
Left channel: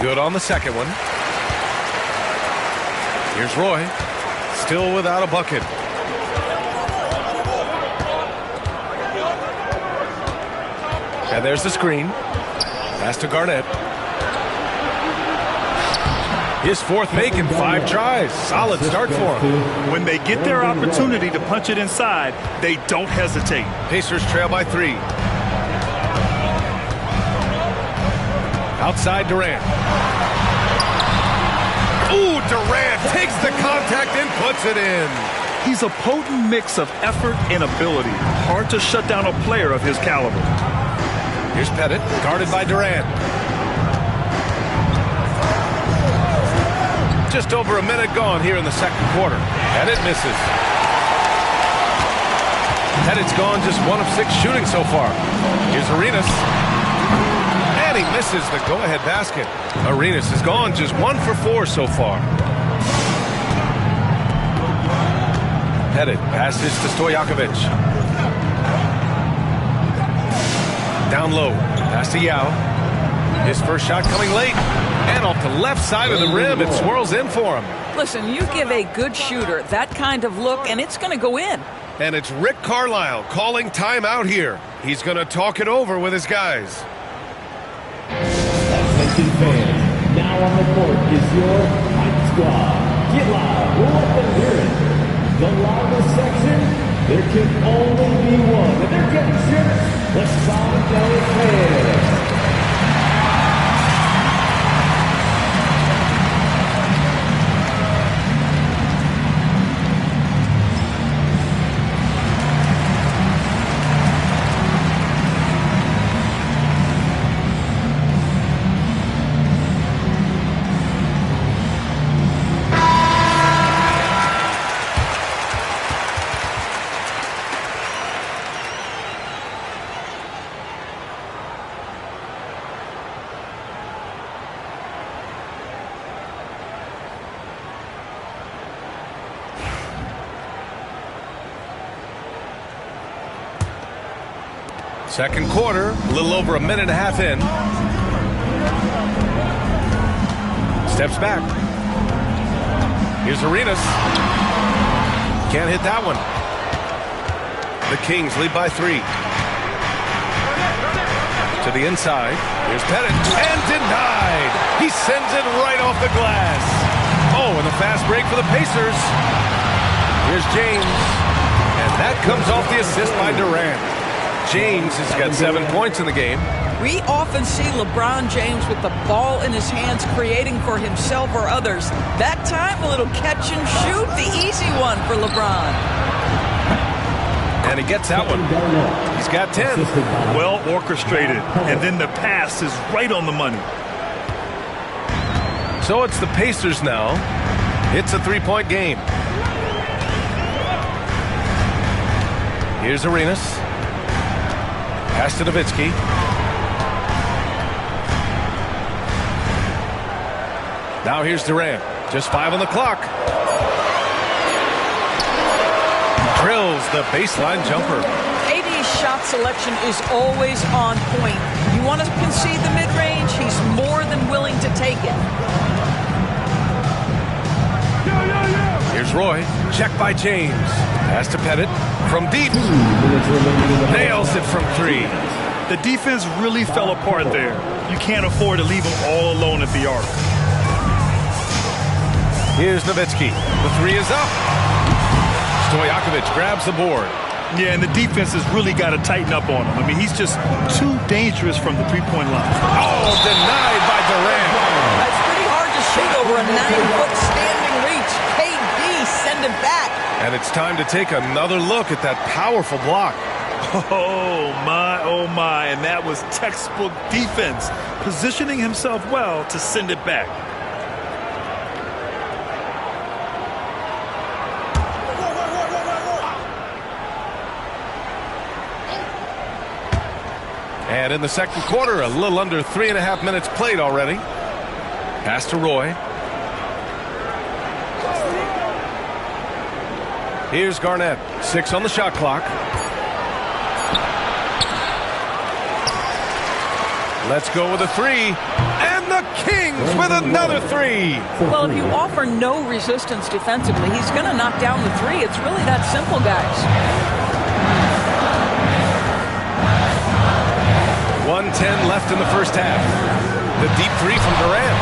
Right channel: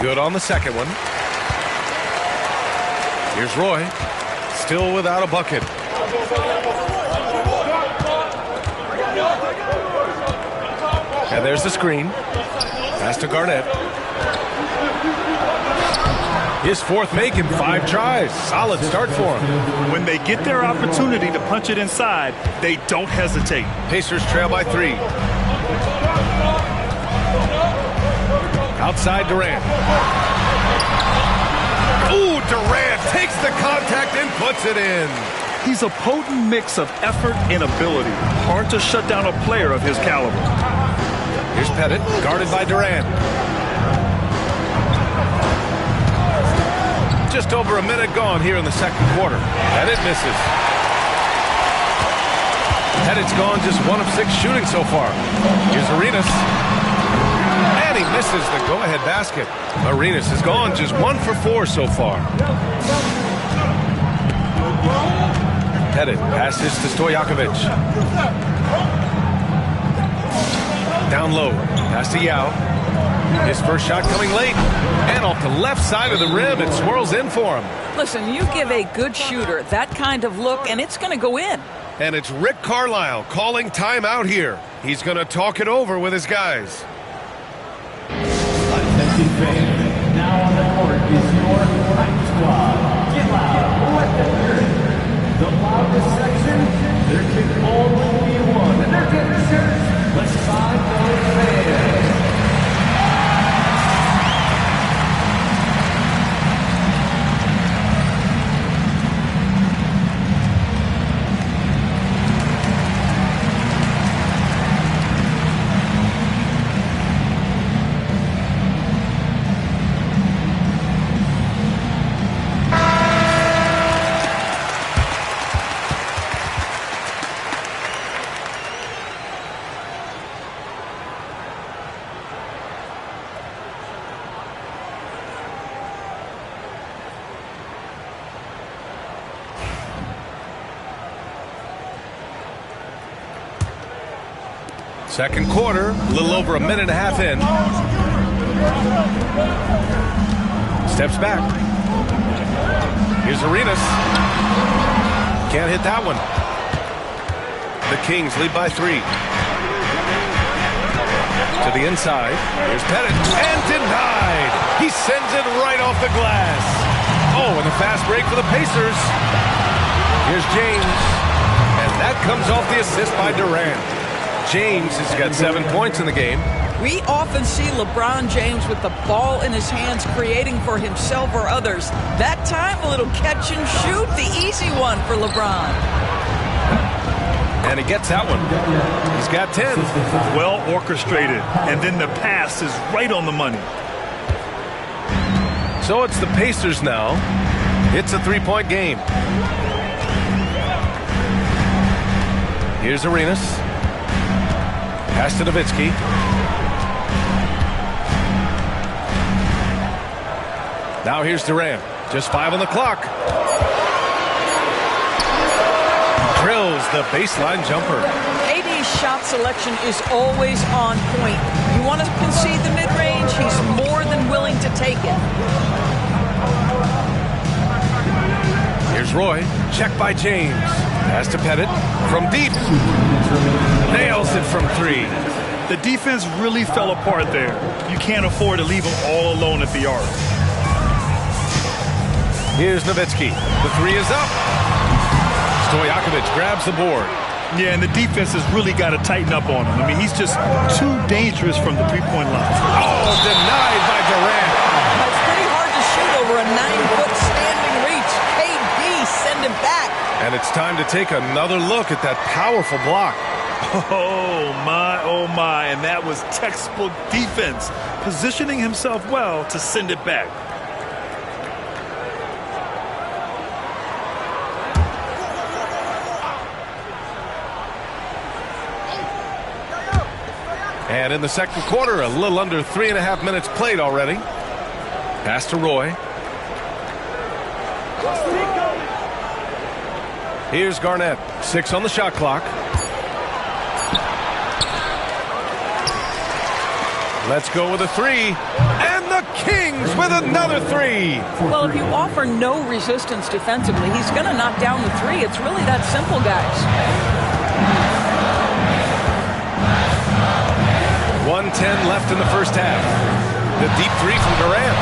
Good on the second one. Here's Roy, still without a bucket. And there's the screen. Pass to Garnett. His 4th make in 5 tries. Solid start for him. When they get their opportunity to punch it inside, they don't hesitate. Pacers trail by 3. Outside Durant. Ooh, Durant takes the contact and puts it in. He's a potent mix of effort and ability. Hard to shut down a player of his caliber. Here's Pettit, guarded by Durant. Just over a minute gone here in the second quarter. Pettit misses. Pettit's gone just 1 of 6 shooting so far. Here's Arenas. And he misses the go-ahead basket. Arenas has gone just 1 for 4 so far. Pettit passes to Stojakovic. Down low. Pass to Yao. His first shot coming late. And off the left side of the rim, it swirls in for him. Listen, you give a good shooter that kind of look, and it's going to go in. And it's Rick Carlisle calling timeout here. He's going to talk it over with his guys. Attention fans, now on the court is your Hype Squad. Get loud, let them hear it. The loudest section, there can only be one, and they're getting shirts. Let's find those fans. Second quarter, a little over a minute and a half in. Steps back. Here's Arenas. Can't hit that one. The Kings lead by 3. To the inside. Here's Pettit. And denied. He sends it right off the glass. Oh, and the fast break for the Pacers. Here's James. And that comes off the assist by Durant. James has got 7 points in the game. We often see LeBron James with the ball in his hands creating for himself or others. That time, a little catch and shoot, the easy one for LeBron. And he gets that one. He's got 10. Well orchestrated, and then the pass is right on the money. So it's the Pacers now. It's a 3-point game. Here's Arenas. Pass to Nowitzki. Now here's Durant. Just 5 on the clock. drills the baseline jumper. KD's shot selection is always on point. You want to concede the mid-range, he's more than willing to take it. Here's Roy. Check by James. Pass to Pettit. From deep. Nails it from 3. The defense really fell apart there. You can't afford to leave him all alone at the arc. Here's Nowitzki. The 3 is up. Stojakovic grabs the board. Yeah, and the defense has really got to tighten up on him. I mean, he's just too dangerous from the three-point line. Oh, denied by Durant. It's pretty hard to shoot over a 9-foot standing reach. KD send it back. And it's time to take another look at that powerful block. Oh, my, and that was textbook defense, positioning himself well to send it back. And in the second quarter, a little under 3.5 minutes played already. Pass to Roy. Here's Garnett. 6 on the shot clock. Let's go with a 3. And the Kings with another 3. Well, if you offer no resistance defensively, he's going to knock down the 3. It's really that simple, guys. 1:10 left in the first half. The deep 3 from Durant.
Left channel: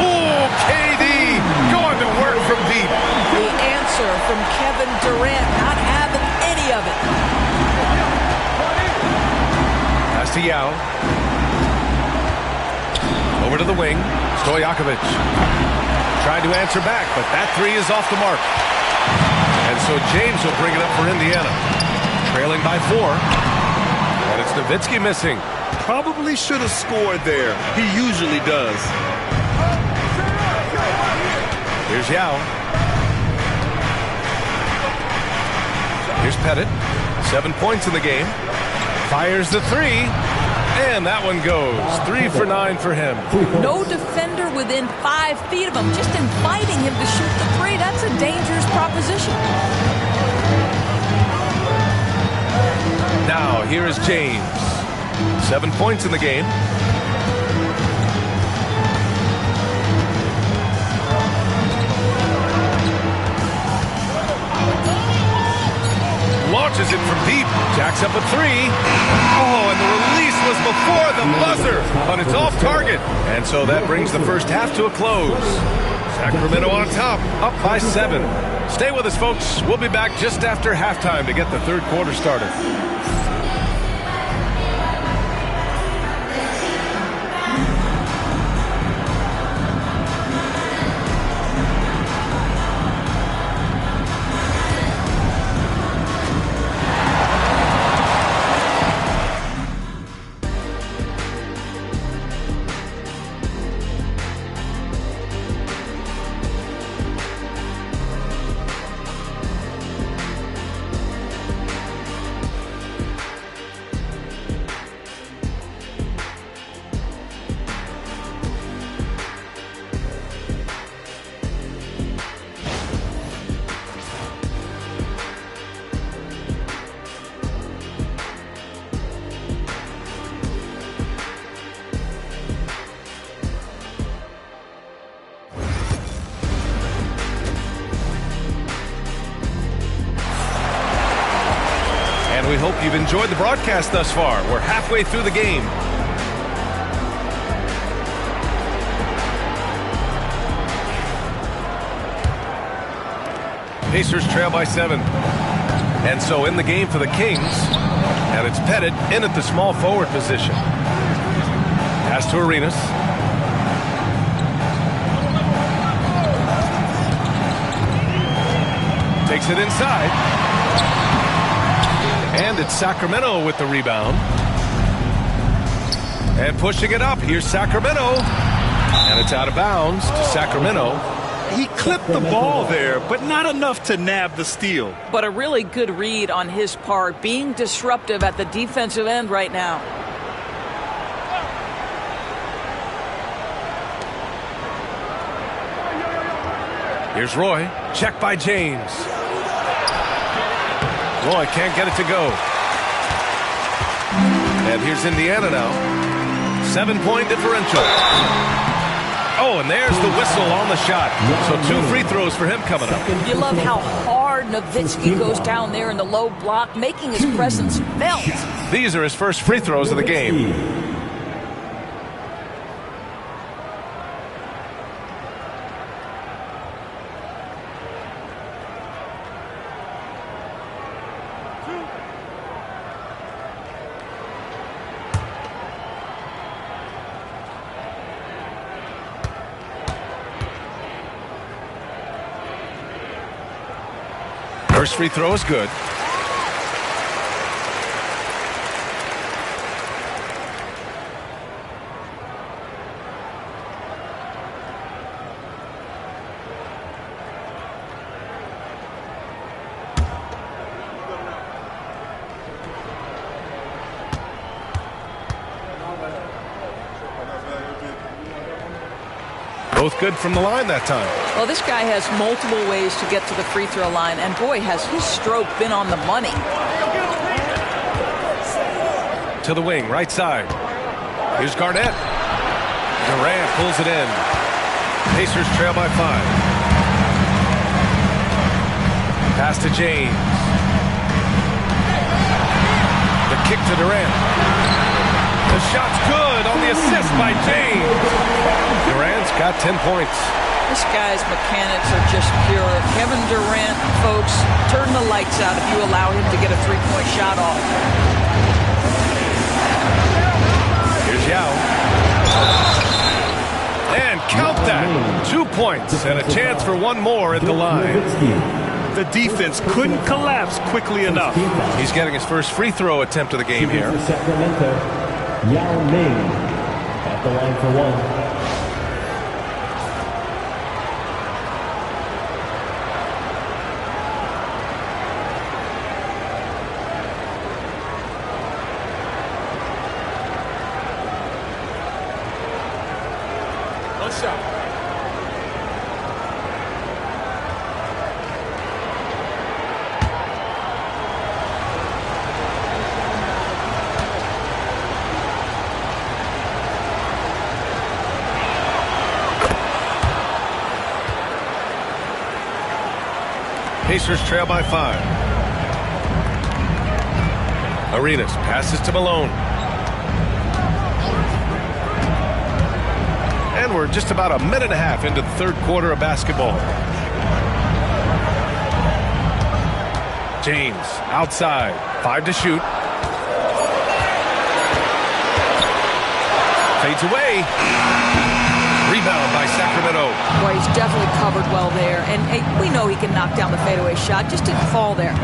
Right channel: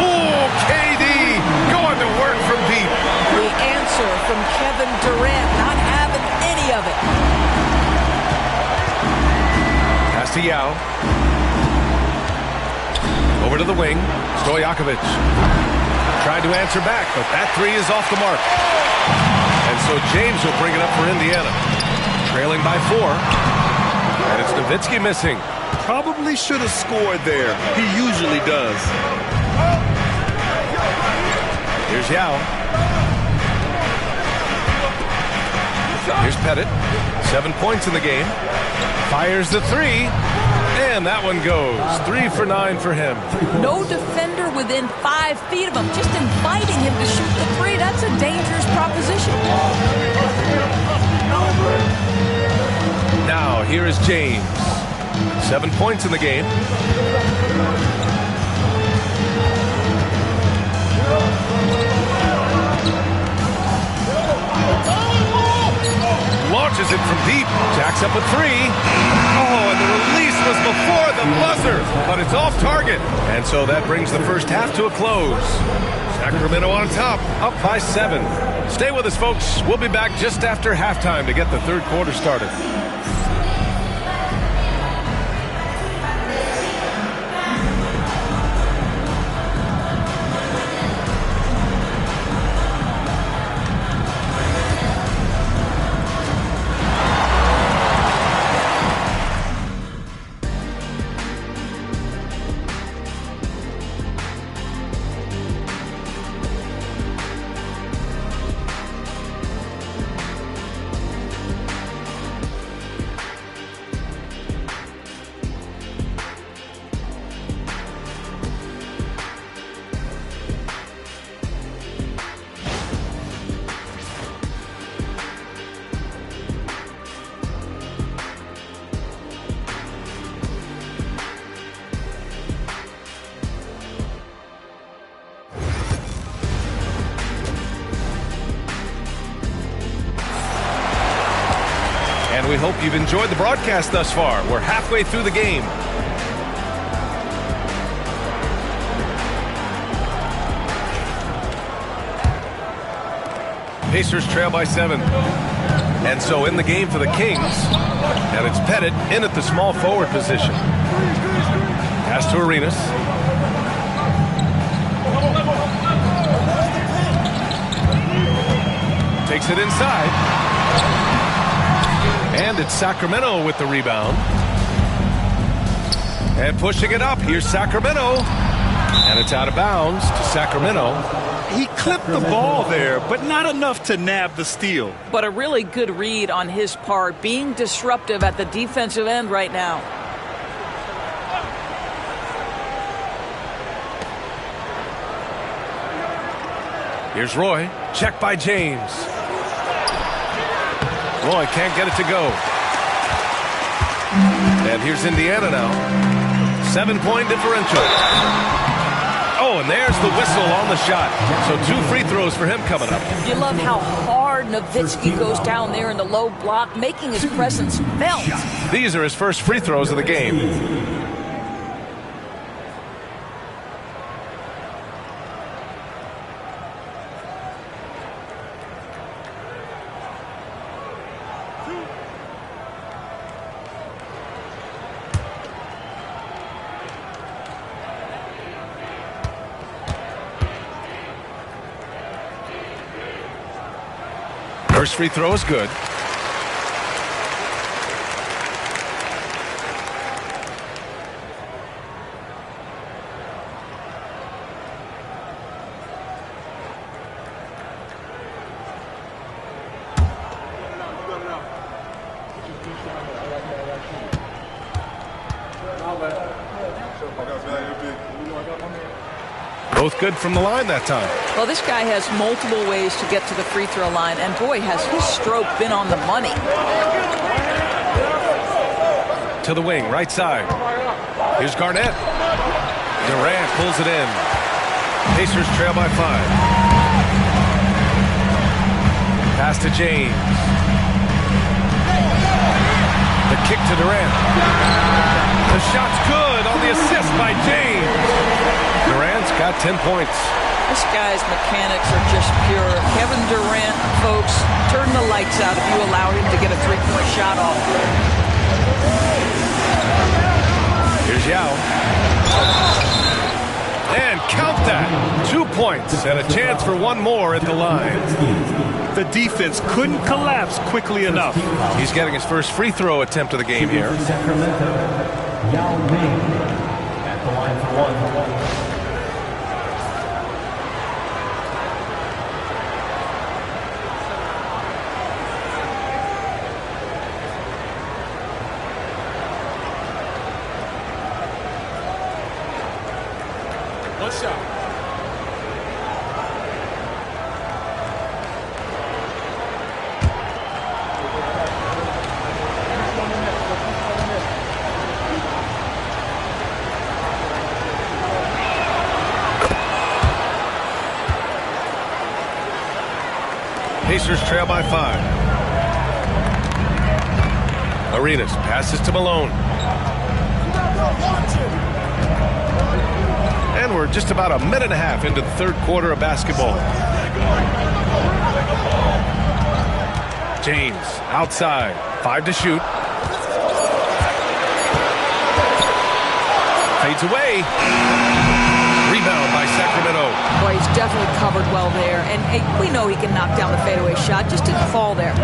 Oh, KD going to work from deep. The answer from Kevin Durant, not having any of it. Pass to Yao. Over to the wing. Stojakovic. Tried to answer back, but that 3 is off the mark. And so James will bring it up for Indiana. Trailing by 4. And it's Nowitzki missing. Probably should have scored there. He usually does. Here's Yao. Here's Pettit. 7 points in the game. Fires the 3. And that one goes. 3 for 9 for him. No defender within 5 feet of him. Just inviting him to shoot the 3. That's a dangerous proposition. Now, here is James. 7 points in the game. Launches it from deep. Jacks up a 3. Oh, and the release was before the buzzer, but it's off target. And so that brings the first half to a close. Sacramento on top, up by 7. Stay with us, folks. We'll be back just after halftime to get the third quarter started. And we hope you've enjoyed the broadcast thus far. We're halfway through the game. Pacers trail by 7. And so in the game for the Kings, and it's Pettit in at the small forward position. Pass to Arenas. Takes it inside. And it's Sacramento with the rebound. And pushing it up. Here's Sacramento. And it's out of bounds to Sacramento. He clipped the ball there, but not enough to nab the steal. But a really good read on his part, being disruptive at the defensive end right now. Here's Roy. Check by James. Roy can't get it to go. And here's Indiana now. 7-point differential. Oh, and there's the whistle on the shot. So 2 free throws for him coming up. You love how hard Nowitzki goes down there in the low block, making his presence felt. These are his first free throws of the game. First free throw is good. Both good from the line that time. Well, this guy has multiple ways to get to the free throw line, and boy, has his stroke been on the money. To the wing, right side. Here's Garnett. Durant pulls it in. Pacers trail by 5. Pass to James. The kick to Durant. The shot's good on the assist by James. Durant's got 10 points. This guy's mechanics are just pure. Kevin Durant, folks, turn the lights out if you allow him to get a 3-point shot off. Here's Yao. And count that. 2 points and a chance for one more at the line. The defense couldn't collapse quickly enough. He's getting his first free throw attempt of the game here. Sacramento, Yao Ming at the line for 1. One shot. Pacers trail by 5. Arenas passes to Malone. And we're just about a minute and a half into the third quarter of basketball. James outside. 5 to shoot. Fades away. Rebound by Sacramento. Boy, he's definitely covered well there. And hey, we know he can knock down the fadeaway shot. Just didn't fall there.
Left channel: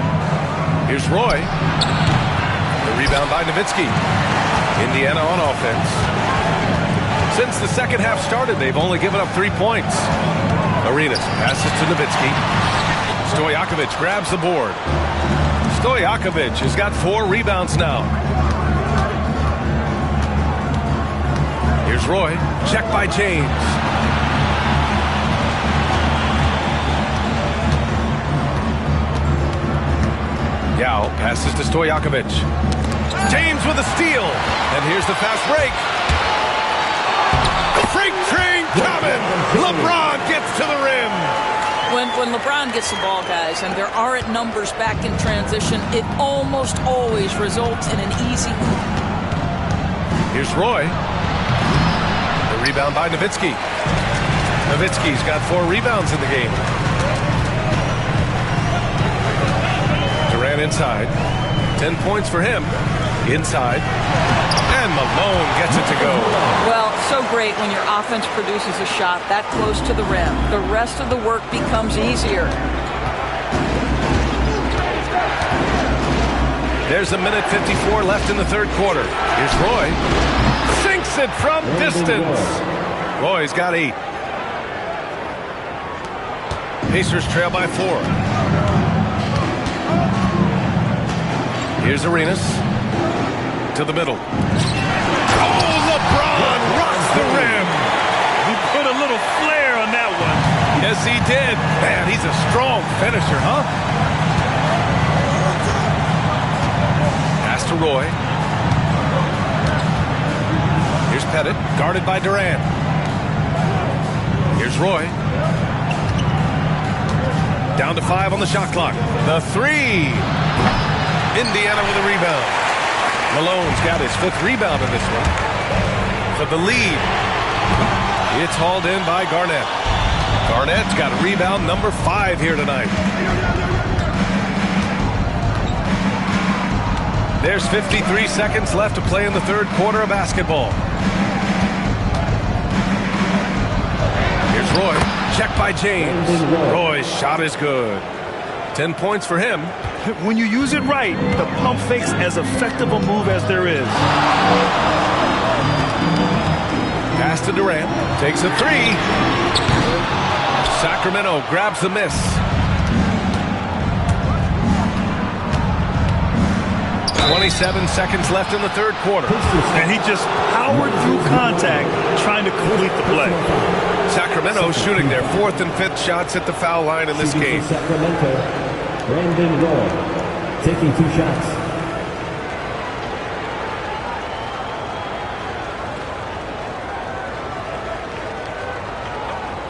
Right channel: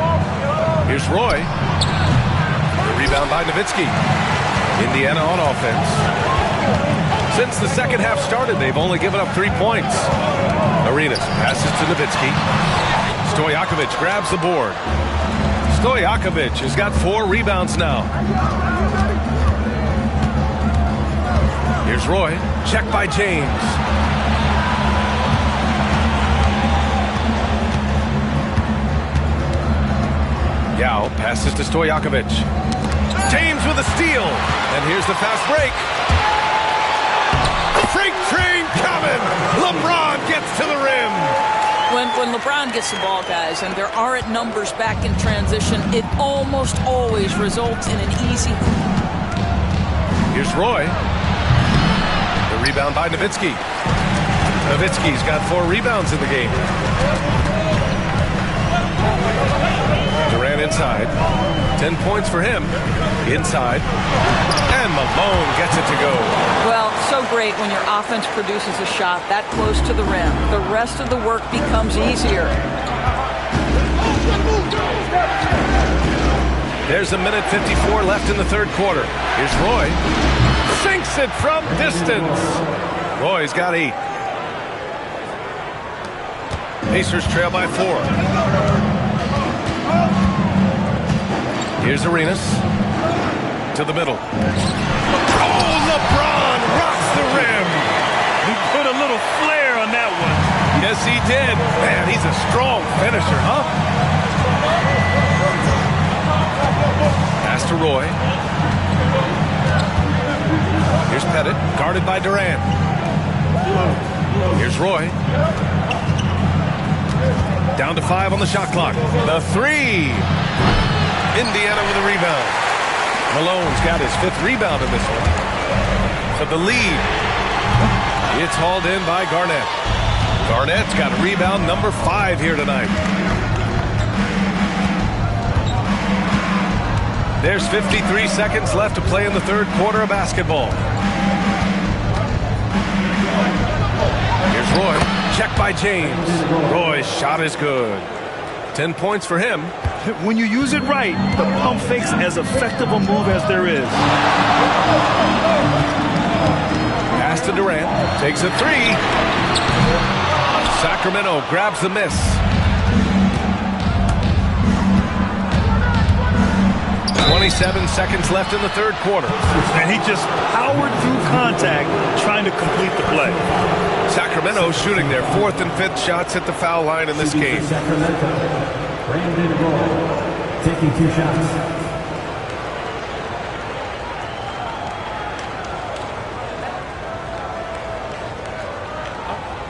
Here's Roy. The rebound by Nowitzki. Indiana on offense. Since the second half started, they've only given up 3 points. Arenas passes to Nowitzki. Stojakovic grabs the board. Stojakovic has got 4 rebounds now. Here's Roy. Check by James. Yao passes to Stojakovic. James with a steal. And here's the fast break. Freight train coming. LeBron gets to the rim. When LeBron gets the ball, guys, and there aren't numbers back in transition, it almost always results in an easy hoop. Here's Roy. The rebound by Nowitzki. Nowitzki's got 4 rebounds in the game. Durant inside. 10 points for him. Inside. And Malone gets it to go. Well, so great when your offense produces a shot that close to the rim. The rest of the work becomes easier. There's a minute 54 left in the third quarter. Here's Roy. Sinks it from distance. Roy's got 8. Pacers trail by 4. Here's Arenas. To the middle. Oh, LeBron rocks the rim. He put a little flair on that one. Yes, he did. Man, he's a strong finisher, huh? Pass to Roy. Here's Pettit, guarded by Durant. Here's Roy. Down to 5 on the shot clock. The three. Indiana with a rebound. Malone's got his 5th rebound in this one. For the lead. It's hauled in by Garnett. Garnett's got rebound number 5 here tonight. There's 53 seconds left to play in the 3rd quarter of basketball. Here's Roy. Check by James. Roy's shot is good. 10 points for him. When you use it right, the pump fake's as effective a move as there is. Pass to Durant. Takes a 3. Sacramento grabs the miss. 27 seconds left in the 3rd quarter. And he just powered through contact trying to complete the play. Sacramento shooting their 4th and 5th shots at the foul line in this game. Sacramento, Brandon Roy, taking 2 shots.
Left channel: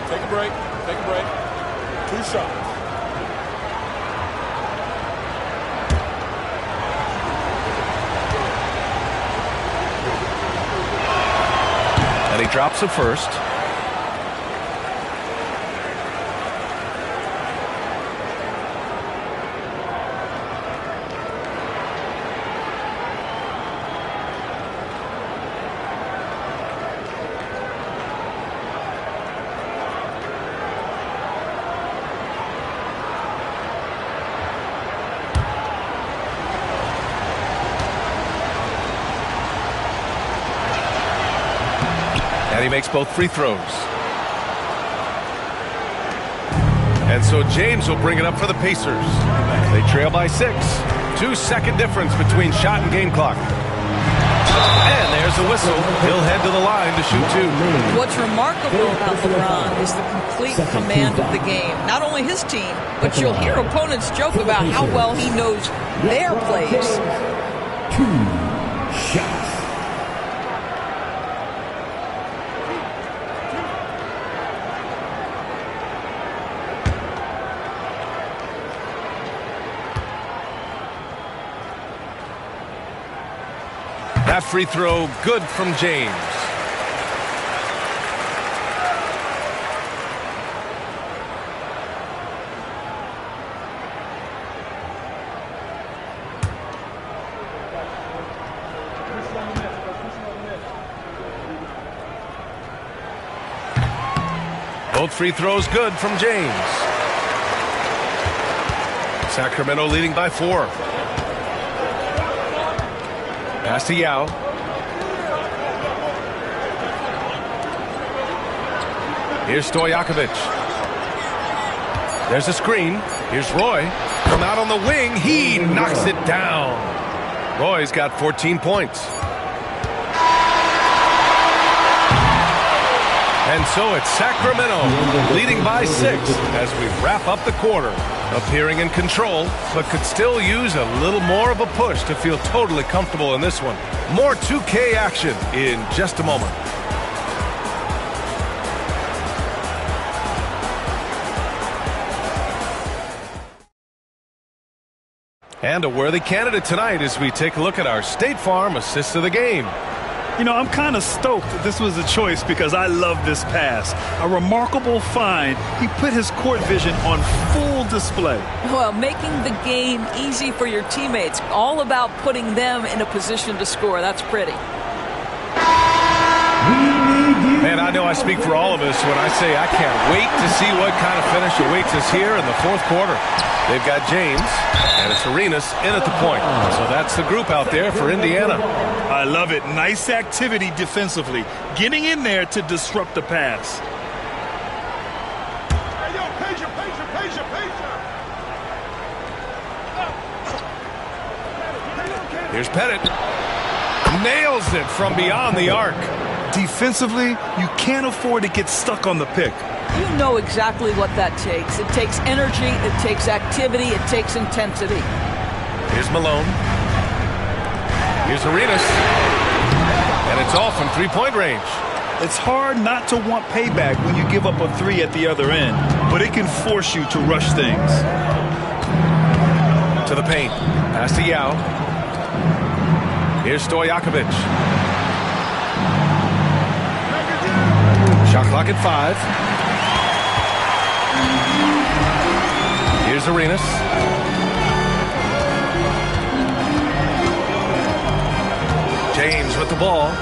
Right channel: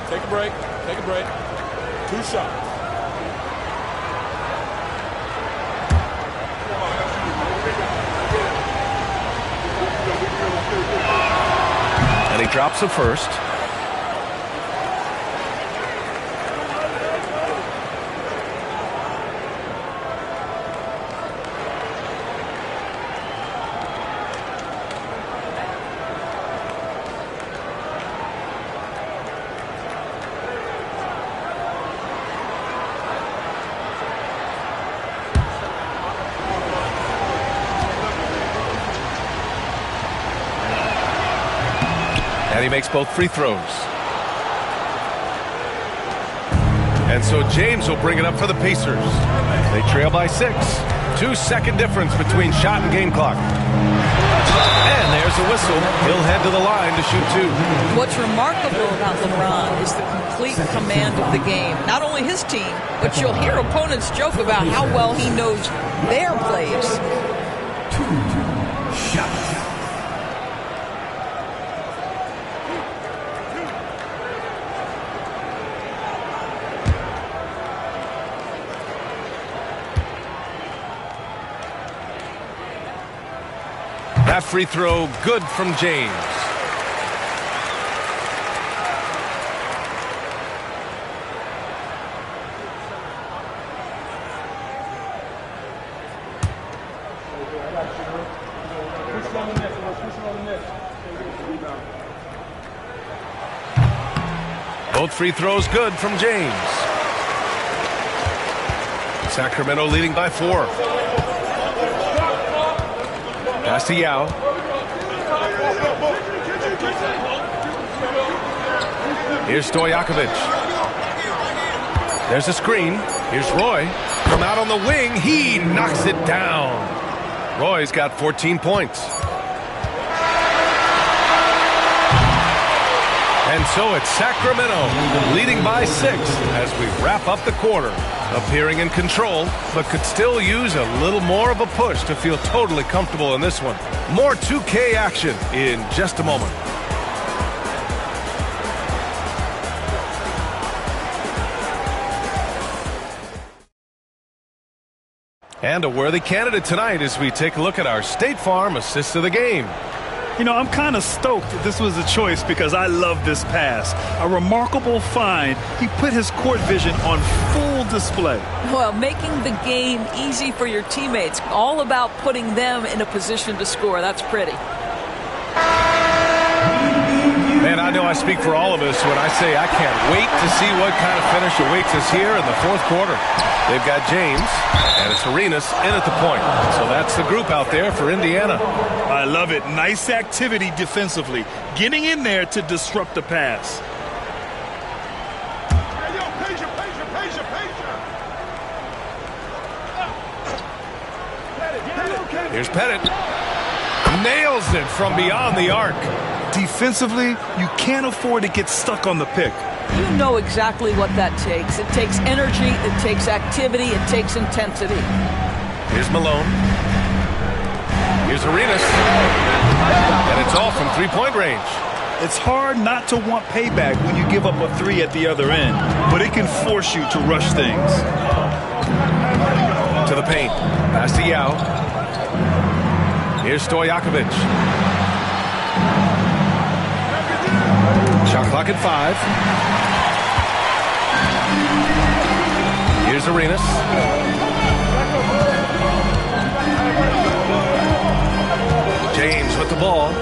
Take a break. Take a break. 2 shots. And he drops the first. And he makes both free throws. And so James will bring it up for the Pacers. They trail by 6. 2-second difference between shot and game clock. And there's a whistle. He'll head to the line to shoot 2. What's remarkable about LeBron is the complete command of the game. Not only his team, but you'll hear opponents joke about how well he knows their plays. 2 shots. That free throw good from James. Both free throws good from James. Sacramento leading by 4. Pass to Yao. Here's Stojakovic. There's a screen. Here's Roy. From out on the wing, he knocks it down. Roy's got 14 points. And so it's Sacramento leading by 6 as we wrap up the quarter. Appearing in control, but could still use a little more of a push to feel totally comfortable in this one. More 2K action in just a moment. And a worthy candidate tonight as we take a look at our State Farm assist of the game. You know, I'm kind of stoked this was a choice because I love this pass. A remarkable find. He put his court vision on full display. Well, making the game easy for your teammates. All about putting them in a position to score. That's pretty. Man, I know I speak for all of us when I say I can't wait to see what kind of finish awaits us here in the 4th quarter. They've got James, and it's Arenas in at the point. So that's the group out there for Indiana. I love it. Nice activity defensively. Getting in there to disrupt the pass. Hey, yo, Peja. Here's Pettit. Nails it from beyond the arc. Defensively, you can't afford to get stuck on the pick. You know exactly what that takes. It takes energy, it takes activity, it takes intensity. Here's Malone. Here's Arenas. And it's all from three-point range. It's hard not to want payback when you give up a three at the other end, but it can force you to rush things. To the paint. Pass to Yao. Here's Stojakovic. Shot clock at 5. Here's Arenas. James with the ball.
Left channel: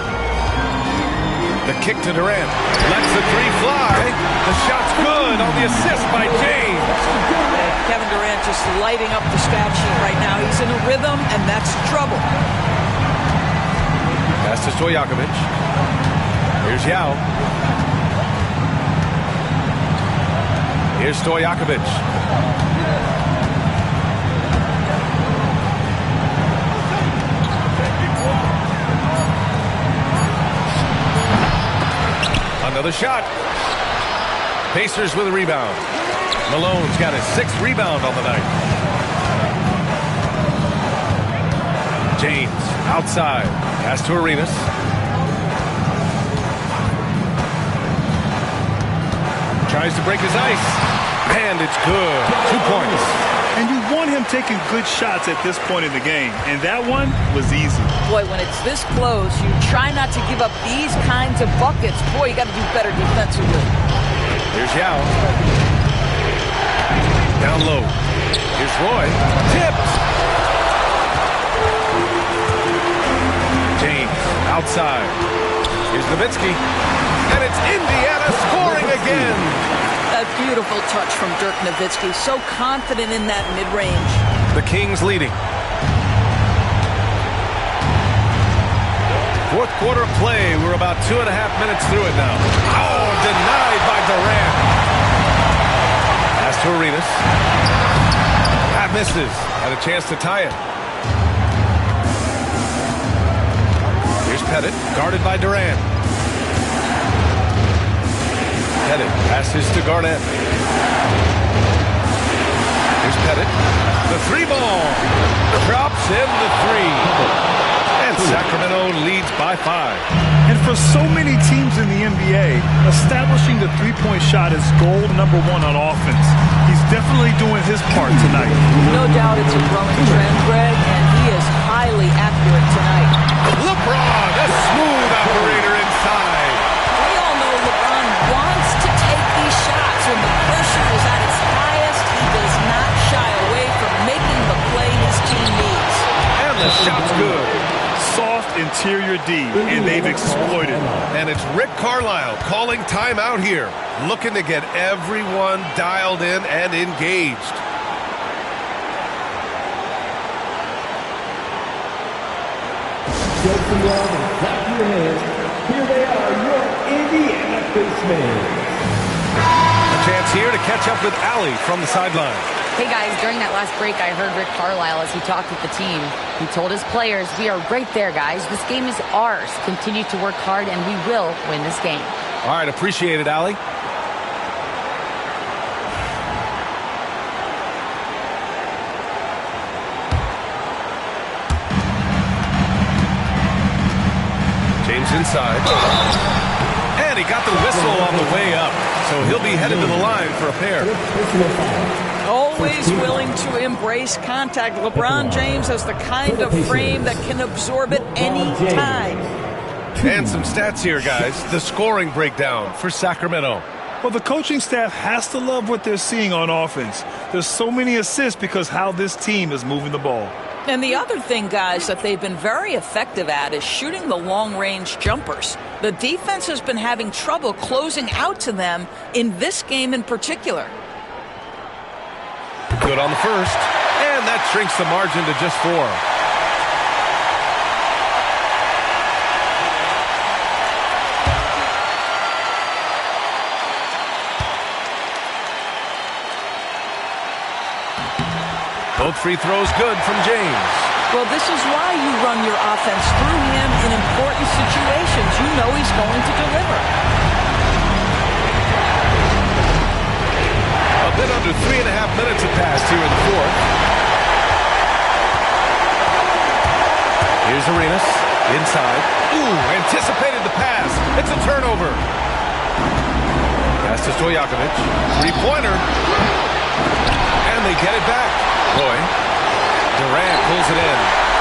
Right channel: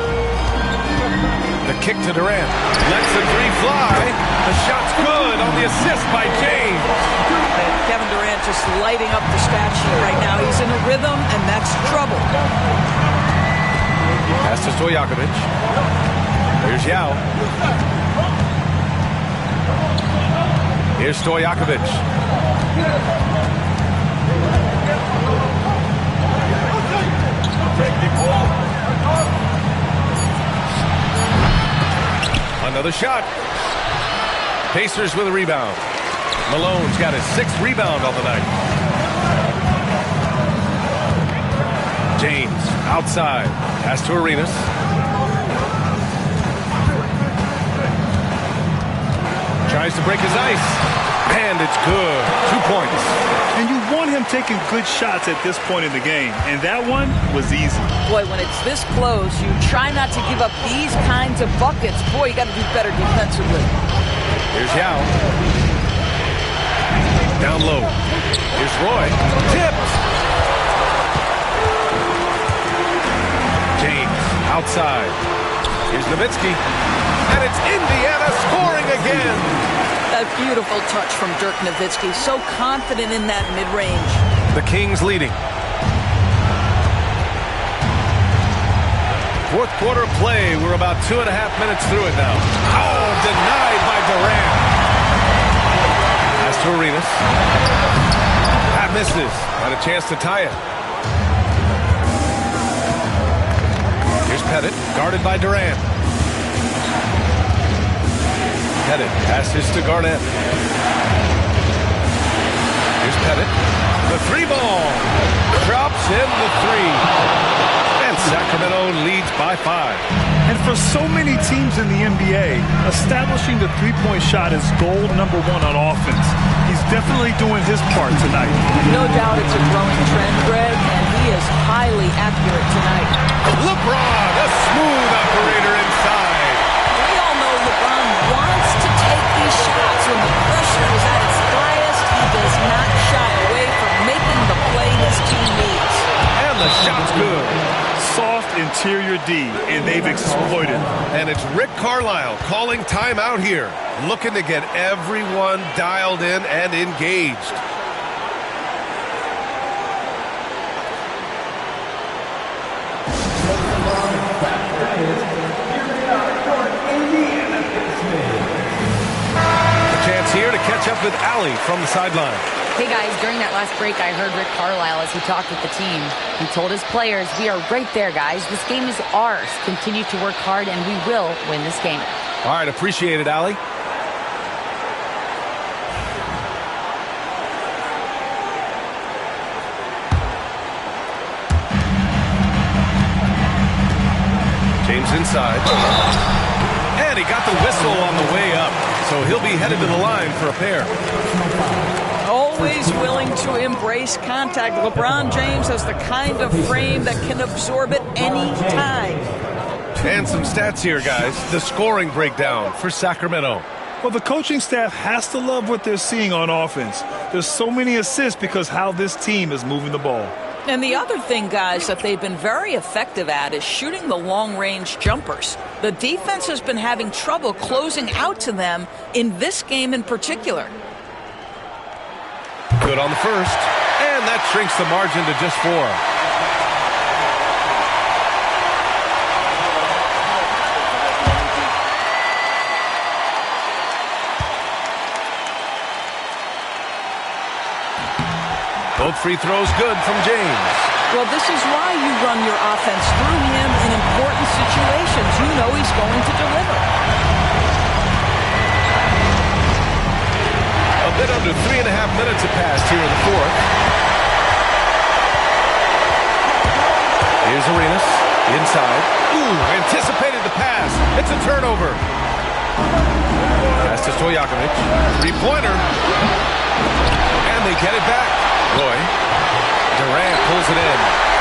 The kick to Durant. Lets the three fly. The shot's good on the assist by James. And Kevin Durant just lighting up the stat sheet right now. He's in a rhythm, and that's trouble. Pass to Stojakovic. Here's Yao. Here's Stojakovic. Another shot. Pacers with a rebound. Malone's got his 6th rebound on the night. James outside. Pass to Arenas. Tries to break his ice. And it's good. 2 points. And you want him taking good shots at this point in the game. And that one was easy. Boy, when it's this close, you try not to give up these kinds of buckets. Boy, you got to do better defensively. Here's Yao. Down low. Here's Roy. Tipped. James outside. Here's Nowitzki. And it's Indiana scoring again. A beautiful touch from Dirk Nowitzki. So confident in that mid-range. The Kings leading. 4th quarter of play. We're about 2.5 minutes through it now. Oh, denied by Durant. Pass to Arenas. That misses. Had a chance to tie it. Here's Pettit, guarded by Durant. Pettit passes to Garnett. Here's Pettit. The 3 ball. Drops in the 3. And Sacramento leads by 5. And for so many teams in the NBA, establishing the three-point shot is goal number 1 on offense. He's definitely doing his part tonight. No doubt it's a growing trend, Greg, and he is highly accurate tonight. LeBron, a smooth operator inside. We all know LeBron wants to take these shots. When the pressure is at its highest, he does not shy away from making the play his team needs. And the shot's good. Soft interior D, and they've exploited. And it's Rick Carlisle calling timeout here, looking to get everyone dialed in and engaged. Here they are, your Indiana Pacers. A chance here to catch up with Allie from the sideline. Hey guys, during that last break, I heard Rick Carlisle as he talked with the team. He told his players, we are right there, guys. This game is ours. Continue to work hard, and we will win this game. All right, appreciate it, Allie. James inside. And he got the whistle on the way up, so he'll be headed to the line for a pair. Always willing to embrace contact. LeBron James has the kind of frame that can absorb it any time. And some stats here, guys. The scoring breakdown for Sacramento. Well, the coaching staff has to love what they're seeing on offense. There's so many assists because how this team is moving the ball. And the other thing, guys, that they've been very effective at is shooting the long-range jumpers. The defense has been having trouble closing out to them in this game in particular. Good on the first. And that shrinks the margin to just 4. Both free throws good from James. Well, this is why you run your offense through him in important situations. You know he's going to deliver. A bit under 3.5 minutes have passed here in the 4th. Here's Arenas inside. Ooh, anticipated the pass. It's a turnover. Pass to Stojakovic. Three-pointer. And they get it back. Roy. Durant pulls it in.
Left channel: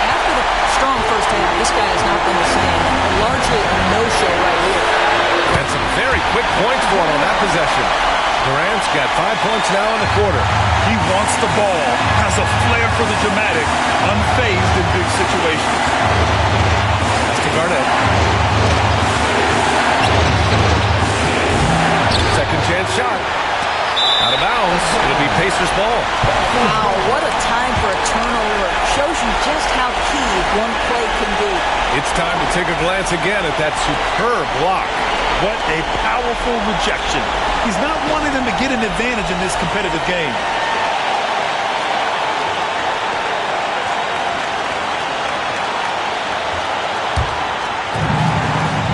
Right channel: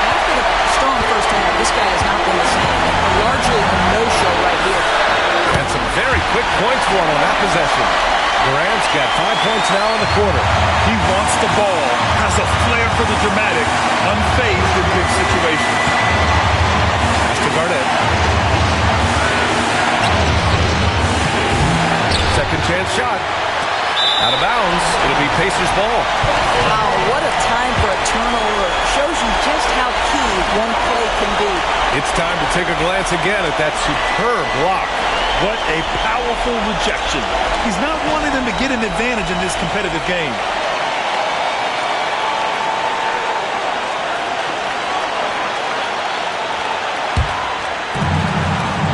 After the strong first half, this guy has not been the same. And largely a no-show right here. And some very quick points for him on that possession. Durant's got 5 points now in the quarter. He wants the ball, has a flair for the dramatic, unfazed in big situations. Pass to Garnett. Second chance shot. Out of bounds. It'll be Pacers ball. Wow, what a time for a turnover. Shows you just how key one play can be. It's time to take a glance again at that superb block. What a powerful rejection. He's not wanting them to get an advantage in this competitive game.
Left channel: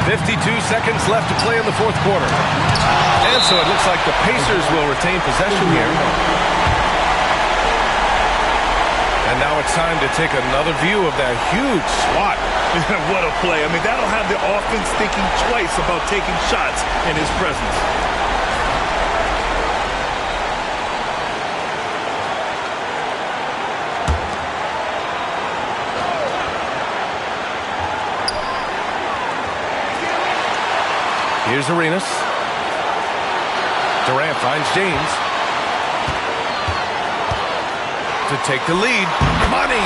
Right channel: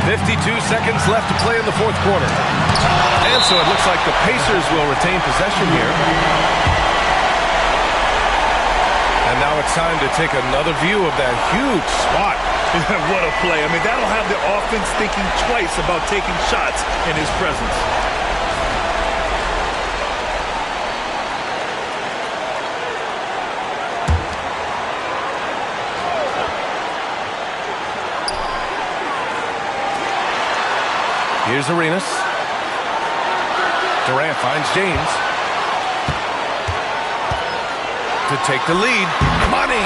.52 seconds left to play in the fourth quarter. And so it looks like the Pacers will retain possession here. And now it's time to take another view of that huge swat. What a play. I mean, that'll have the offense thinking twice about taking shots in his presence. Here's Arenas. Durant finds James. To take the lead. Money!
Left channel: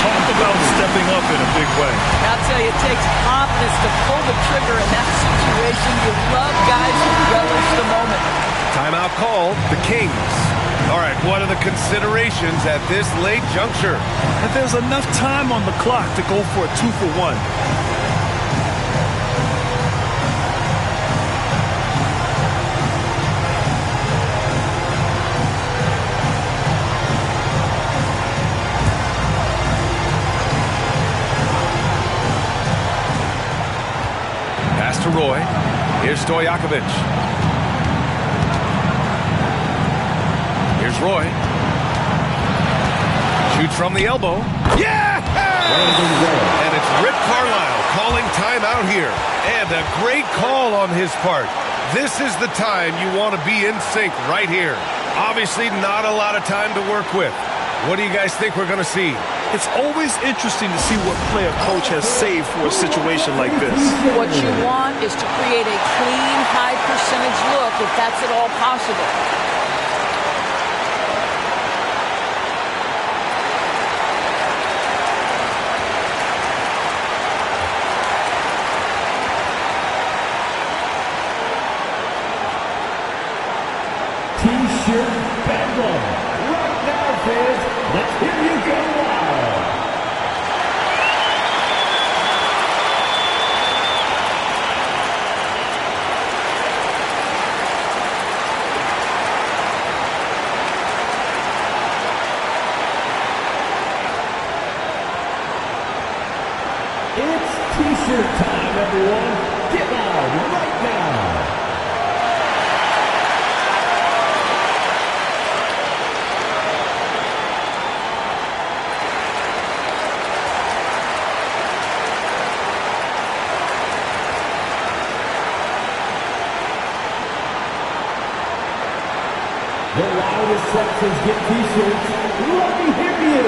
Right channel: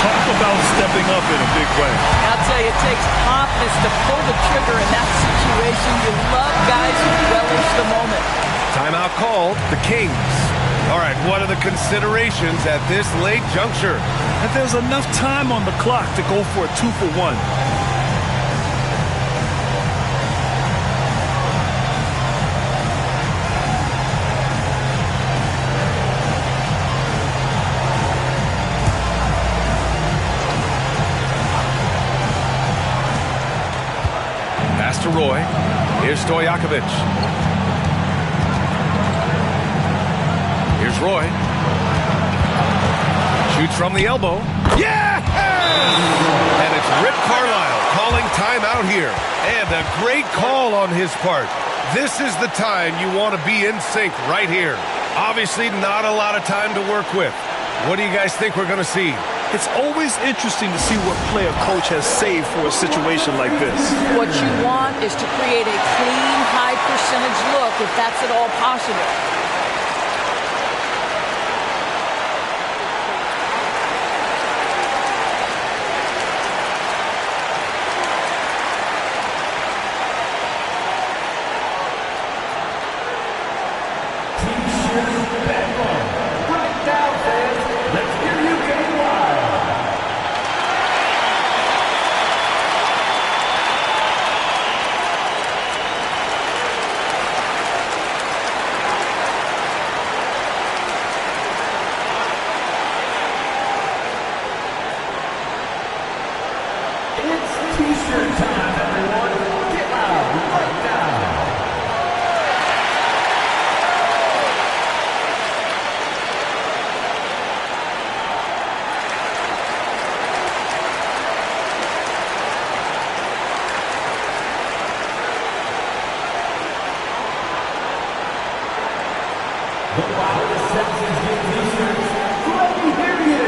Talk about stepping up in a big way. I'll tell you, it takes confidence to pull the trigger in that situation. You love guys who relish the moment. Timeout called. The Kings. All right, what are the considerations at this late juncture? And there's enough time on the clock to go for a 2-for-1. To Roy. Here's Stojakovic. Here's Roy. Shoots from the elbow. Yeah! And it's Rick Carlisle calling timeout here. And a great call on his part. This is the time you want to be in sync right here. Obviously not a lot of time to work with. What do you guys think we're going to see? It's always interesting to see what play a coach has saved for a situation like this. What you want is to create a clean, high percentage look, if that's at all possible. T-shirt bedlam. Right now, fans, let's hear you go wild. It's T-shirt time, everyone. Get loud right now. The loudest sections get T-shirts. Let me hear you.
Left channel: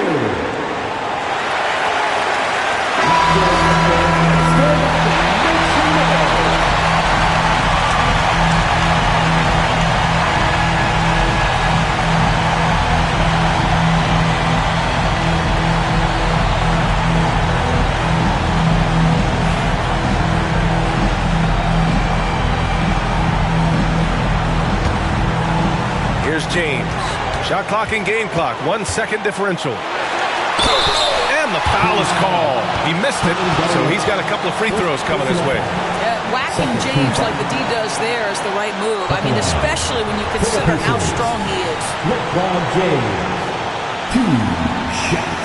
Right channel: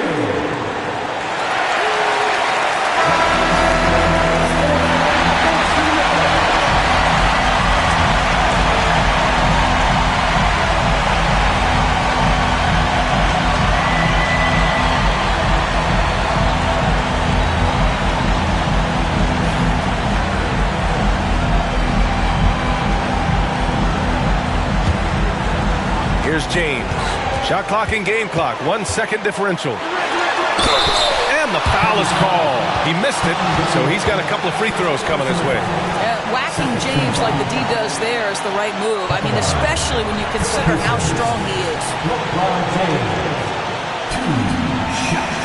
Here's James. Shot clock and game clock. 1 second differential. And the foul is called. He missed it, so he's got a couple of free throws coming his way. Whacking James like the D does there is the right move. I mean, especially when you consider how strong he is. LeBron James, 2 shots.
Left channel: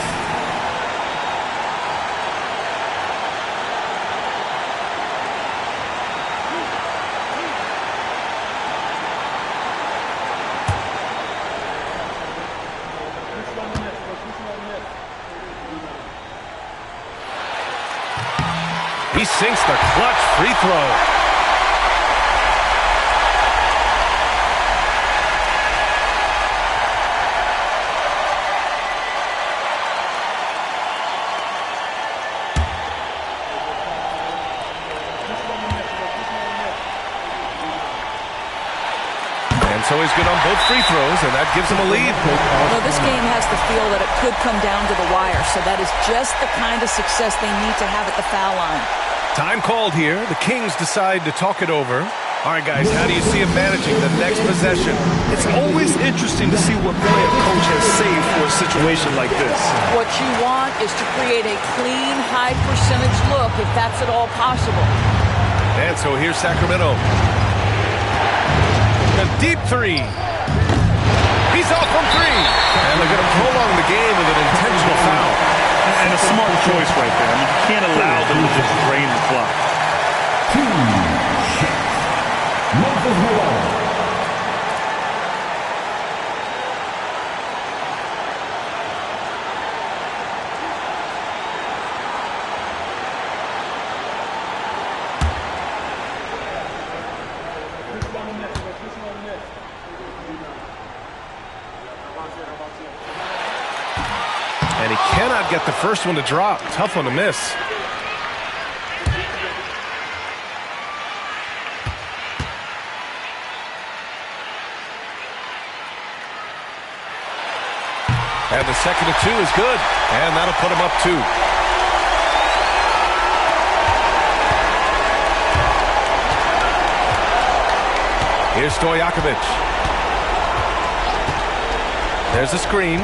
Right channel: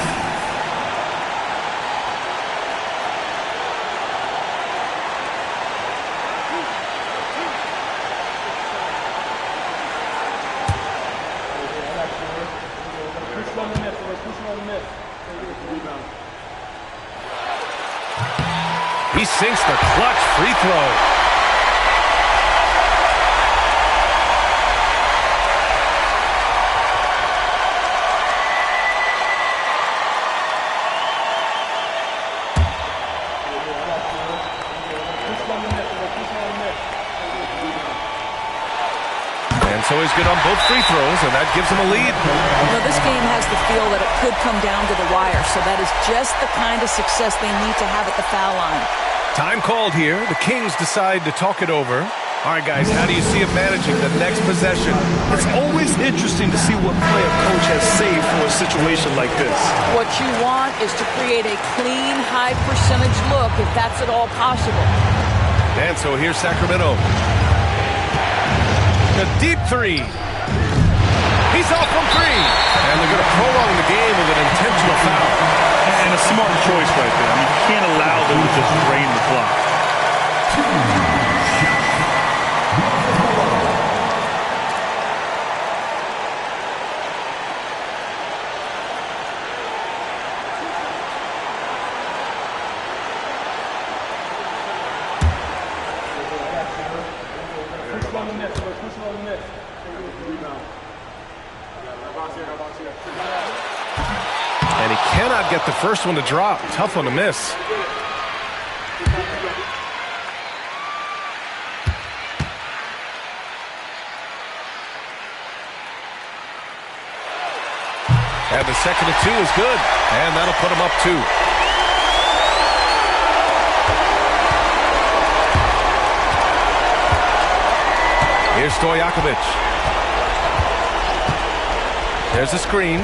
He sinks the clutch free throw. And so he's good on both free throws, and that gives him a lead. Well, this game has the feel that it could come down to the wire, so that is just the kind of success they need to have at the foul line. Time called here. The Kings decide to talk it over. All right, guys, how do you see him managing the next possession? It's always interesting to see what play a coach has saved for a situation like this. What you want is to create a clean, high-percentage look, if that's at all possible. And so here's Sacramento. A deep three. He's off from three. And they're going to prolong the game with an intentional foul. And a smart choice right there. I mean, you can't allow them to just drain the clock. And he cannot get the first one to drop. Tough one to miss. And the second of two is good. And that'll put him up 2. Here's Stojakovic. There's the screen.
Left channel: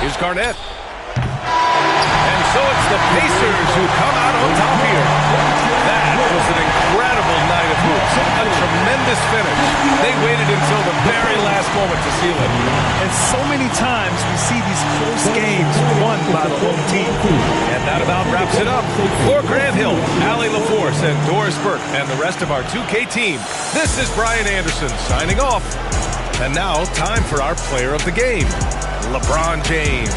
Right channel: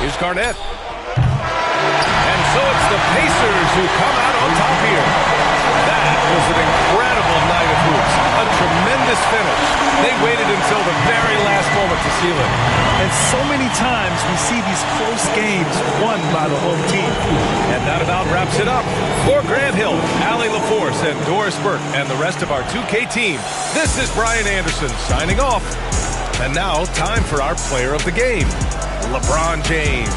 Here's Garnett. And so it's the Pacers who come out on top here. That was an incredible night of hoops. A tremendous finish. They waited until the very last moment to seal it. And so many times we see these close games won by the home team. And that about wraps it up. For Grant Hill, Allie LaForce, and Doris Burke, and the rest of our 2K team, this is Brian Anderson signing off. And now, time for our player of the game, LeBron James.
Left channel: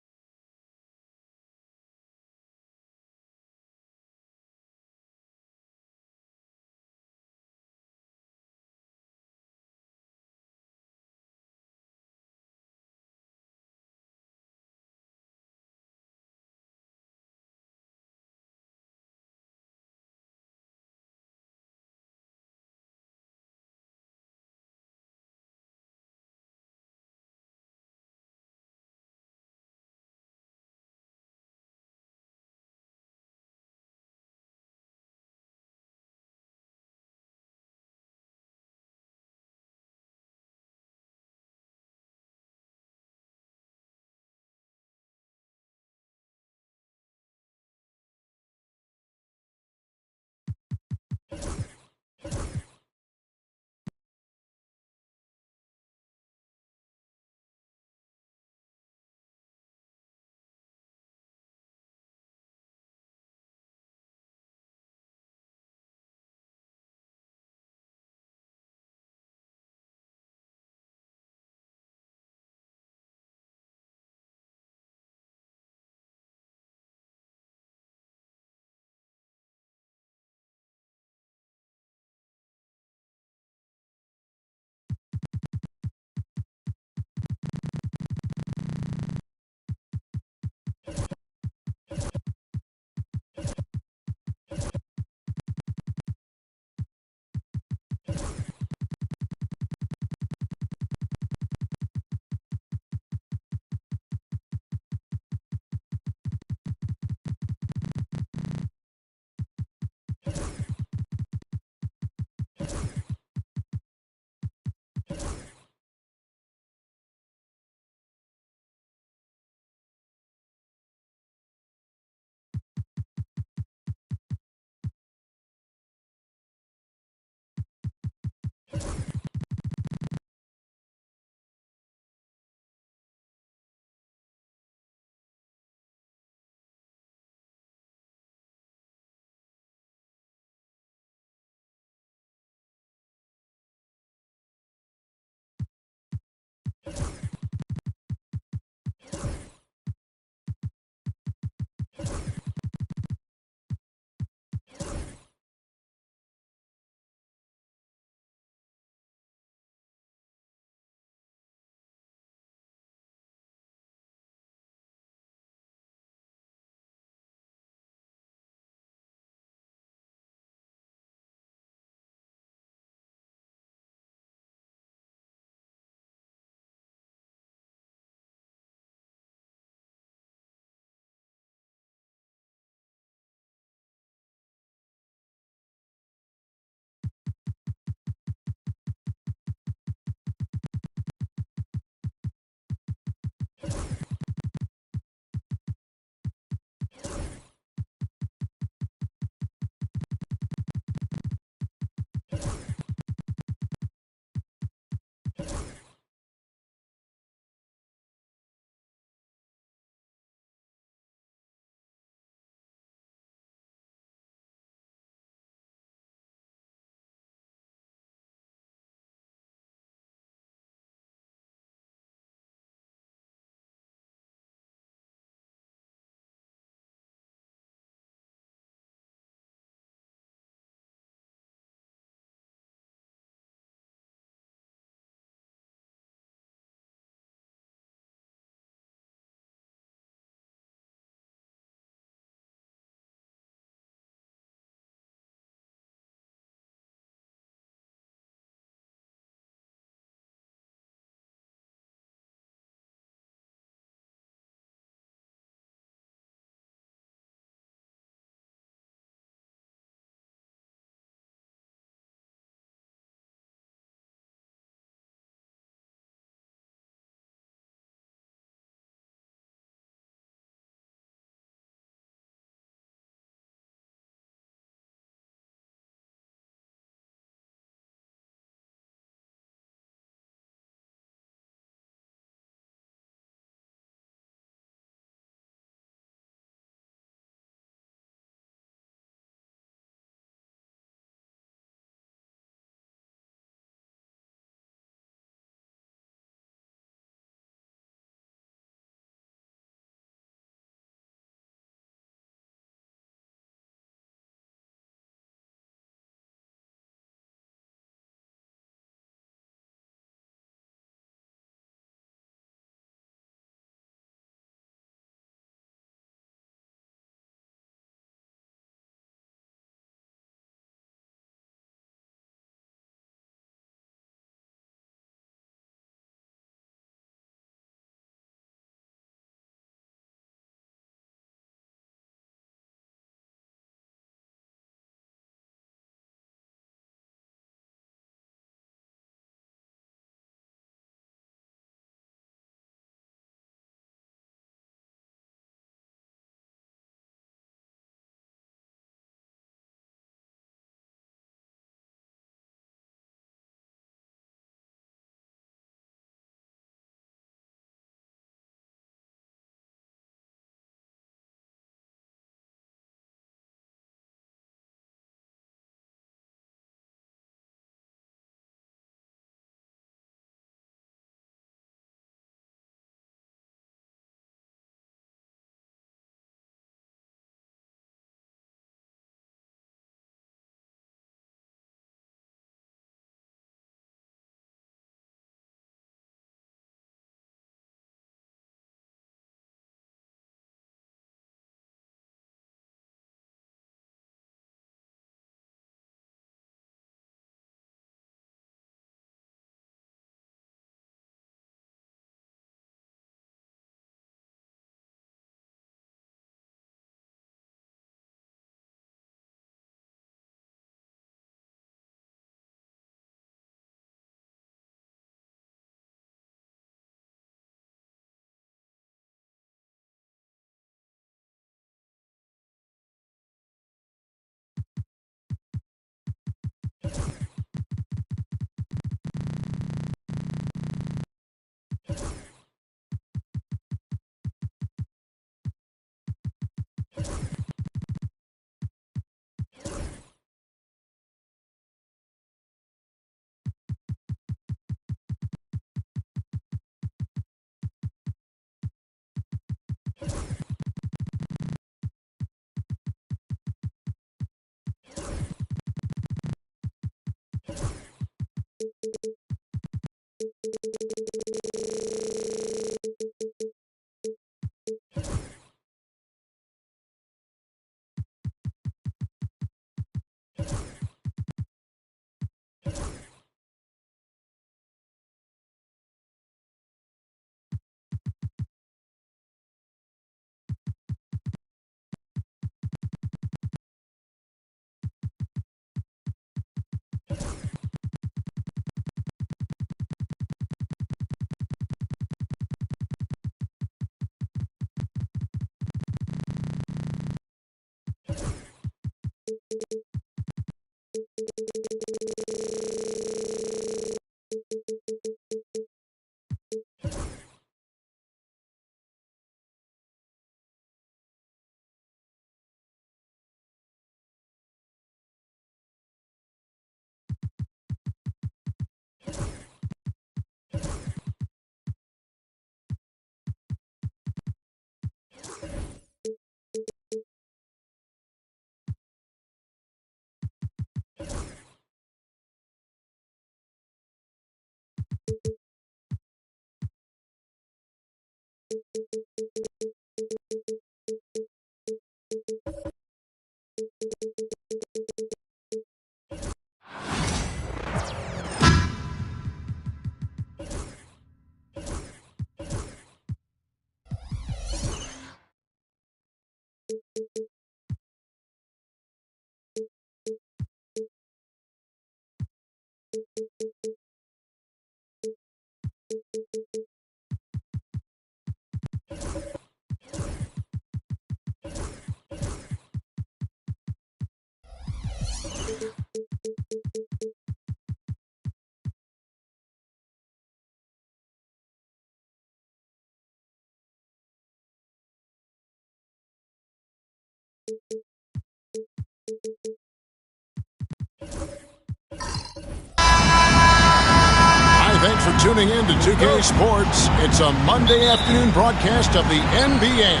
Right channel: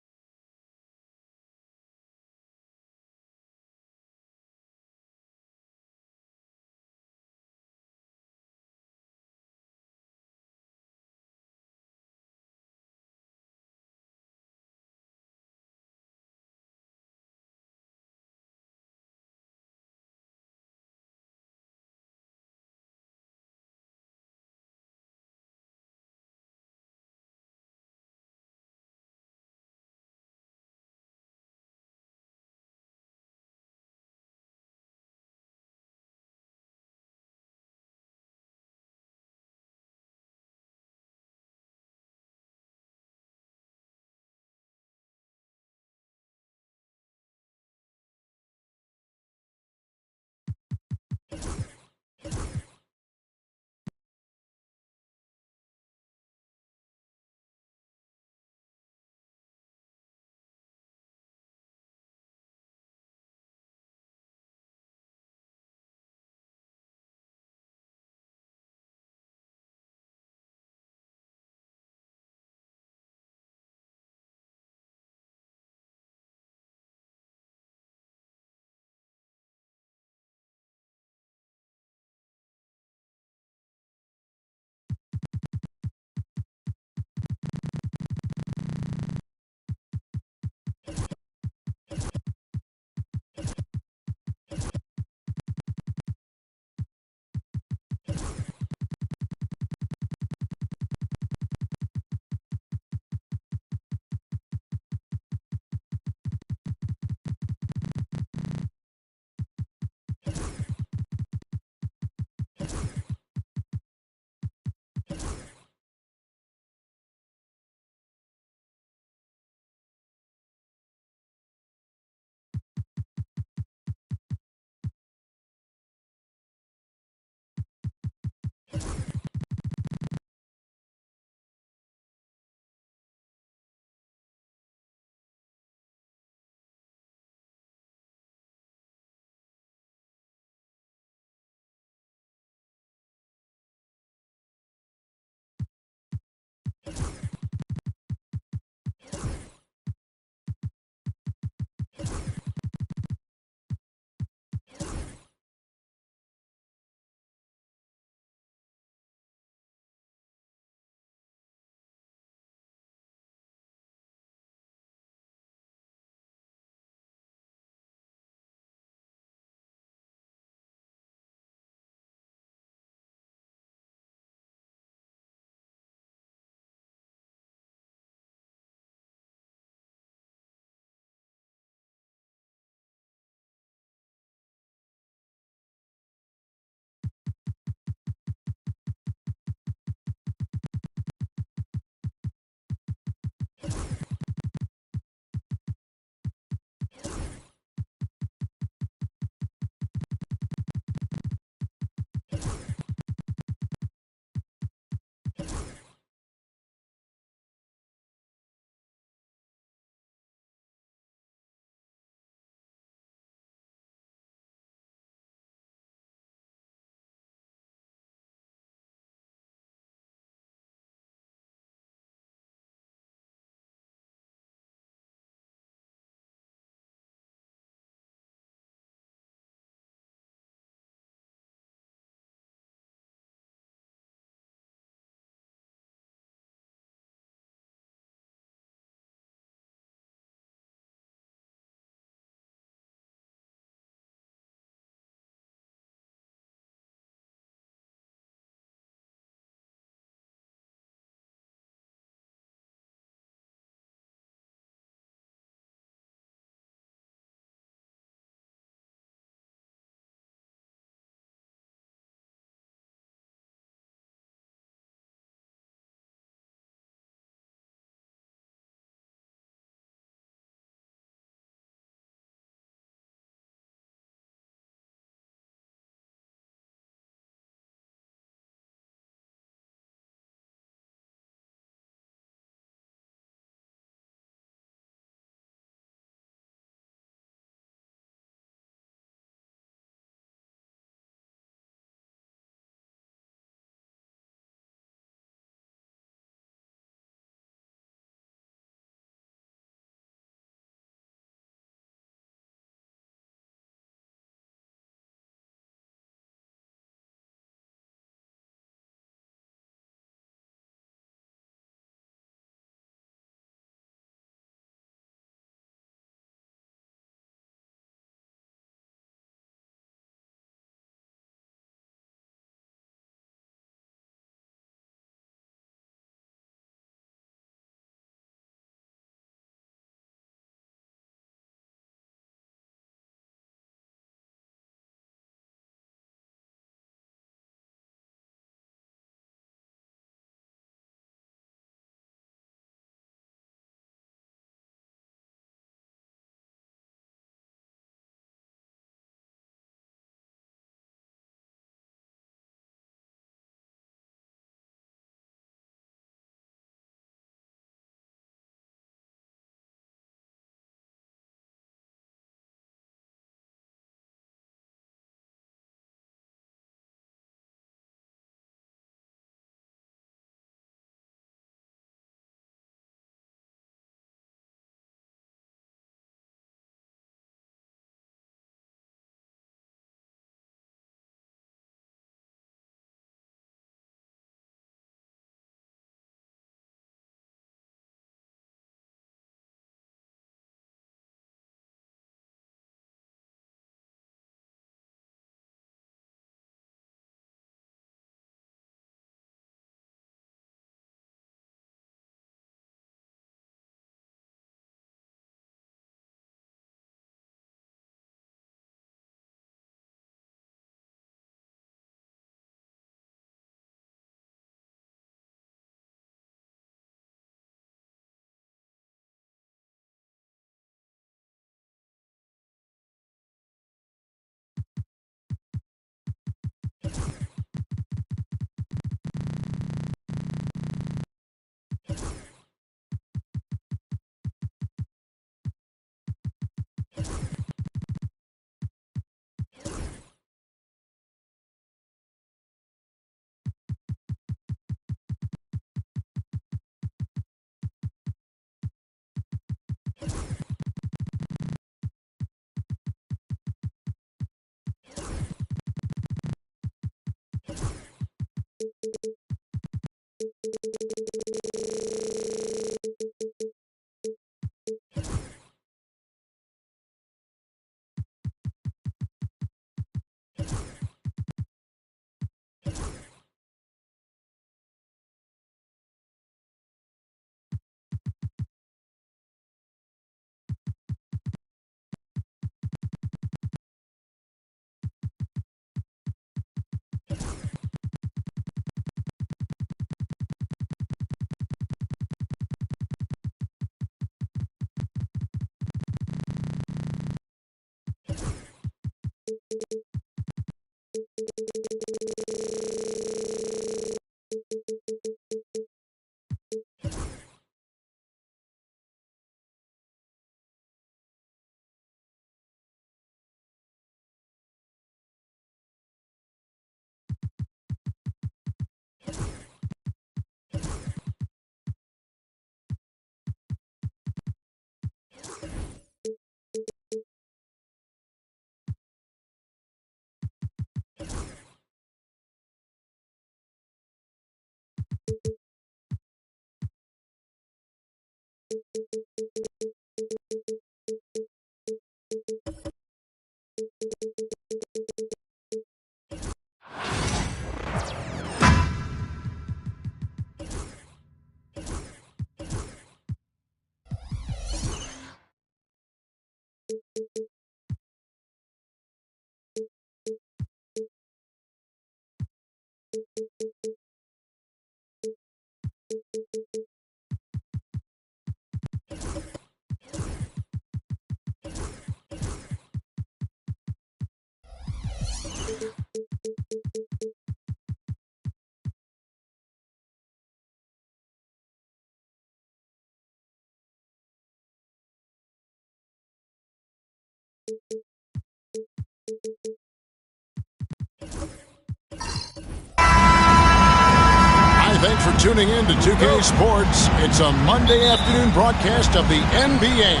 Hi, thanks for tuning in to 2K Sports. It's a Monday afternoon broadcast of the NBA.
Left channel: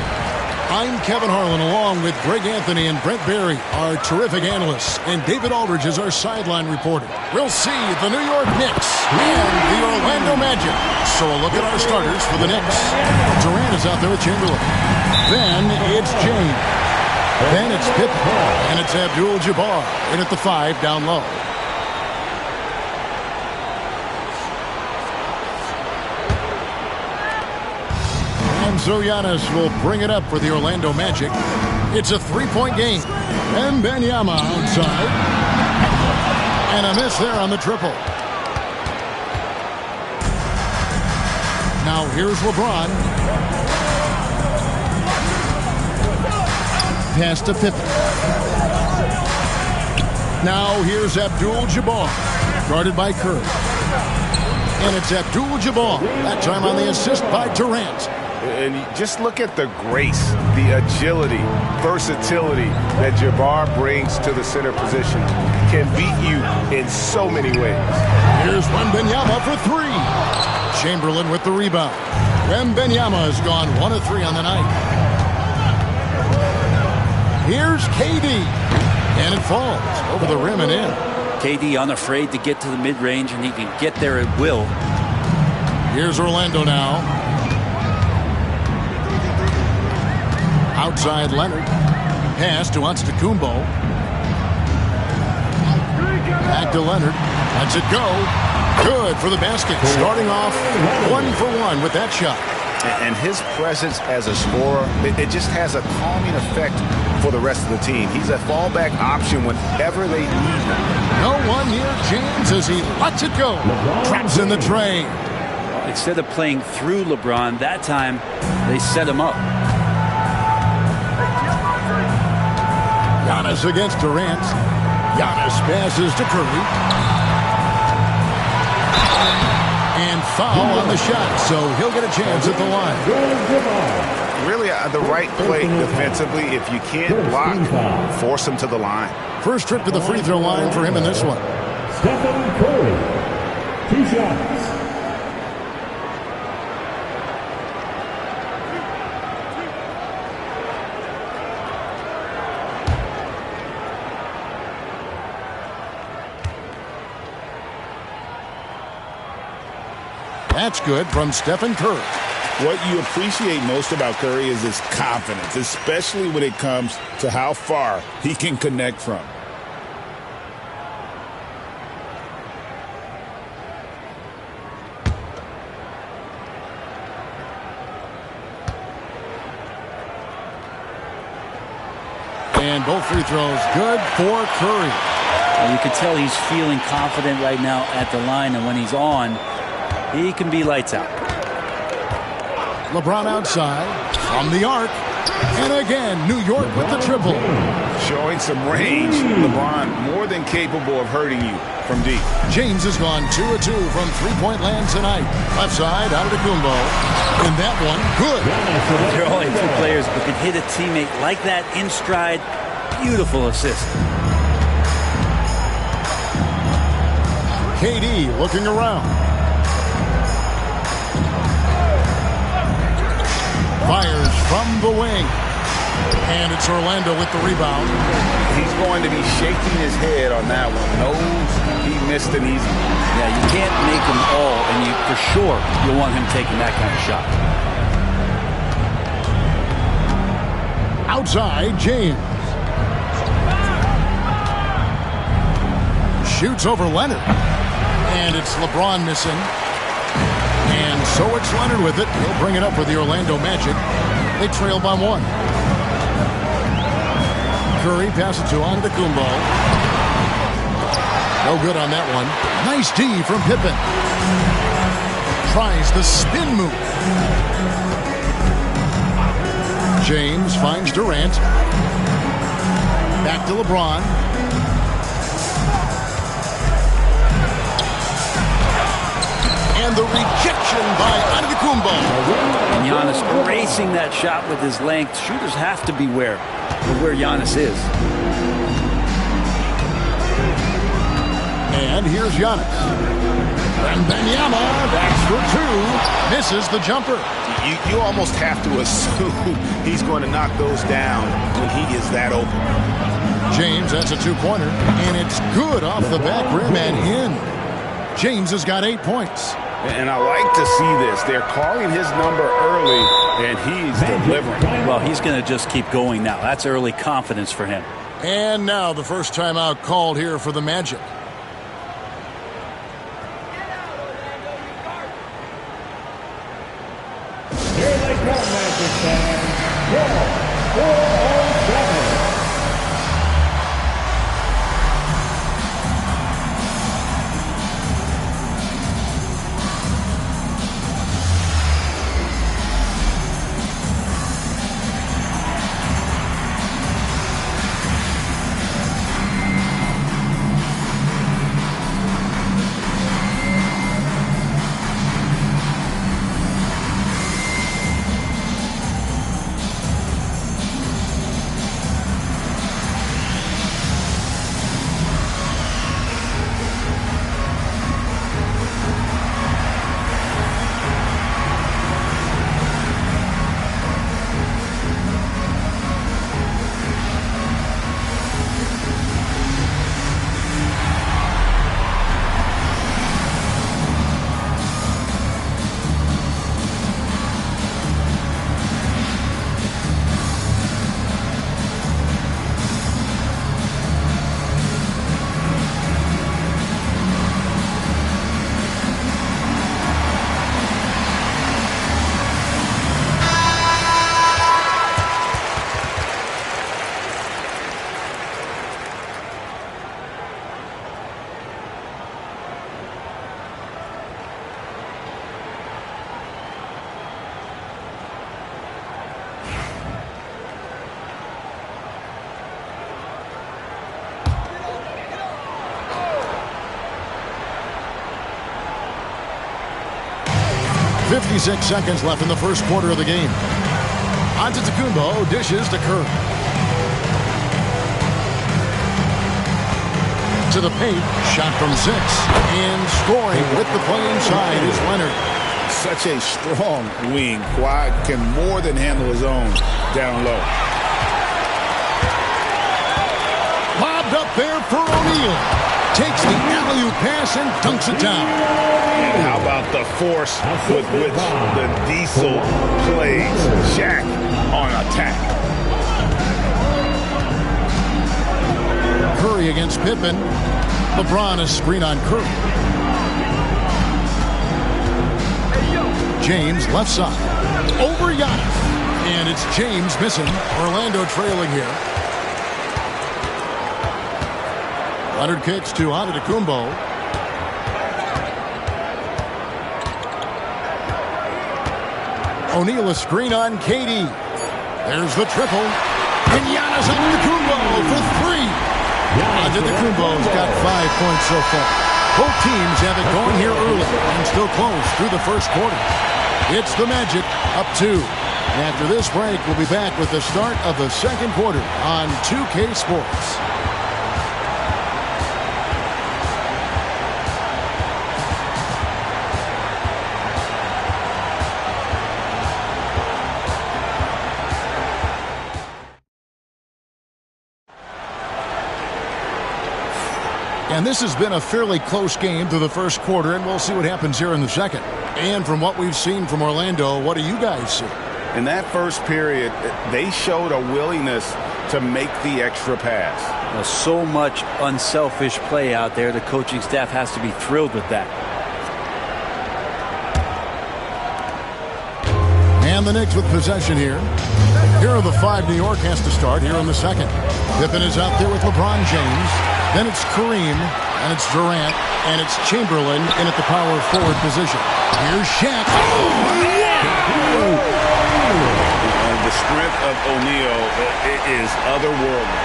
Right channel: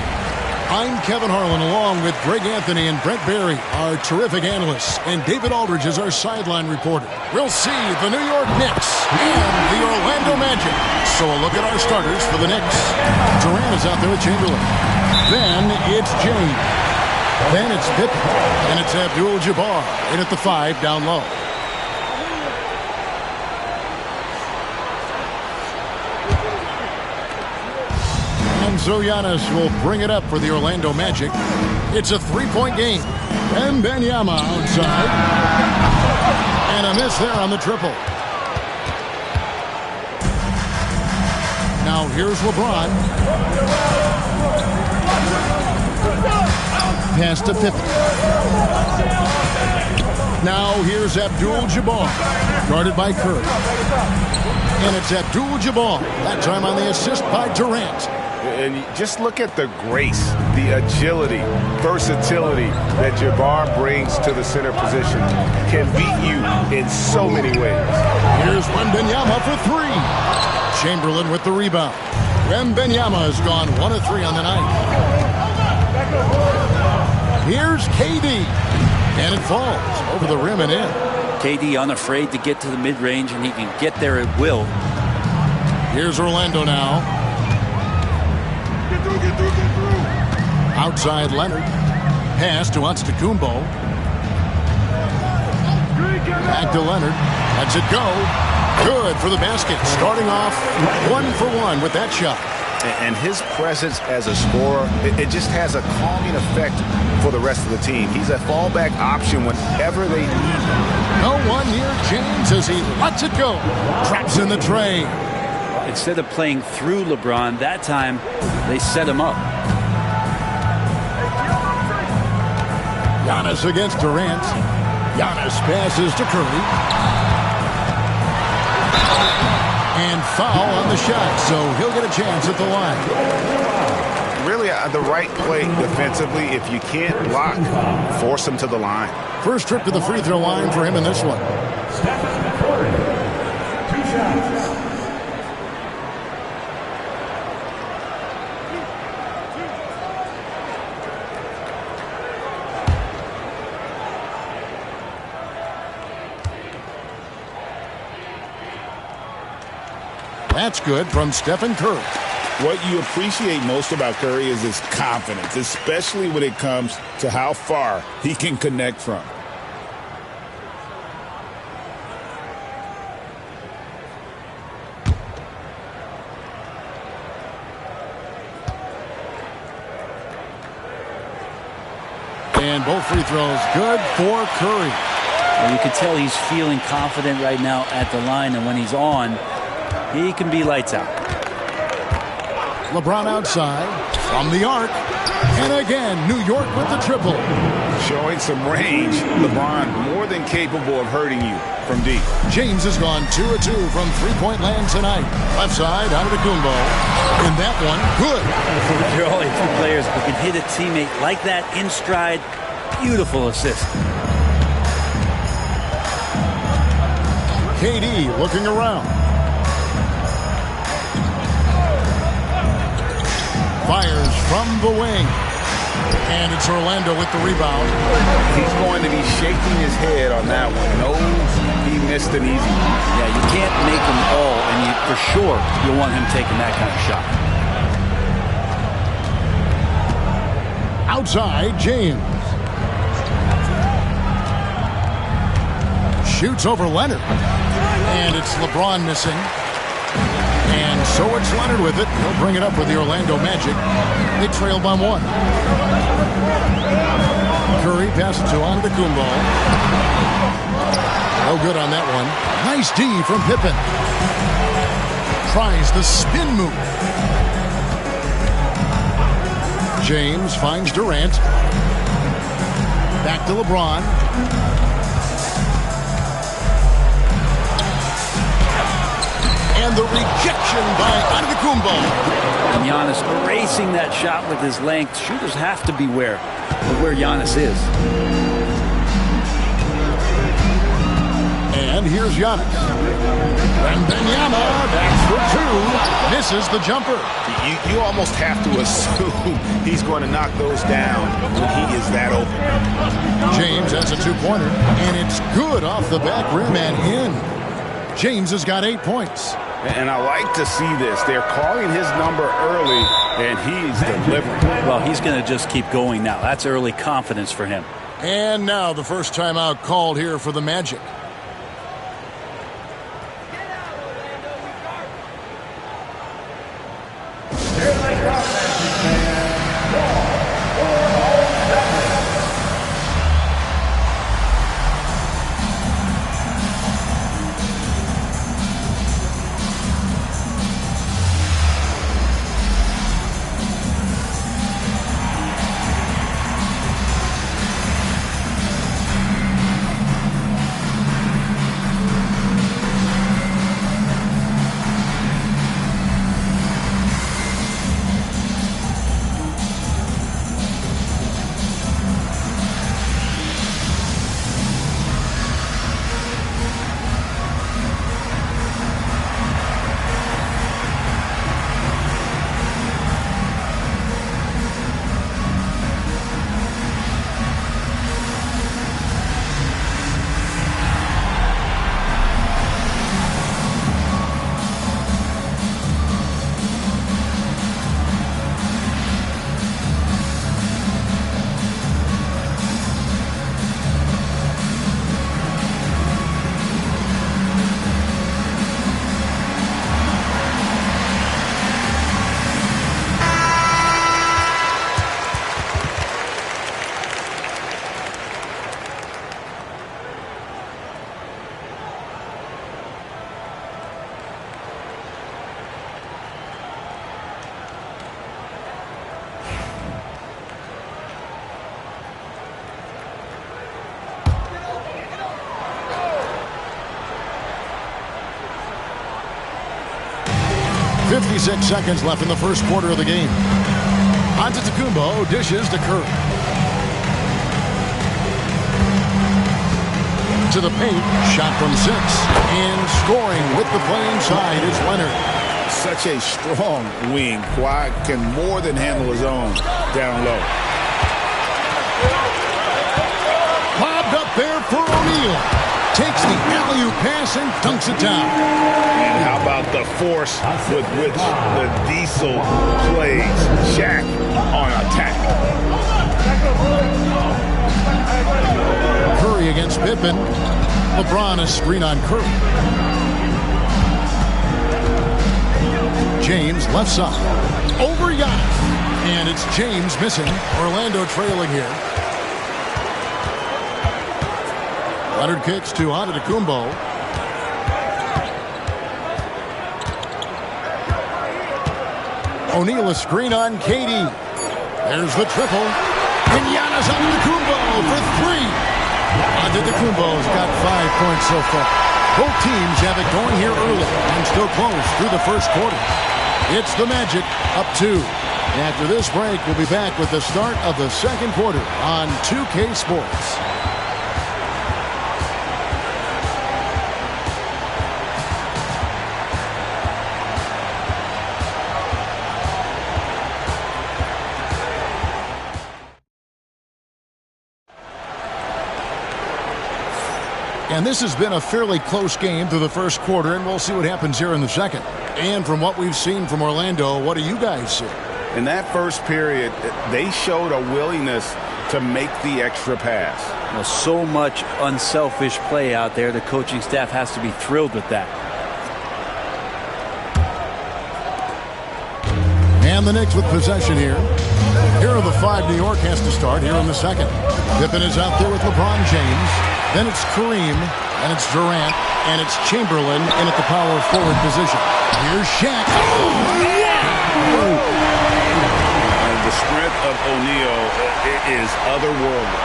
I'm Kevin Harlan along with Greg Anthony and Brent Barry, our terrific analysts, and David Aldridge is our sideline reporter. We'll see the New York Knicks and the Orlando Magic. So a look at our starters for the Knicks. Durant is out there with Chamberlain. Then it's James. Then it's Pippen. And it's Abdul-Jabbar in at the 5 down low. And so Giannis will bring it up for the Orlando Magic. It's a three-point game. And Wembanyama outside. And a miss there on the triple. Now here's LeBron. Pass to Pippen. Now here's Abdul-Jabbar, guarded by Curry. And it's Abdul-Jabbar, that time on the assist by Durant. And just look at the grace, the agility, versatility that Jabbar brings to the center position. Can beat you in so many ways. Here's Wembanyama for 3. Chamberlain with the rebound. Wembanyama has gone 1 of 3 on the night. Here's KD. And it falls over the rim and in. KD unafraid to get to the mid-range, and he can get there at will. Here's Orlando now. Outside Leonard. Pass to Antetokounmpo. Back to Leonard. Lets it go. Good for the basket. Starting off 1 for 1 with that shot. And his presence as a scorer, it just has a calming effect for the rest of the team. He's a fallback option whenever they need one. No one near James as he lets it go. Traps in the tray. Instead of playing through LeBron, that time they set him up. Giannis against Durant. Giannis passes to Curry. And foul on the shot, so he'll get a chance at the line. Really, the right play defensively. If you can't block, force him to the line. First trip to the free throw line for him in this one. Stephen Curry, 2 shots. That's good from Stephen Curry. What you appreciate most about Curry is his confidence, especially when it comes to how far he can connect from. And both free throws good for Curry. Well, you can tell he's feeling confident right now at the line, and when he's on, he can be lights out. LeBron outside from the arc. And again, New York with the triple. Showing some range. LeBron more than capable of hurting you from deep. James has gone 2 of 2 from three-point land tonight. Left side, Antetokounmpo. And that one, good. There are only 2 players who can hit a teammate like that in stride. Beautiful assist. KD looking around. Fires from the wing. And it's Orlando with the rebound. He's going to be shaking his head on that one. Knows he missed an easy one. Yeah, you can't make them all, and for sure you'll want him taking that kind of shot. Outside, James. Shoots over Leonard. And it's LeBron missing. And so it's Leonard with it. He'll bring it up for the Orlando Magic. They trail by 1. Curry passes to Antetokounmpo. No good on that one. Nice D from Pippen. Tries the spin move. James finds Durant. Back to LeBron. And the rejection by Antetokounmpo. And Giannis erasing that shot with his length. Shooters have to beware of where Giannis is. And here's Giannis. Wembanyama, that's for two. Misses the jumper. You almost have to assume he's going to knock those down when he is that open. James has a two-pointer, and it's good off the back rim and in. James has got 8 points. And I like to see this. They're calling his number early, and he's delivering. Well, he's going to just keep going now. That's early confidence for him. And now the first timeout called here for the Magic. .56 seconds left in the first quarter of the game. Antetokounmpo dishes to Curry. To the paint, shot from 6. And scoring with the play inside is Leonard. Such a strong wing. Kawhi can more than handle his own down low. Lobbed up there for O'Neal. Takes the alley-oop pass and dunks it down. And how about the force with which the Diesel plays Shaq on attack? Curry against Pippen. LeBron a screen on Curry. James left side. Over Giannis. And it's James missing. Orlando trailing here. Leonard kicks to Antetokounmpo. O'Neal a screen on KD. There's the triple. And Giannis Antetokounmpo for 3. Antetokounmpo's got 5 points so far. Both teams have it going here early and still close through the first quarter. It's the Magic up 2. After this break, we'll be back with the start of the second quarter on 2K Sports. And this has been a fairly close game through the first quarter, and we'll see what happens here in the second. And from what we've seen from Orlando, what do you guys see? In that first period, they showed a willingness to make the extra pass. Well, so much unselfish play out there. The coaching staff has to be thrilled with that. And the Knicks with possession here. Here are the 5 New York has to start here in the second. Pippen is out there with LeBron James. Then it's Kareem, and it's Durant, and it's Chamberlain in at the power forward position. Here's Shaq. The strength of O'Neal is otherworldly.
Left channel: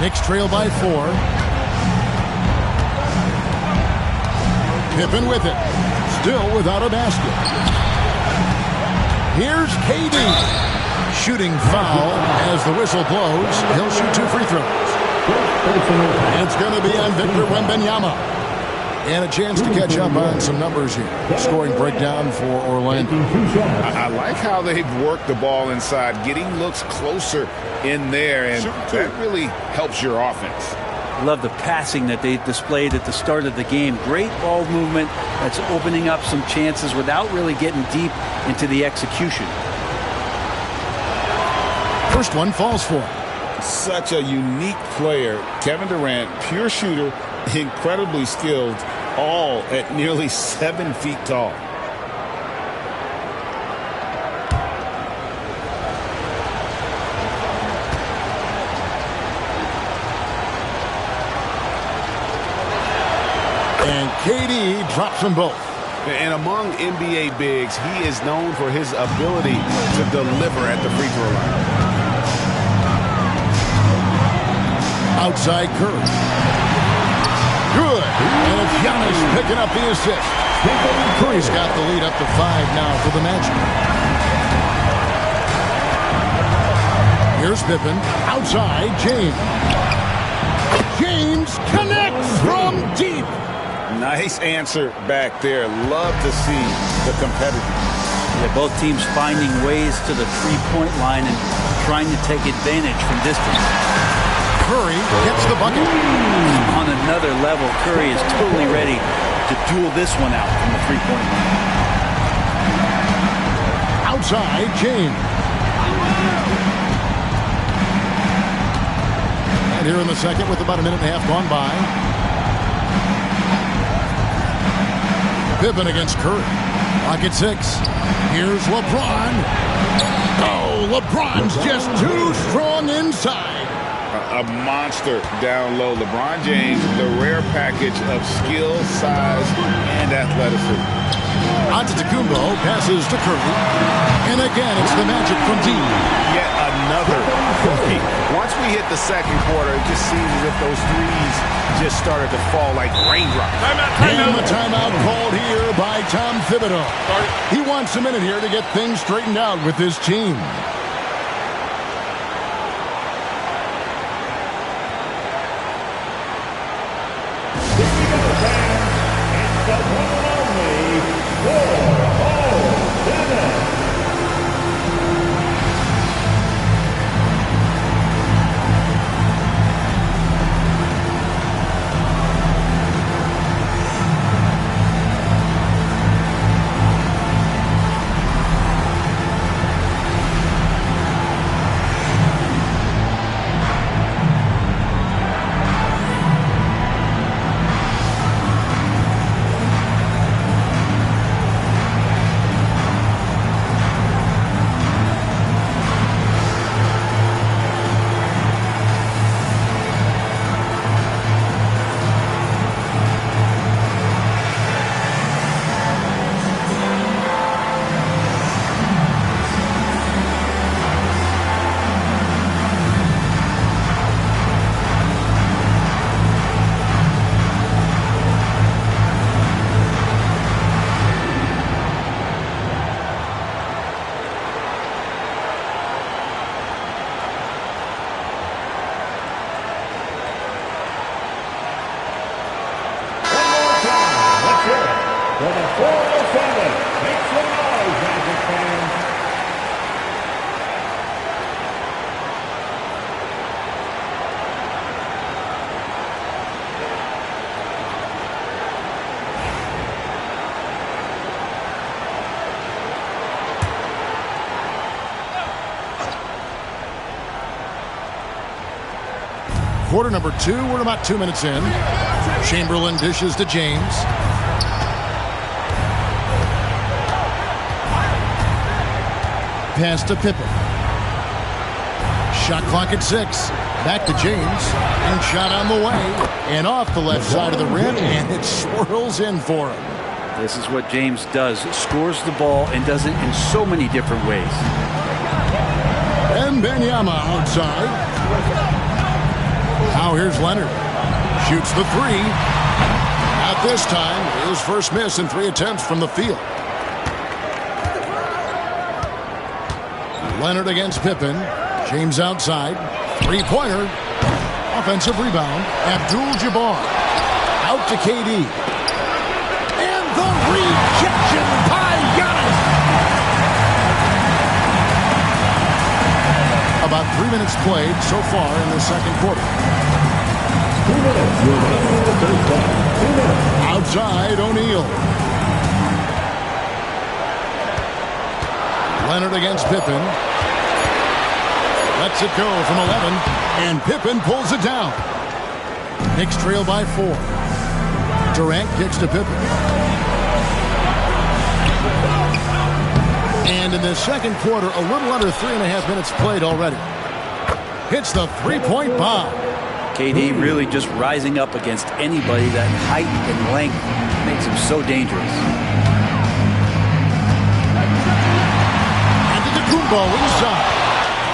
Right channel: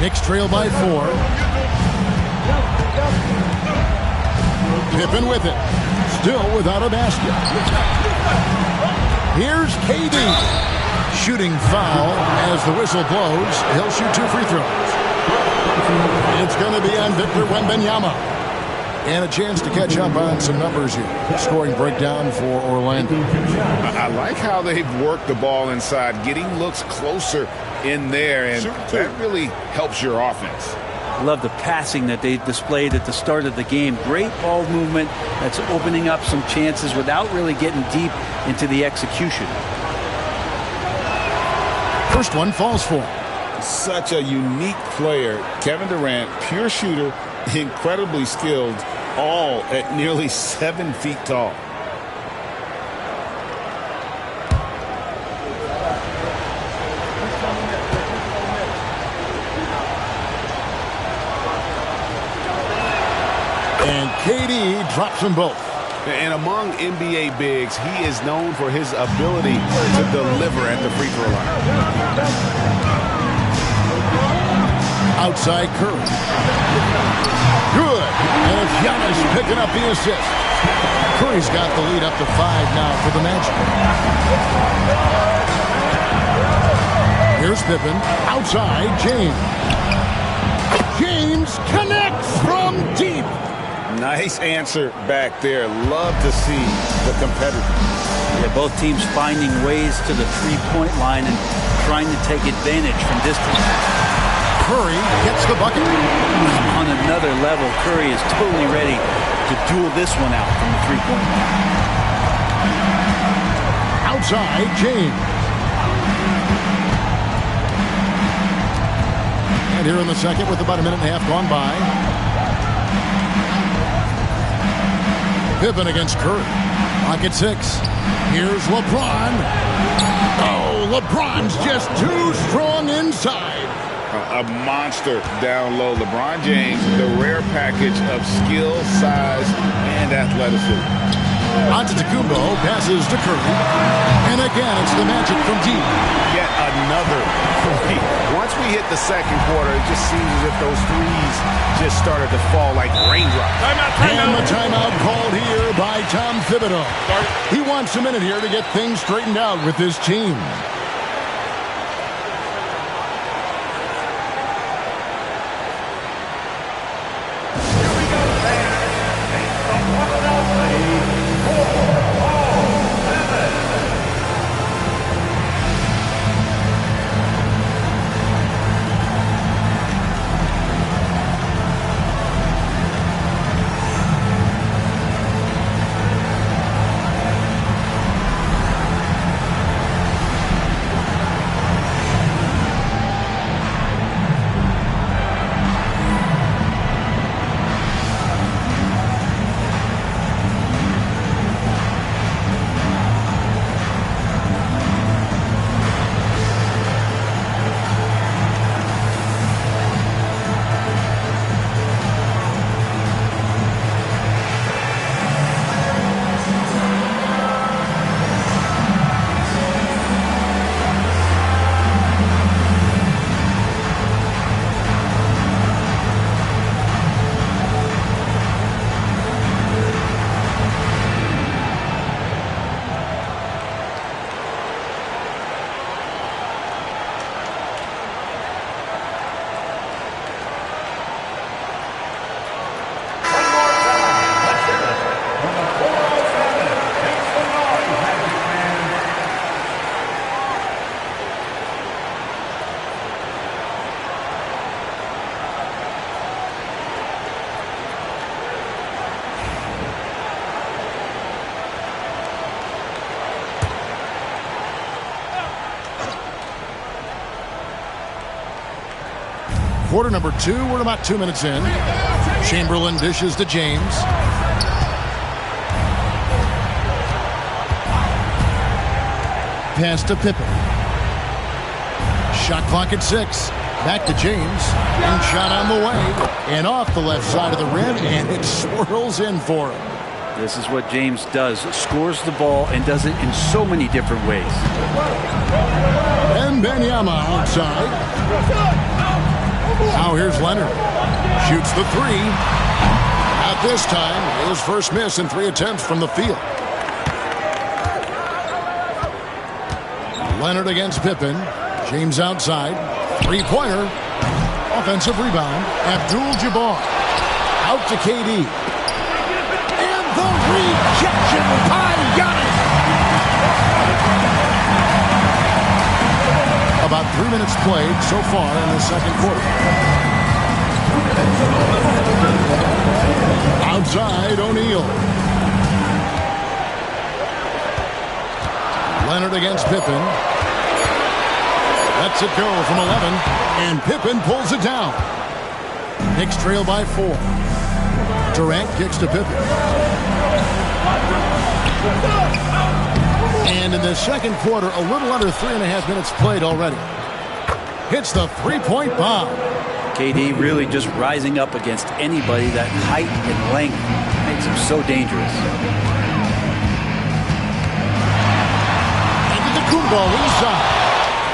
Knicks trail by 4. Pippen with it. Still without a basket. Here's KD. Shooting foul as the whistle blows. He'll shoot 2 free throws. It's going to be on Victor Wembanyama. And a chance to catch up on some numbers here. Scoring breakdown for Orlando. I like how they've worked the ball inside, getting looks closer in there, and that really helps your offense. Love the passing that they displayed at the start of the game. Great ball movement that's opening up some chances without really getting deep into the execution. First one falls for him. Such a unique player. Kevin Durant, pure shooter, incredibly skilled, all at nearly 7 feet tall. And KD drops them both. And among NBA bigs, he is known for his ability to deliver at the free throw line. Outside Curry. Good. And it's Giannis picking up the assist. Curry's got the lead up to 5 now for the Magic. Here's Pippen. Outside, James. James connects from deep. Nice answer back there. Love to see the competitiveness. Yeah, both teams finding ways to the three-point line and trying to take advantage from distance. Curry gets the bucket. On another level, Curry is totally ready to duel this one out from the three-point line. Outside, James. And here in the second with about a minute and a half gone by. Pippen against Curry. Clock at 6. Here's LeBron. Oh, LeBron's just too strong inside. A monster down low. LeBron James, the rare package of skill, size, and athleticism. Antetokounmpo passes to Curry. And again, it's the Magic from deep. Yet another three. Once we hit the second quarter, it just seems as if those threes just started to fall like raindrops. And the timeout called here by Tom Thibodeau. He wants a minute here to get things straightened out with his team. quarter number 2. We're about 2 minutes in. Chamberlain dishes to James. Pass to Pippen. Shot clock at 6. Back to James. And shot on the way. And off the left side of the rim. And it swirls in for him. This is what James does. Scores the ball and does it in so many different ways. Wembanyama outside. Now here's Leonard. Shoots the 3. At this time, his first miss in 3 attempts from the field. Leonard against Pippen. James outside. 3-pointer. Offensive rebound. Abdul-Jabbar. Out to KD. And the rejection by Giannis. About 3 minutes played so far in the second quarter. Outside, O'Neal. Leonard against Pippen. Lets it go from 11. And Pippen pulls it down. Knicks trail by 4. Durant kicks to Pippen. And in the second quarter, a little under 3.5 minutes played already. Hits the 3-point bomb. KD really just rising up against anybody. That height and length makes him so dangerous. And Antetokounmpo inside.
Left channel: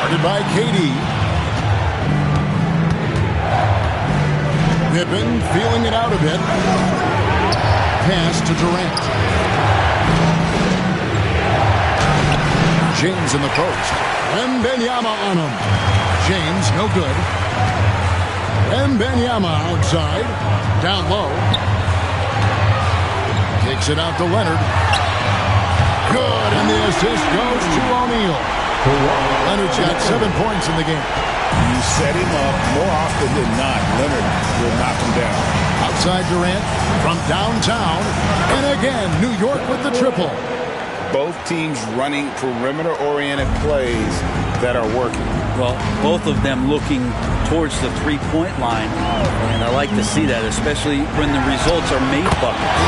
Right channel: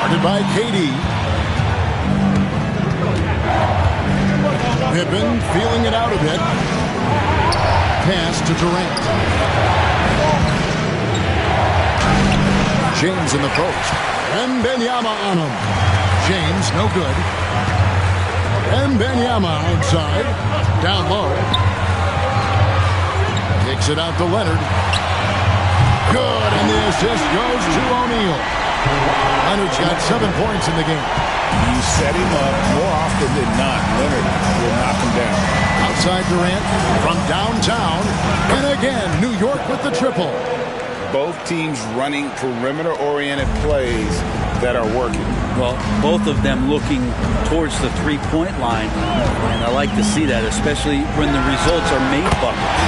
Guarded by KD. Pippen feeling it out a bit. Pass to Durant. James in the post. Wembanyama on him. James, no good. Wembanyama outside. Down low. Kicks it out to Leonard. Good, and the assist goes to O'Neal. Leonard's got 7 points in the game. You set him up more often than not. Leonard will knock him down. Outside Durant from downtown. And again, New York with the triple. Both teams running perimeter-oriented plays that are working. Well, both of them looking towards the three-point line. And I like to see that, especially when the results are made buckets.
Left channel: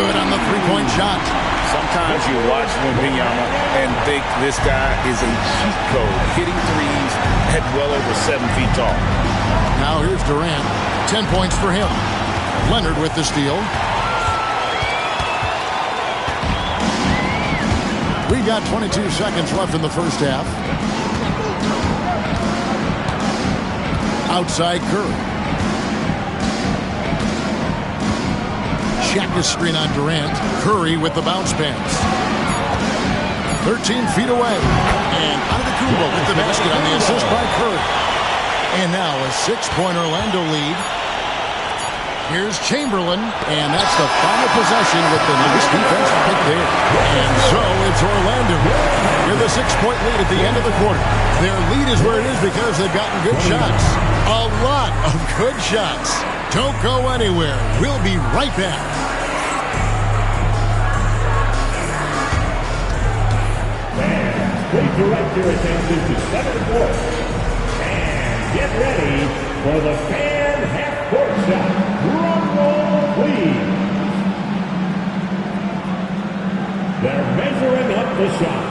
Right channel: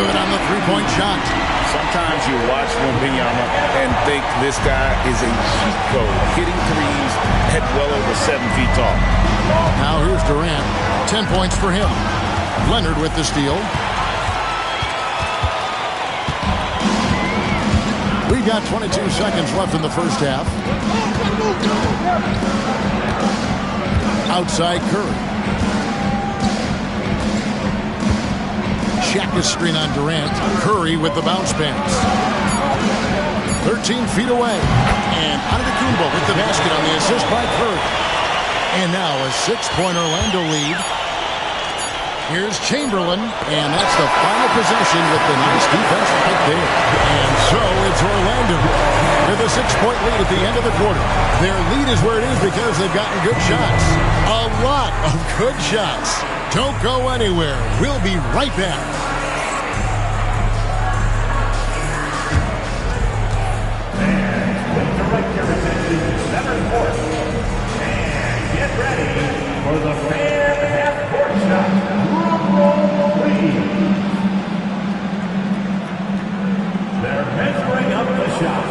Good on the three-point shot. Sometimes you watch Wembanyama and think this guy is a cheat code, hitting threes at well over 7 feet tall. Now here's Durant. 10 points for him. Leonard with the steal. We've got 22 seconds left in the first half. Outside Curry. Shaq is screen on Durant. Curry with the bounce pass. 13 feet away. And Antetokounmpo with the basket on the assist by Curry. And now a 6-point Orlando lead. Here's Chamberlain, and that's the final possession with the nice defense right there. And so it's Orlando with a 6-point lead at the end of the quarter. Their lead is where it is because they've gotten good shots. A lot of good shots. Don't go anywhere. We'll be right back. And please direct your attention to center court. And get ready for the fan half-court shot. Drum roll, please. They're measuring up the shot.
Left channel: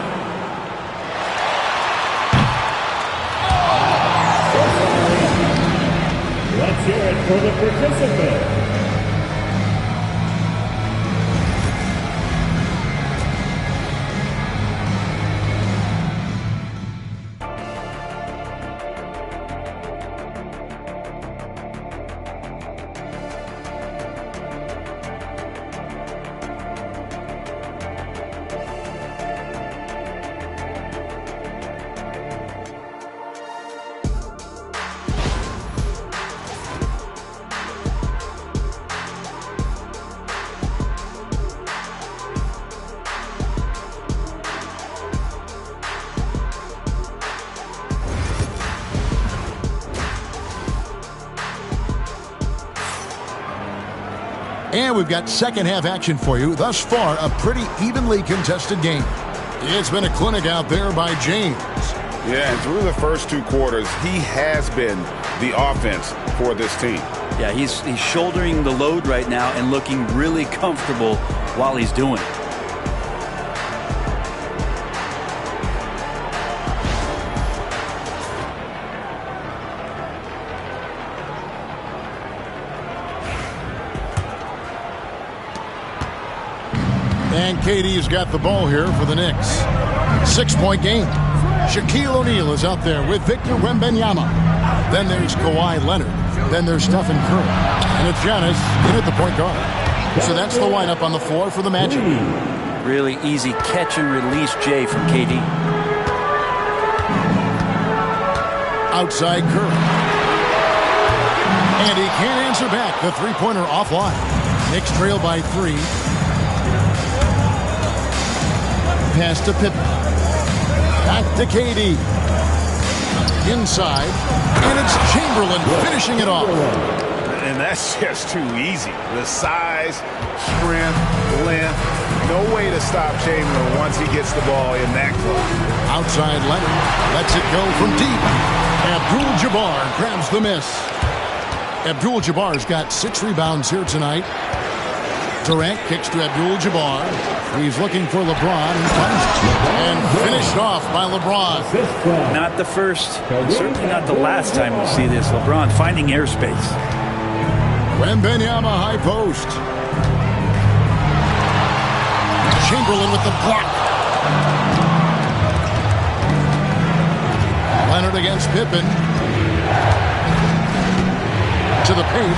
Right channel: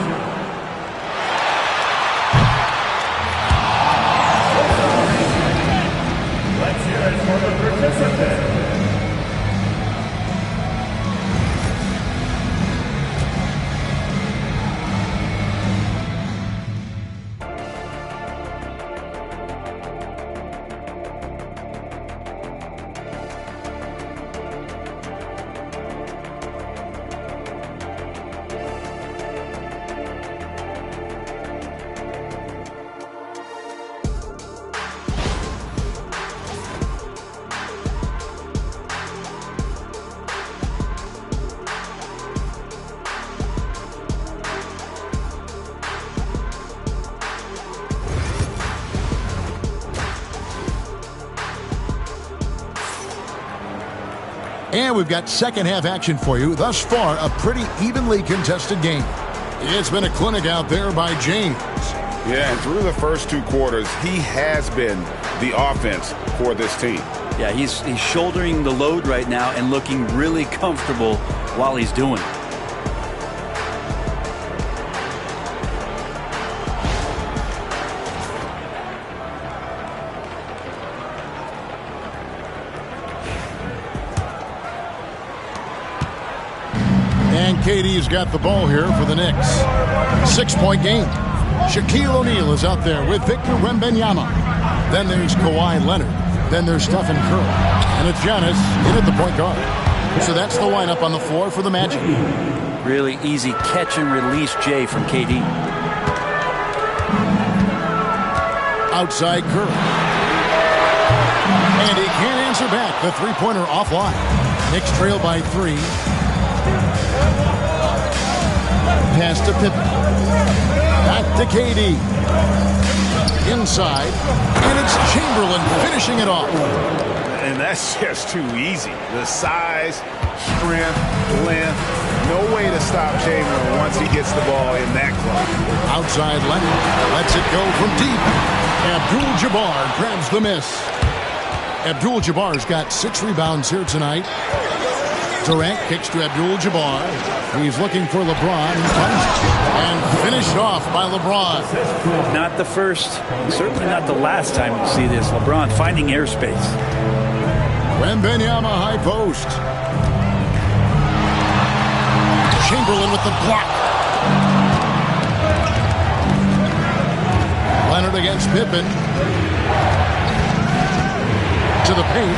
Let's hear it for the participants. And we've got second half action for you. Thus far, a pretty evenly contested game. It's been a clinic out there by James. Yeah, and through the first 2 quarters, he has been the offense for this team. Yeah, he's shouldering the load right now and looking really comfortable while he's doing it. And KD's got the ball here for the Knicks. 6-point game. Shaquille O'Neal is out there with Victor Wembanyama. Then there's Kawhi Leonard. Then there's Stephen Curry. And it's Giannis in at the point guard. So that's the lineup on the floor for the Magic. Really easy catch and release, Jay, from KD. Outside Curry. And he can't answer back. The three-pointer offline. Knicks trail by 3. Pass to Pippen. Back to KD. Inside. And it's Chamberlain finishing it off. And that's just too easy. The size, strength, length. No way to stop Chamberlain once he gets the ball in that close. Outside Leonard. Lets it go from deep. Abdul-Jabbar grabs the miss. Abdul-Jabbar's got 6 rebounds here tonight. Durant kicks to Abdul-Jabbar. He's looking for LeBron. He finds it. And finished off by LeBron. Not the first, and certainly not the last time we'll see this. LeBron finding airspace. Wembanyama high post. Chamberlain with the block. Leonard against Pippen. To the paint.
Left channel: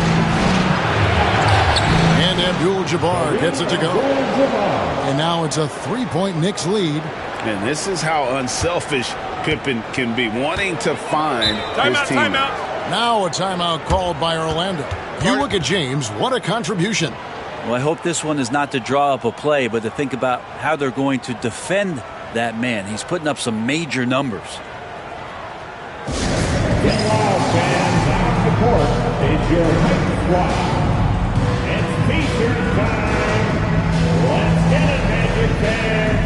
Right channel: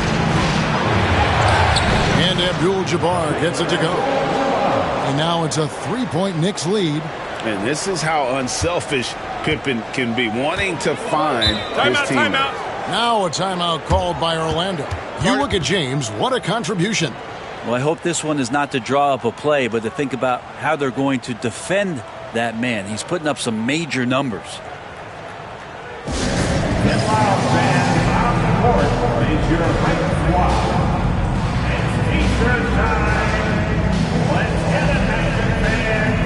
And Abdul-Jabbar gets it to go. And now it's a 3-point Knicks lead. And this is how unselfish Pippen can be, wanting to find his team. Timeout. Now a timeout called by Orlando. You look at James, what a contribution. Well, I hope this one is not to draw up a play, but to think about how they're going to defend that man. He's putting up some major numbers. Get loud, fans. On the court is your Hype Squad. It's T-shirt time. Let's get it, Magic fans.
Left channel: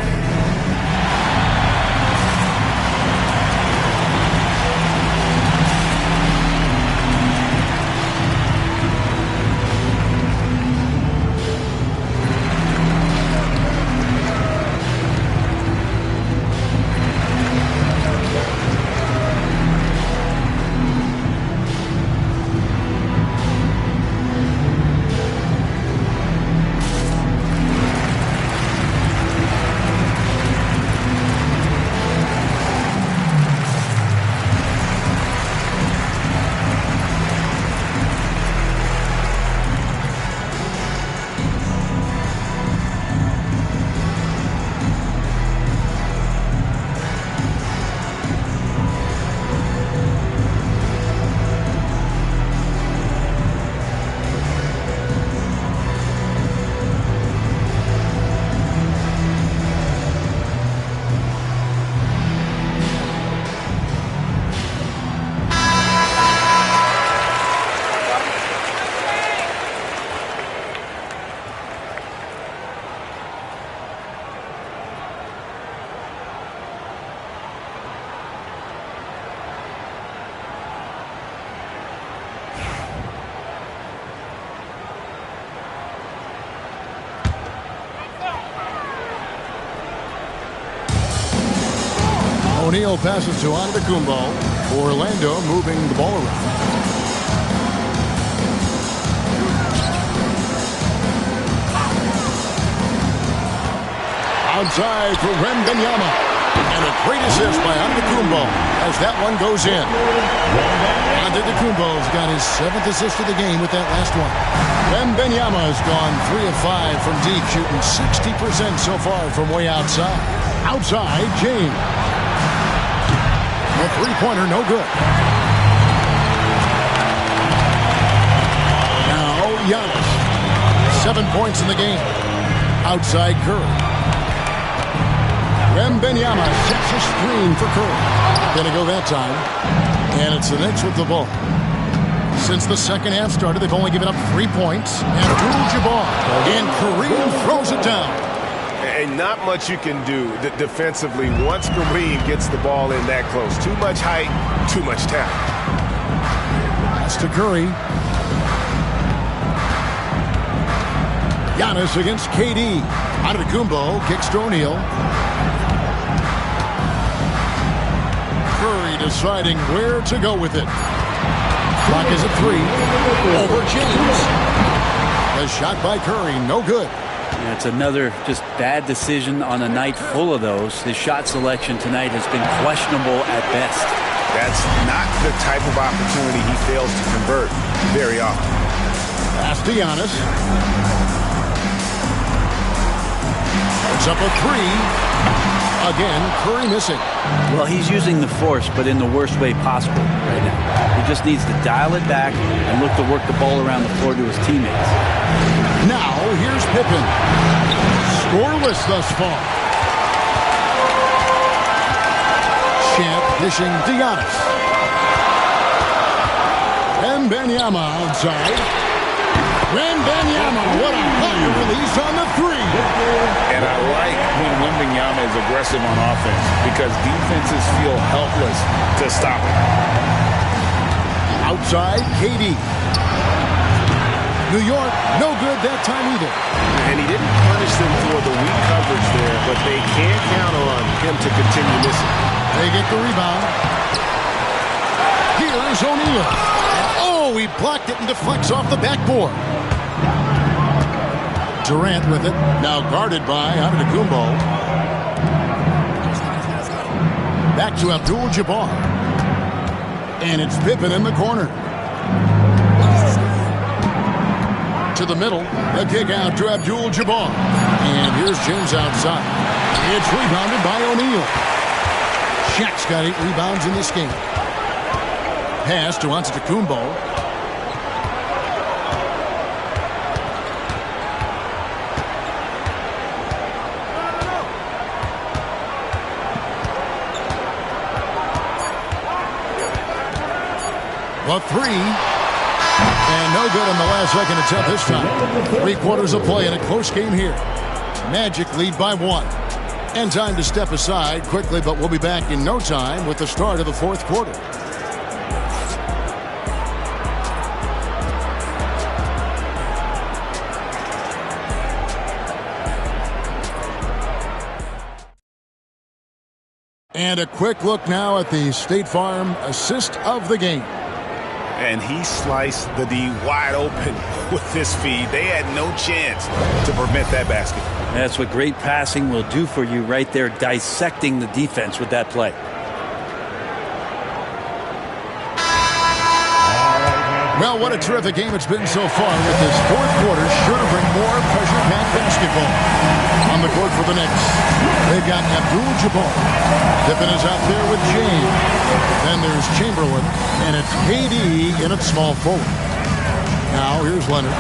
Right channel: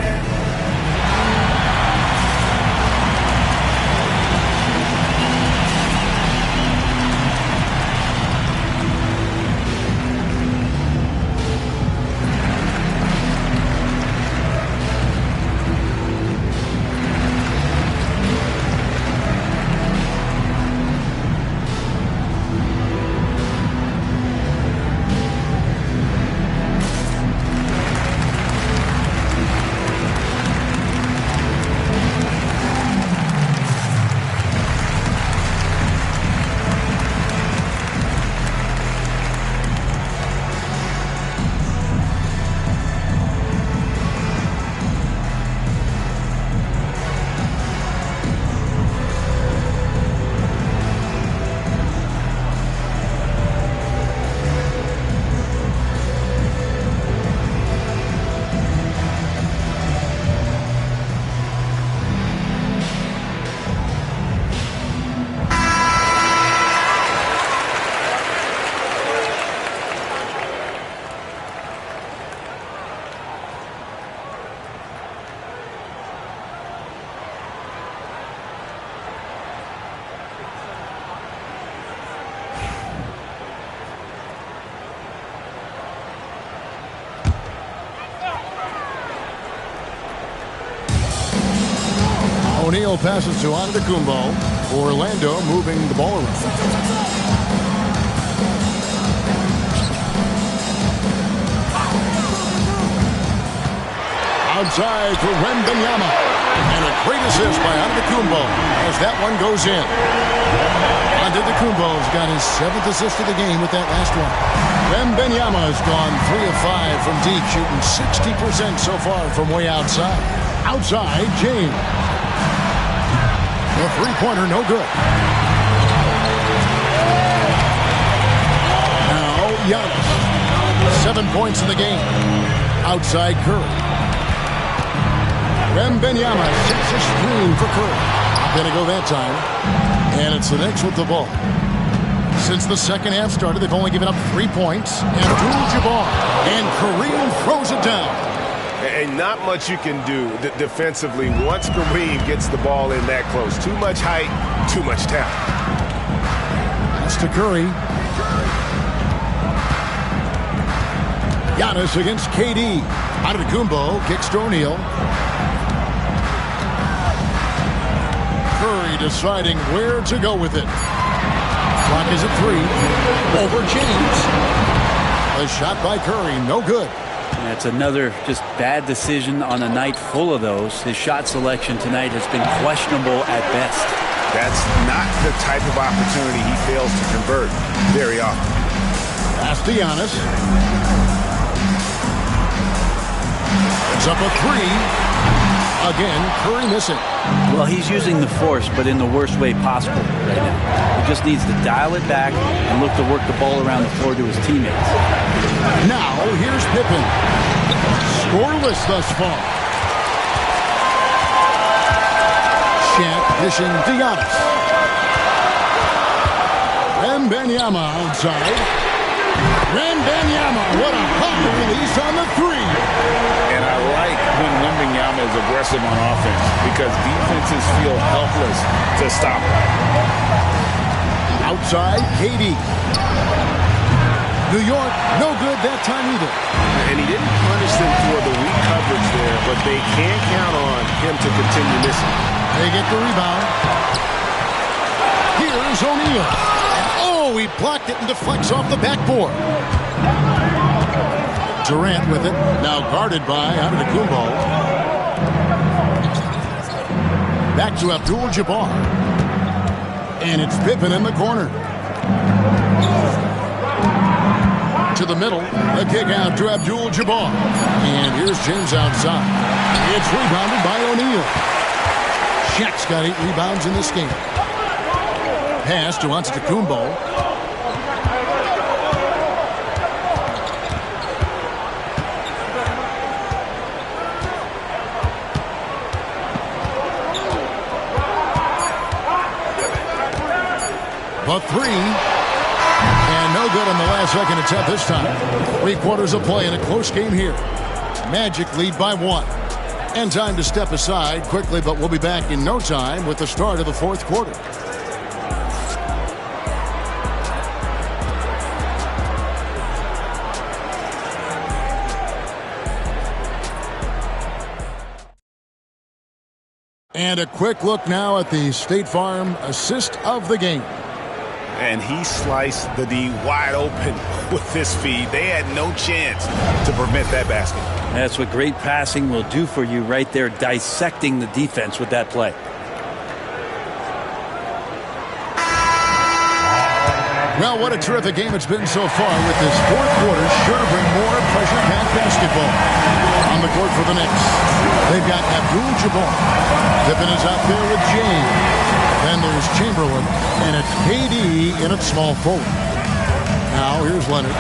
O'Neal passes to Antetokounmpo. Orlando moving the ball around. Outside for Wembanyama. And a great assist by Antetokounmpo as that one goes in. Antetokounmpo's got his 7th assist of the game with that last one. Wembanyama has gone 3 of 5 from deep, shooting 60% so far from way outside. Outside, James. The three-pointer, no good. Now, Giannis. 7 points in the game. Outside Curry. Wembanyama sets a screen for Curry. Gonna go that time. And it's the Knicks with the ball. Since the second half started, they've only given up 3 points. Abdul-Jabbar. And Kareem throws it down. And not much you can do defensively once Kareem gets the ball in that close. Too much height, too much talent. pass to Curry. Giannis against KD. Antetokounmpo kicks to O'Neal. Curry deciding where to go with it. Clock is at 3. Over James. A shot by Curry, no good. That's another just bad decision on a night full of those. His shot selection tonight has been questionable at best. That's not the type of opportunity he fails to convert very often. Pass to Giannis. It's up a 3. Again, Curry missing. Well, he's using the force, but in the worst way possible right now. He just needs to dial it back and look to work the ball around the floor to his teammates. Now, here's Pippen. Scoreless thus far. Champ dishing to Giannis. Wembanyama outside. Wembanyama, what a high release on the 3. And I like when Wembanyama is aggressive on offense because defenses feel helpless to stop him. Outside, KD. New York, no good that time either. And he didn't punish them for the weak coverage there, but they can't count on him to continue missing. They get the rebound. Here's O'Neal. Oh, he blocked it and deflects off the backboard. Durant with it, now guarded by Antetokounmpo. Back to Abdul-Jabbar. And it's Pippen in the corner. To the middle, the kick out to Abdul-Jabbar. And here's James outside. It's rebounded by O'Neal. Shaq's got 8 rebounds in this game. Pass to Antetokounmpo. The 3. And no good on the last second attempt this time. 3 quarters of play in a close game here. Magic lead by 1. And time to step aside quickly, but we'll be back in no time with the start of the 4th quarter. And a quick look now at the State Farm assist of the game. And he sliced the D wide open with this feed. They had no chance to prevent that basket. That's what great passing will do for you right there, dissecting the defense with that play. Well, what a terrific game it's been so far with this 4th quarter. Sure to bring more pressure-packed basketball. On the court for the Knicks, they've got Abdul-Jabbar. Pippen is out there with James. Then there's Chamberlain, and it's KD in at small forward. Now here's Leonard.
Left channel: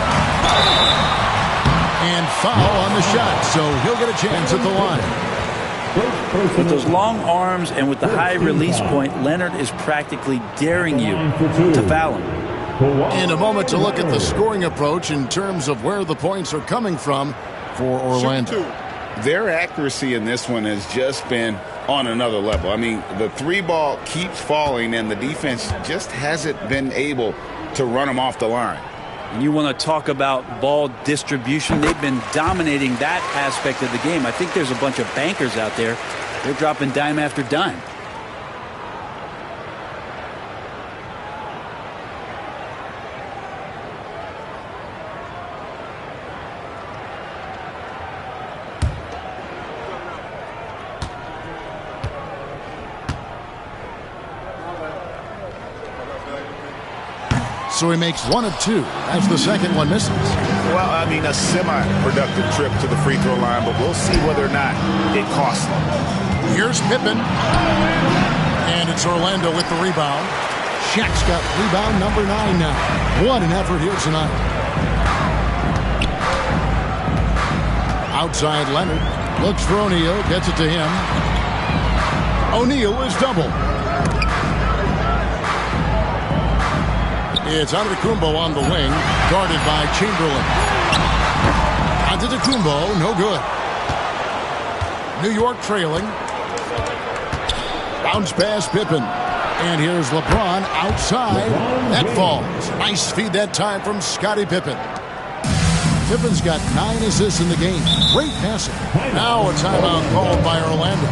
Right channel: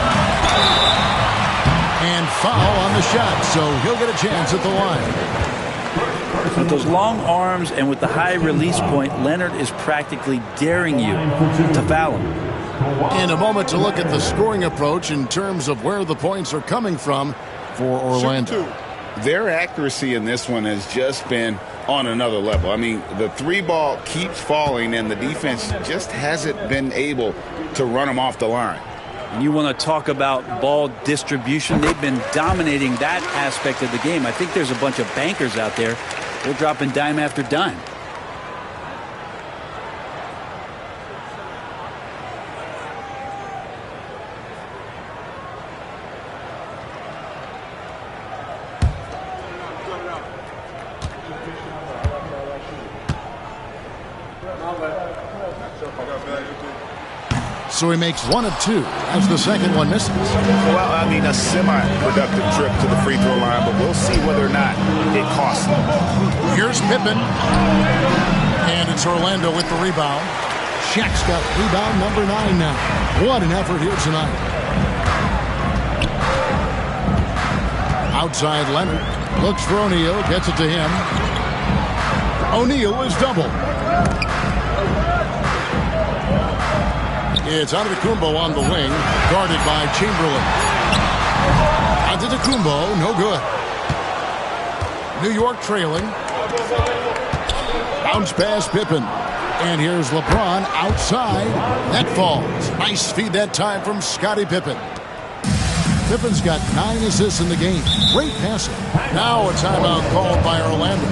And foul on the shot, so he'll get a chance at the line. With those long arms and with the high release point, Leonard is practically daring you to foul him. In a moment to look at the scoring approach in terms of where the points are coming from for Orlando. Their accuracy in this one has just been on another level. I mean, the 3 ball keeps falling, and the defense just hasn't been able to run them off the line. And you want to talk about ball distribution. They've been dominating that aspect of the game. I think there's a bunch of bankers out there. They're dropping dime after dime. So he makes 1 of 2 as the second one misses. Well, I mean, a semi-productive trip to the free throw line, but we'll see whether or not it costs him. Here's Pippen. And it's Orlando with the rebound. Shaq's got rebound number 9 now. What an effort here tonight. Outside Leonard. Looks for O'Neal. Gets it to him. O'Neal is doubled. It's Antetokounmpo on the wing, guarded by Chamberlain. Antetokounmpo, no good. New York trailing. Bounce pass Pippen. And here's LeBron outside. That falls. Nice feed that time from Scottie Pippen. Pippen's got 9 assists in the game. Great passing. Now a timeout called by Orlando.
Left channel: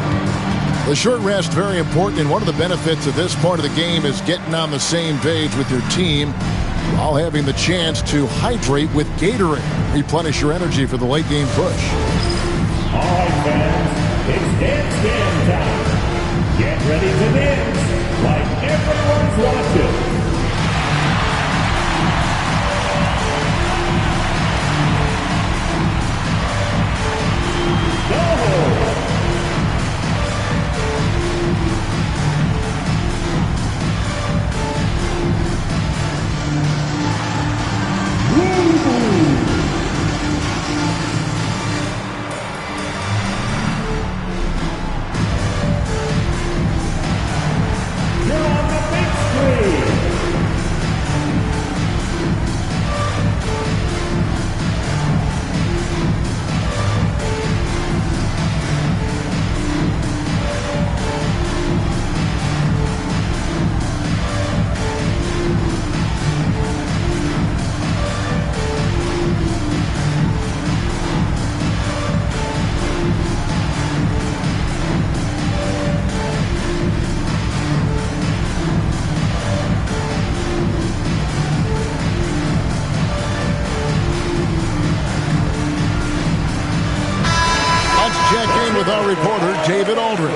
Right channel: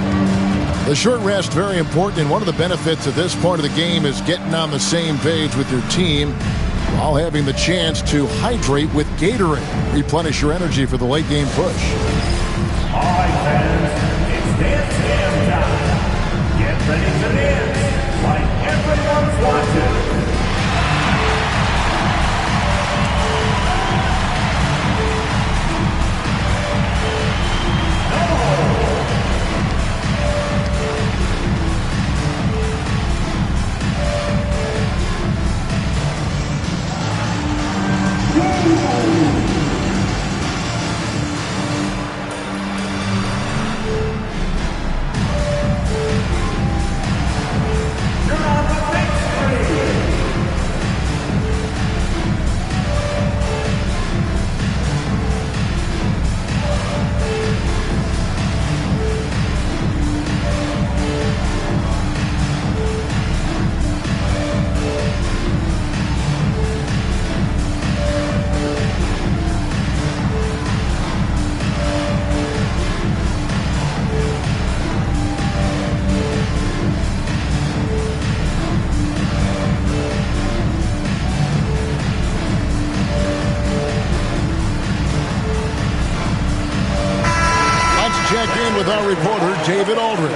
The short rest, very important, and one of the benefits of this part of the game is getting on the same page with your team while having the chance to hydrate with Gatorade. Replenish your energy for the late game push. All right, fans, it's dance jam time. Get ready to dance like everyone's watching. Check in with our reporter, David Aldridge.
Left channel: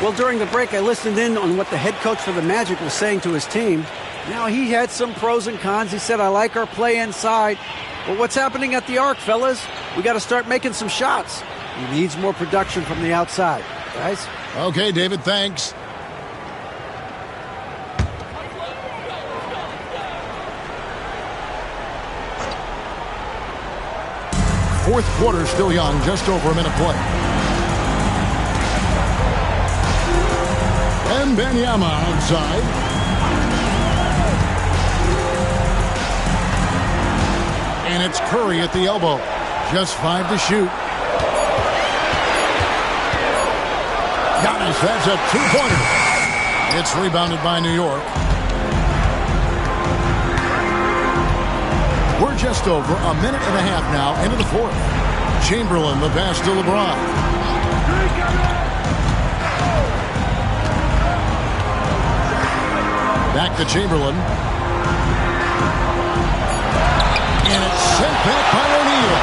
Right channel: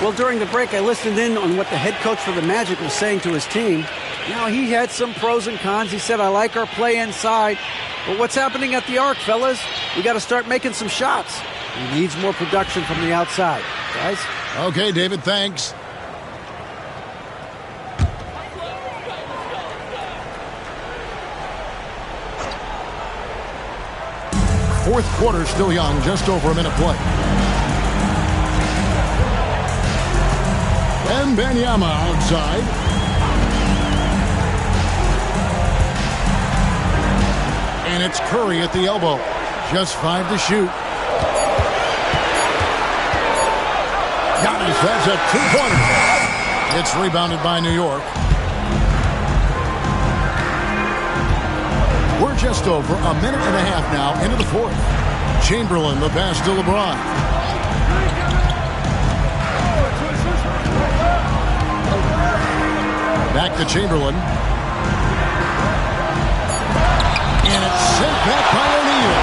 Well, during the break, I listened in on what the head coach for the Magic was saying to his team. You know, he had some pros and cons. He said, I like our play inside. But what's happening at the arc, fellas? We got to start making some shots. He needs more production from the outside. Guys? Okay, David, thanks. Fourth quarter still young, just over a minute play. And Wembanyama outside. And it's Curry at the elbow. Just 5 to shoot. Giannis, that's a 2-pointer. It's rebounded by New York. We're just over a minute and a half now into the fourth. Chamberlain, the pass to LeBron. Back to Chamberlain. And it's sent back by O'Neal.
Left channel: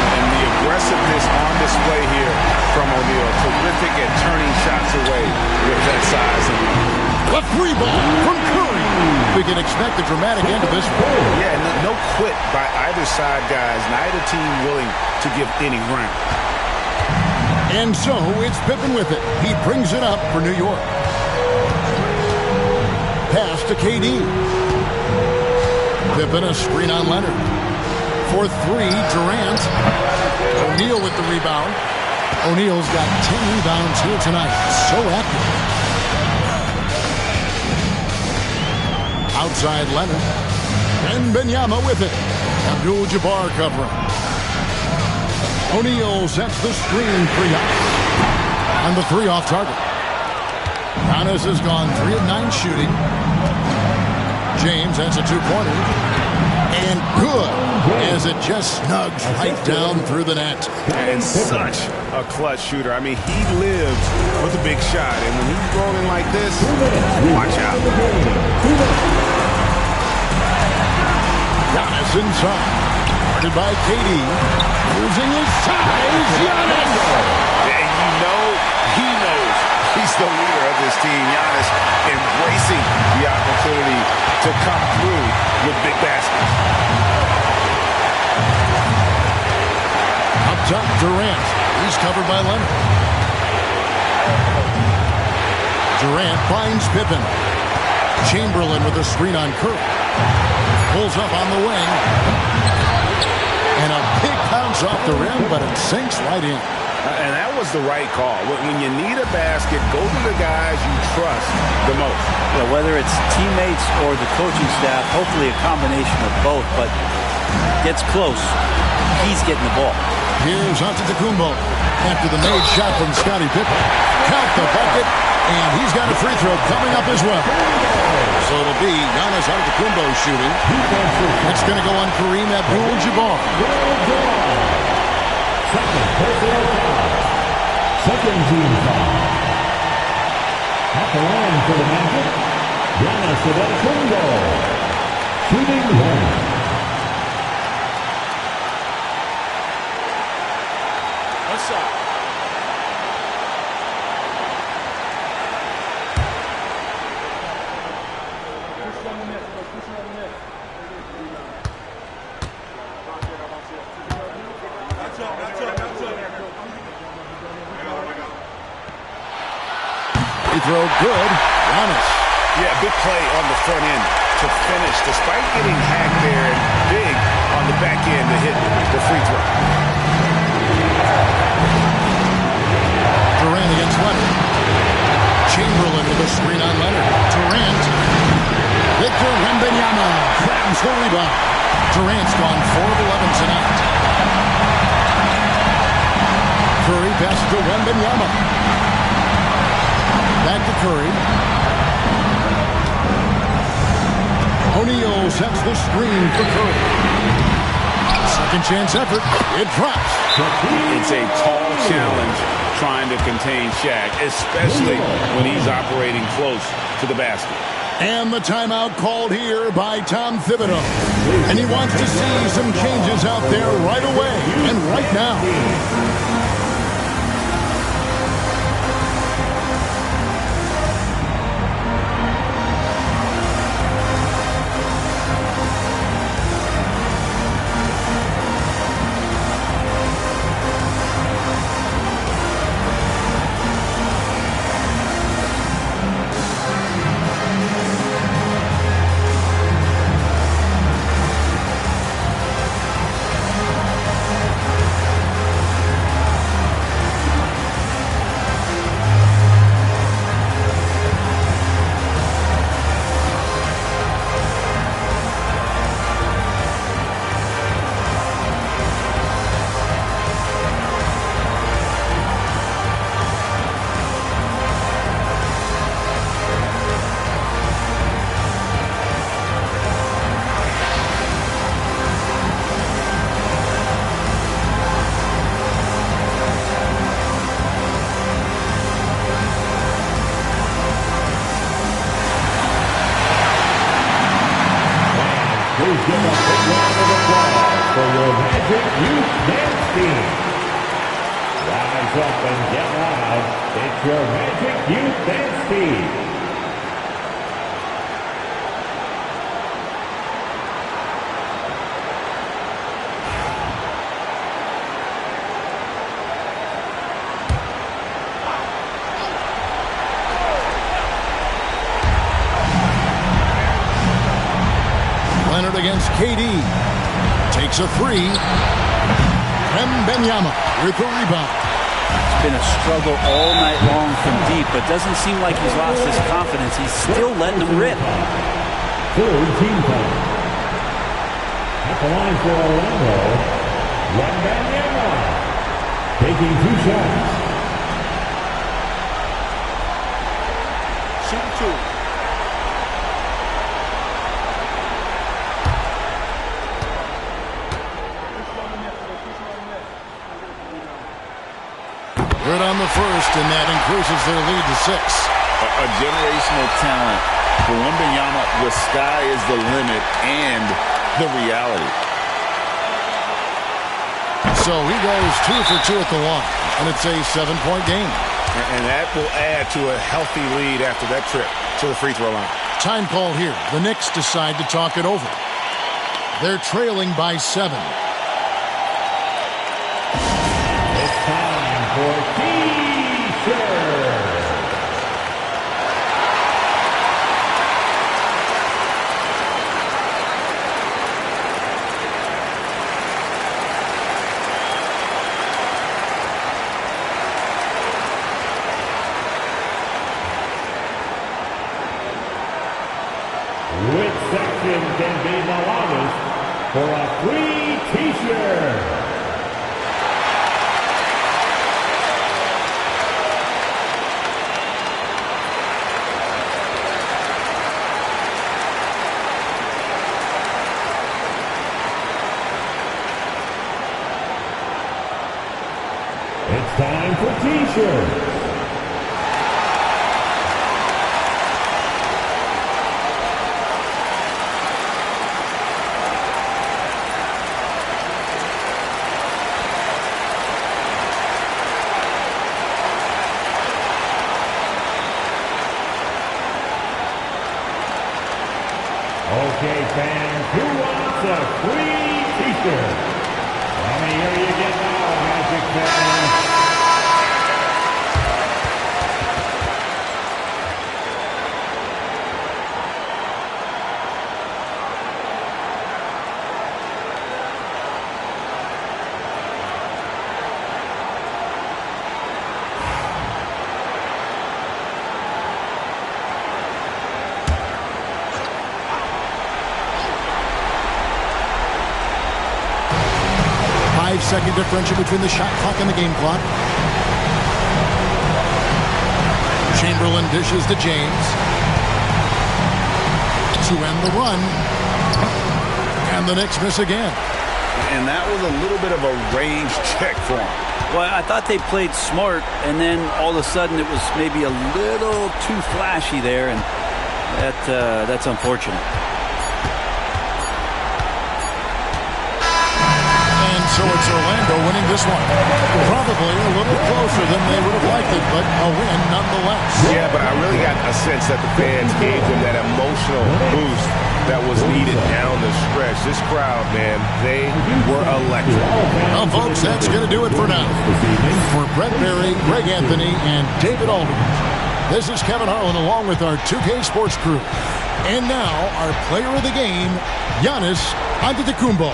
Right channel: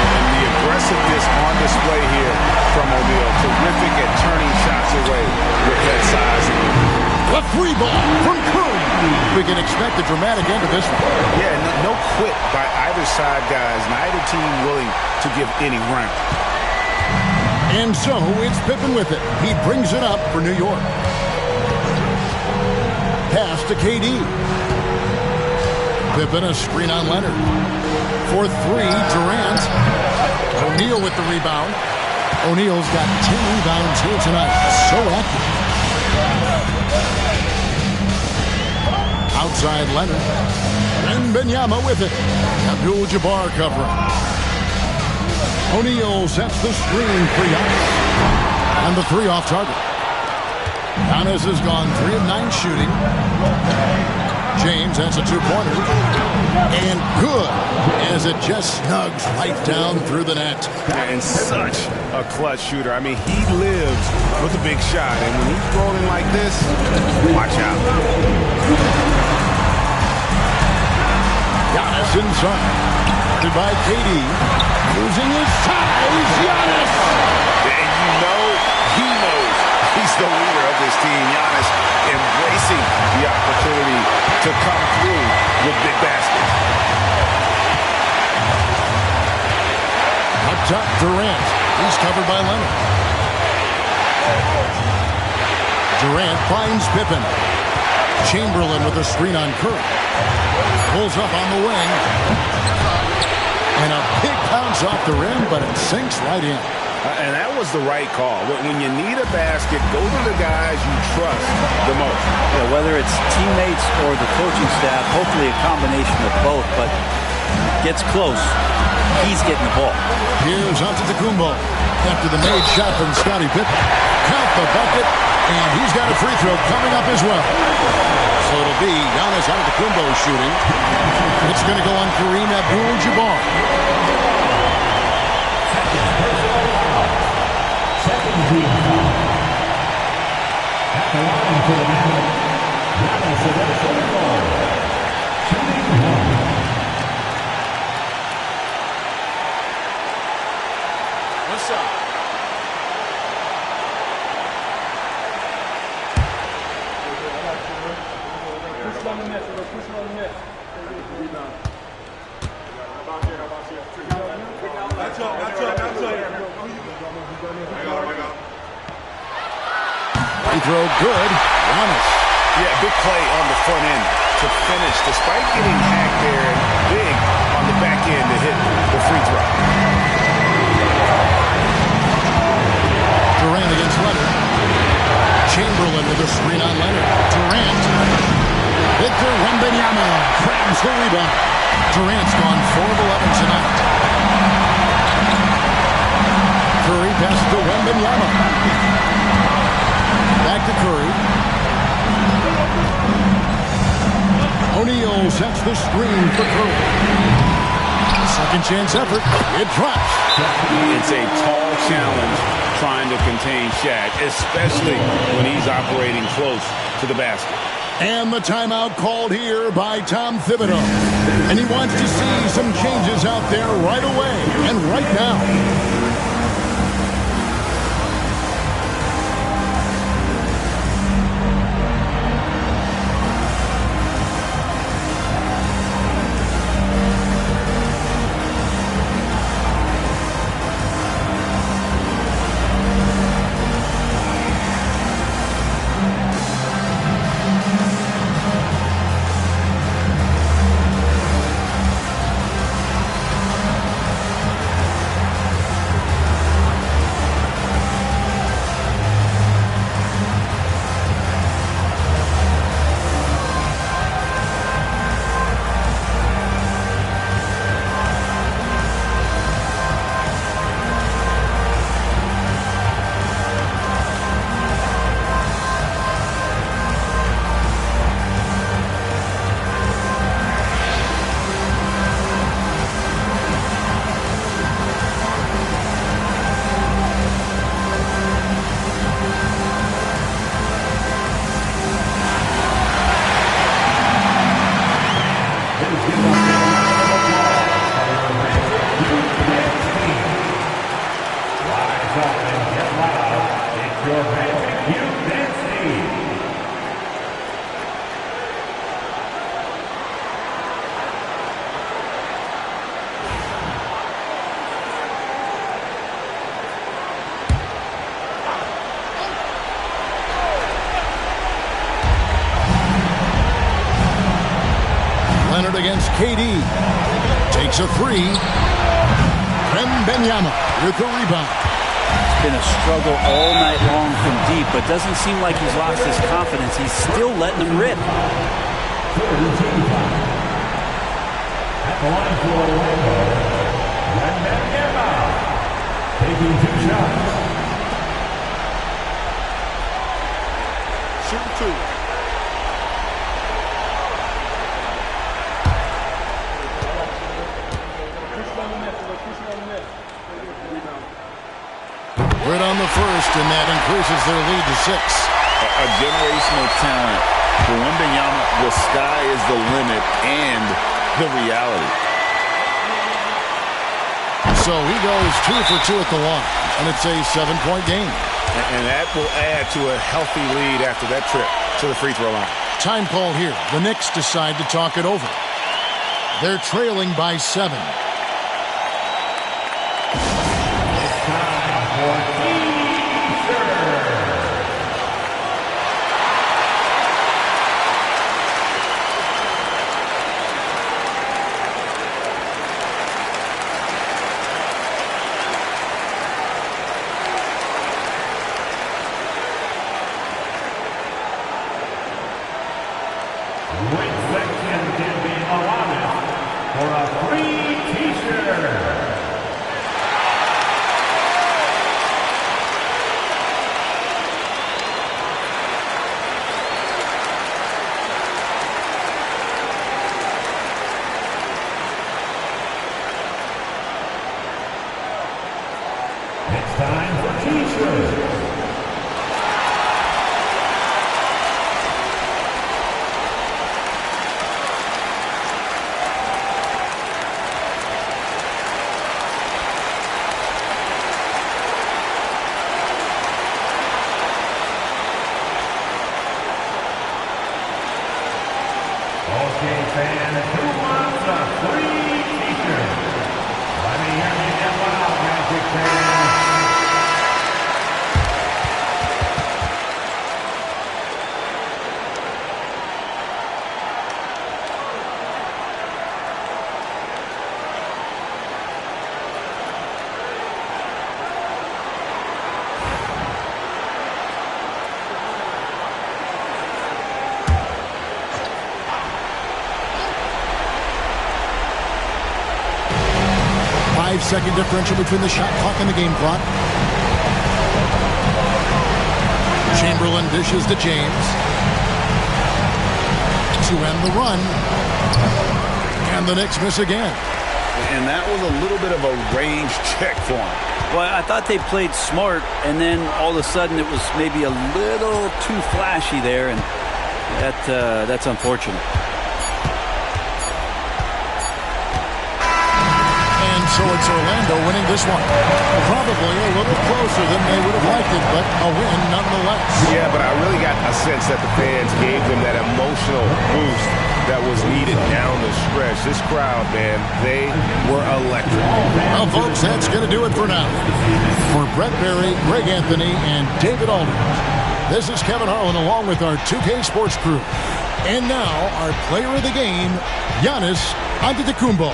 And the aggressiveness on display here from O'Neal. Terrific at turning shots away with that size and a free ball from Curry. We can expect a dramatic end to this one. Yeah, no quit by either side, guys. Neither team willing to give any ground. And so it's Pippen with it. He brings it up for New York. Pass to KD. Pippen, a screen on Leonard. For 3, Durant. O'Neal with the rebound. O'Neal's got 10 rebounds here tonight. So active. Outside Leonard. And Wembanyama with it. Abdul-Jabbar covering. O'Neal sets the screen for Giannis. And the 3 off target. Giannis has gone 3 of 9 shooting. James, that's a 2-pointer. And good, as it just snugs right down through the net. And such a clutch shooter. I mean, he lives with a big shot. And when he's rolling like this, watch out. Giannis inside. Guarded by KD. Using his size, Giannis. And you know, he knows he's the leader of this team. Giannis embracing the opportunity to come through with big baskets. Up top, Durant. He's covered by Leonard. Durant finds Pippen. Chamberlain with a screen on Curry. Pulls up on the wing. And a big bounce off the rim, but it sinks right in. And that was the right call. When you need a basket, go to the guys you trust the most. Yeah, whether it's teammates or the coaching staff, hopefully a combination of both, but gets close. He's getting the ball. Here's Antetokounmpo after the made shot from Scottie Pippen. Count the bucket, And he's got a free throw coming up as well. So it'll be Giannis Antetokounmpo shooting. It's going to go on Kareem Abdul-Jabbar. Second team foul. At the line for the Magic, Giannis Antetokounmpo, shooting one. One shot. Free throw good. Giannis. Yeah, big play on the front end to finish, despite getting hacked there, and big on the back end to hit the free throw. Durant against Leonard. Chamberlain with a screen on Leonard. Durant. Victor Wembanyama grabs the rebound. Durant's gone 4 of 11 tonight. Curry passes to Wembanyama. Back to Curry. O'Neal sets the screen for Curry. Second chance effort. It drops. It's a tall challenge trying to contain Shaq, especially when he's operating close to the basket. And the timeout called here by Tom Thibodeau. And he wants to see some changes out there right away and right now. Please give them a big round of applause for your Magic Youth Dance Team. Rise up and get loud. It's your Magic Youth Dance Team. Leonard against KD. Takes a three. Wembanyama with the rebound. It's been a struggle all night long from deep, but doesn't seem like he's lost his confidence. He's still letting them rip. Third team time. At the line for Orlando, Wembanyama taking 2 shots. Shooting 2. Good on the first, and that increases their lead to 6. A generational talent. For Wembanyama, the sky is the limit and the reality. So he goes 2 for 2 at the line, and it's a 7-point game. And that will add to a healthy lead after that trip to the free throw line. Time call here. The Knicks decide to talk it over. They're trailing by 7. It's time for T-shirt. Which section can be the longest for a free T-shirt? It's time for T-shirts. Okay, fans, who wants a free T-shirt? Let me hear you get loud, Magic fans. Five-second differential between the shot clock and the game clock. Chamberlain dishes to James to end the run. And the Knicks miss again. And that was a little bit of a range check for him. Well, I thought they played smart, and then all of a sudden it was maybe a little too flashy there, and that's unfortunate. And so it's Orlando winning this one. Probably a little closer than they would have liked it, but a win nonetheless. Yeah, but I really got a sense that the fans gave them that emotional boost that was needed down the stretch. This crowd, man, they were electric. Well, folks, that's going to do it for now. For Brent Barry, Greg Anthony, and David Aldridge, this is Kevin Harlan along with our 2K Sports crew. And now, our player of the game, Giannis Antetokounmpo.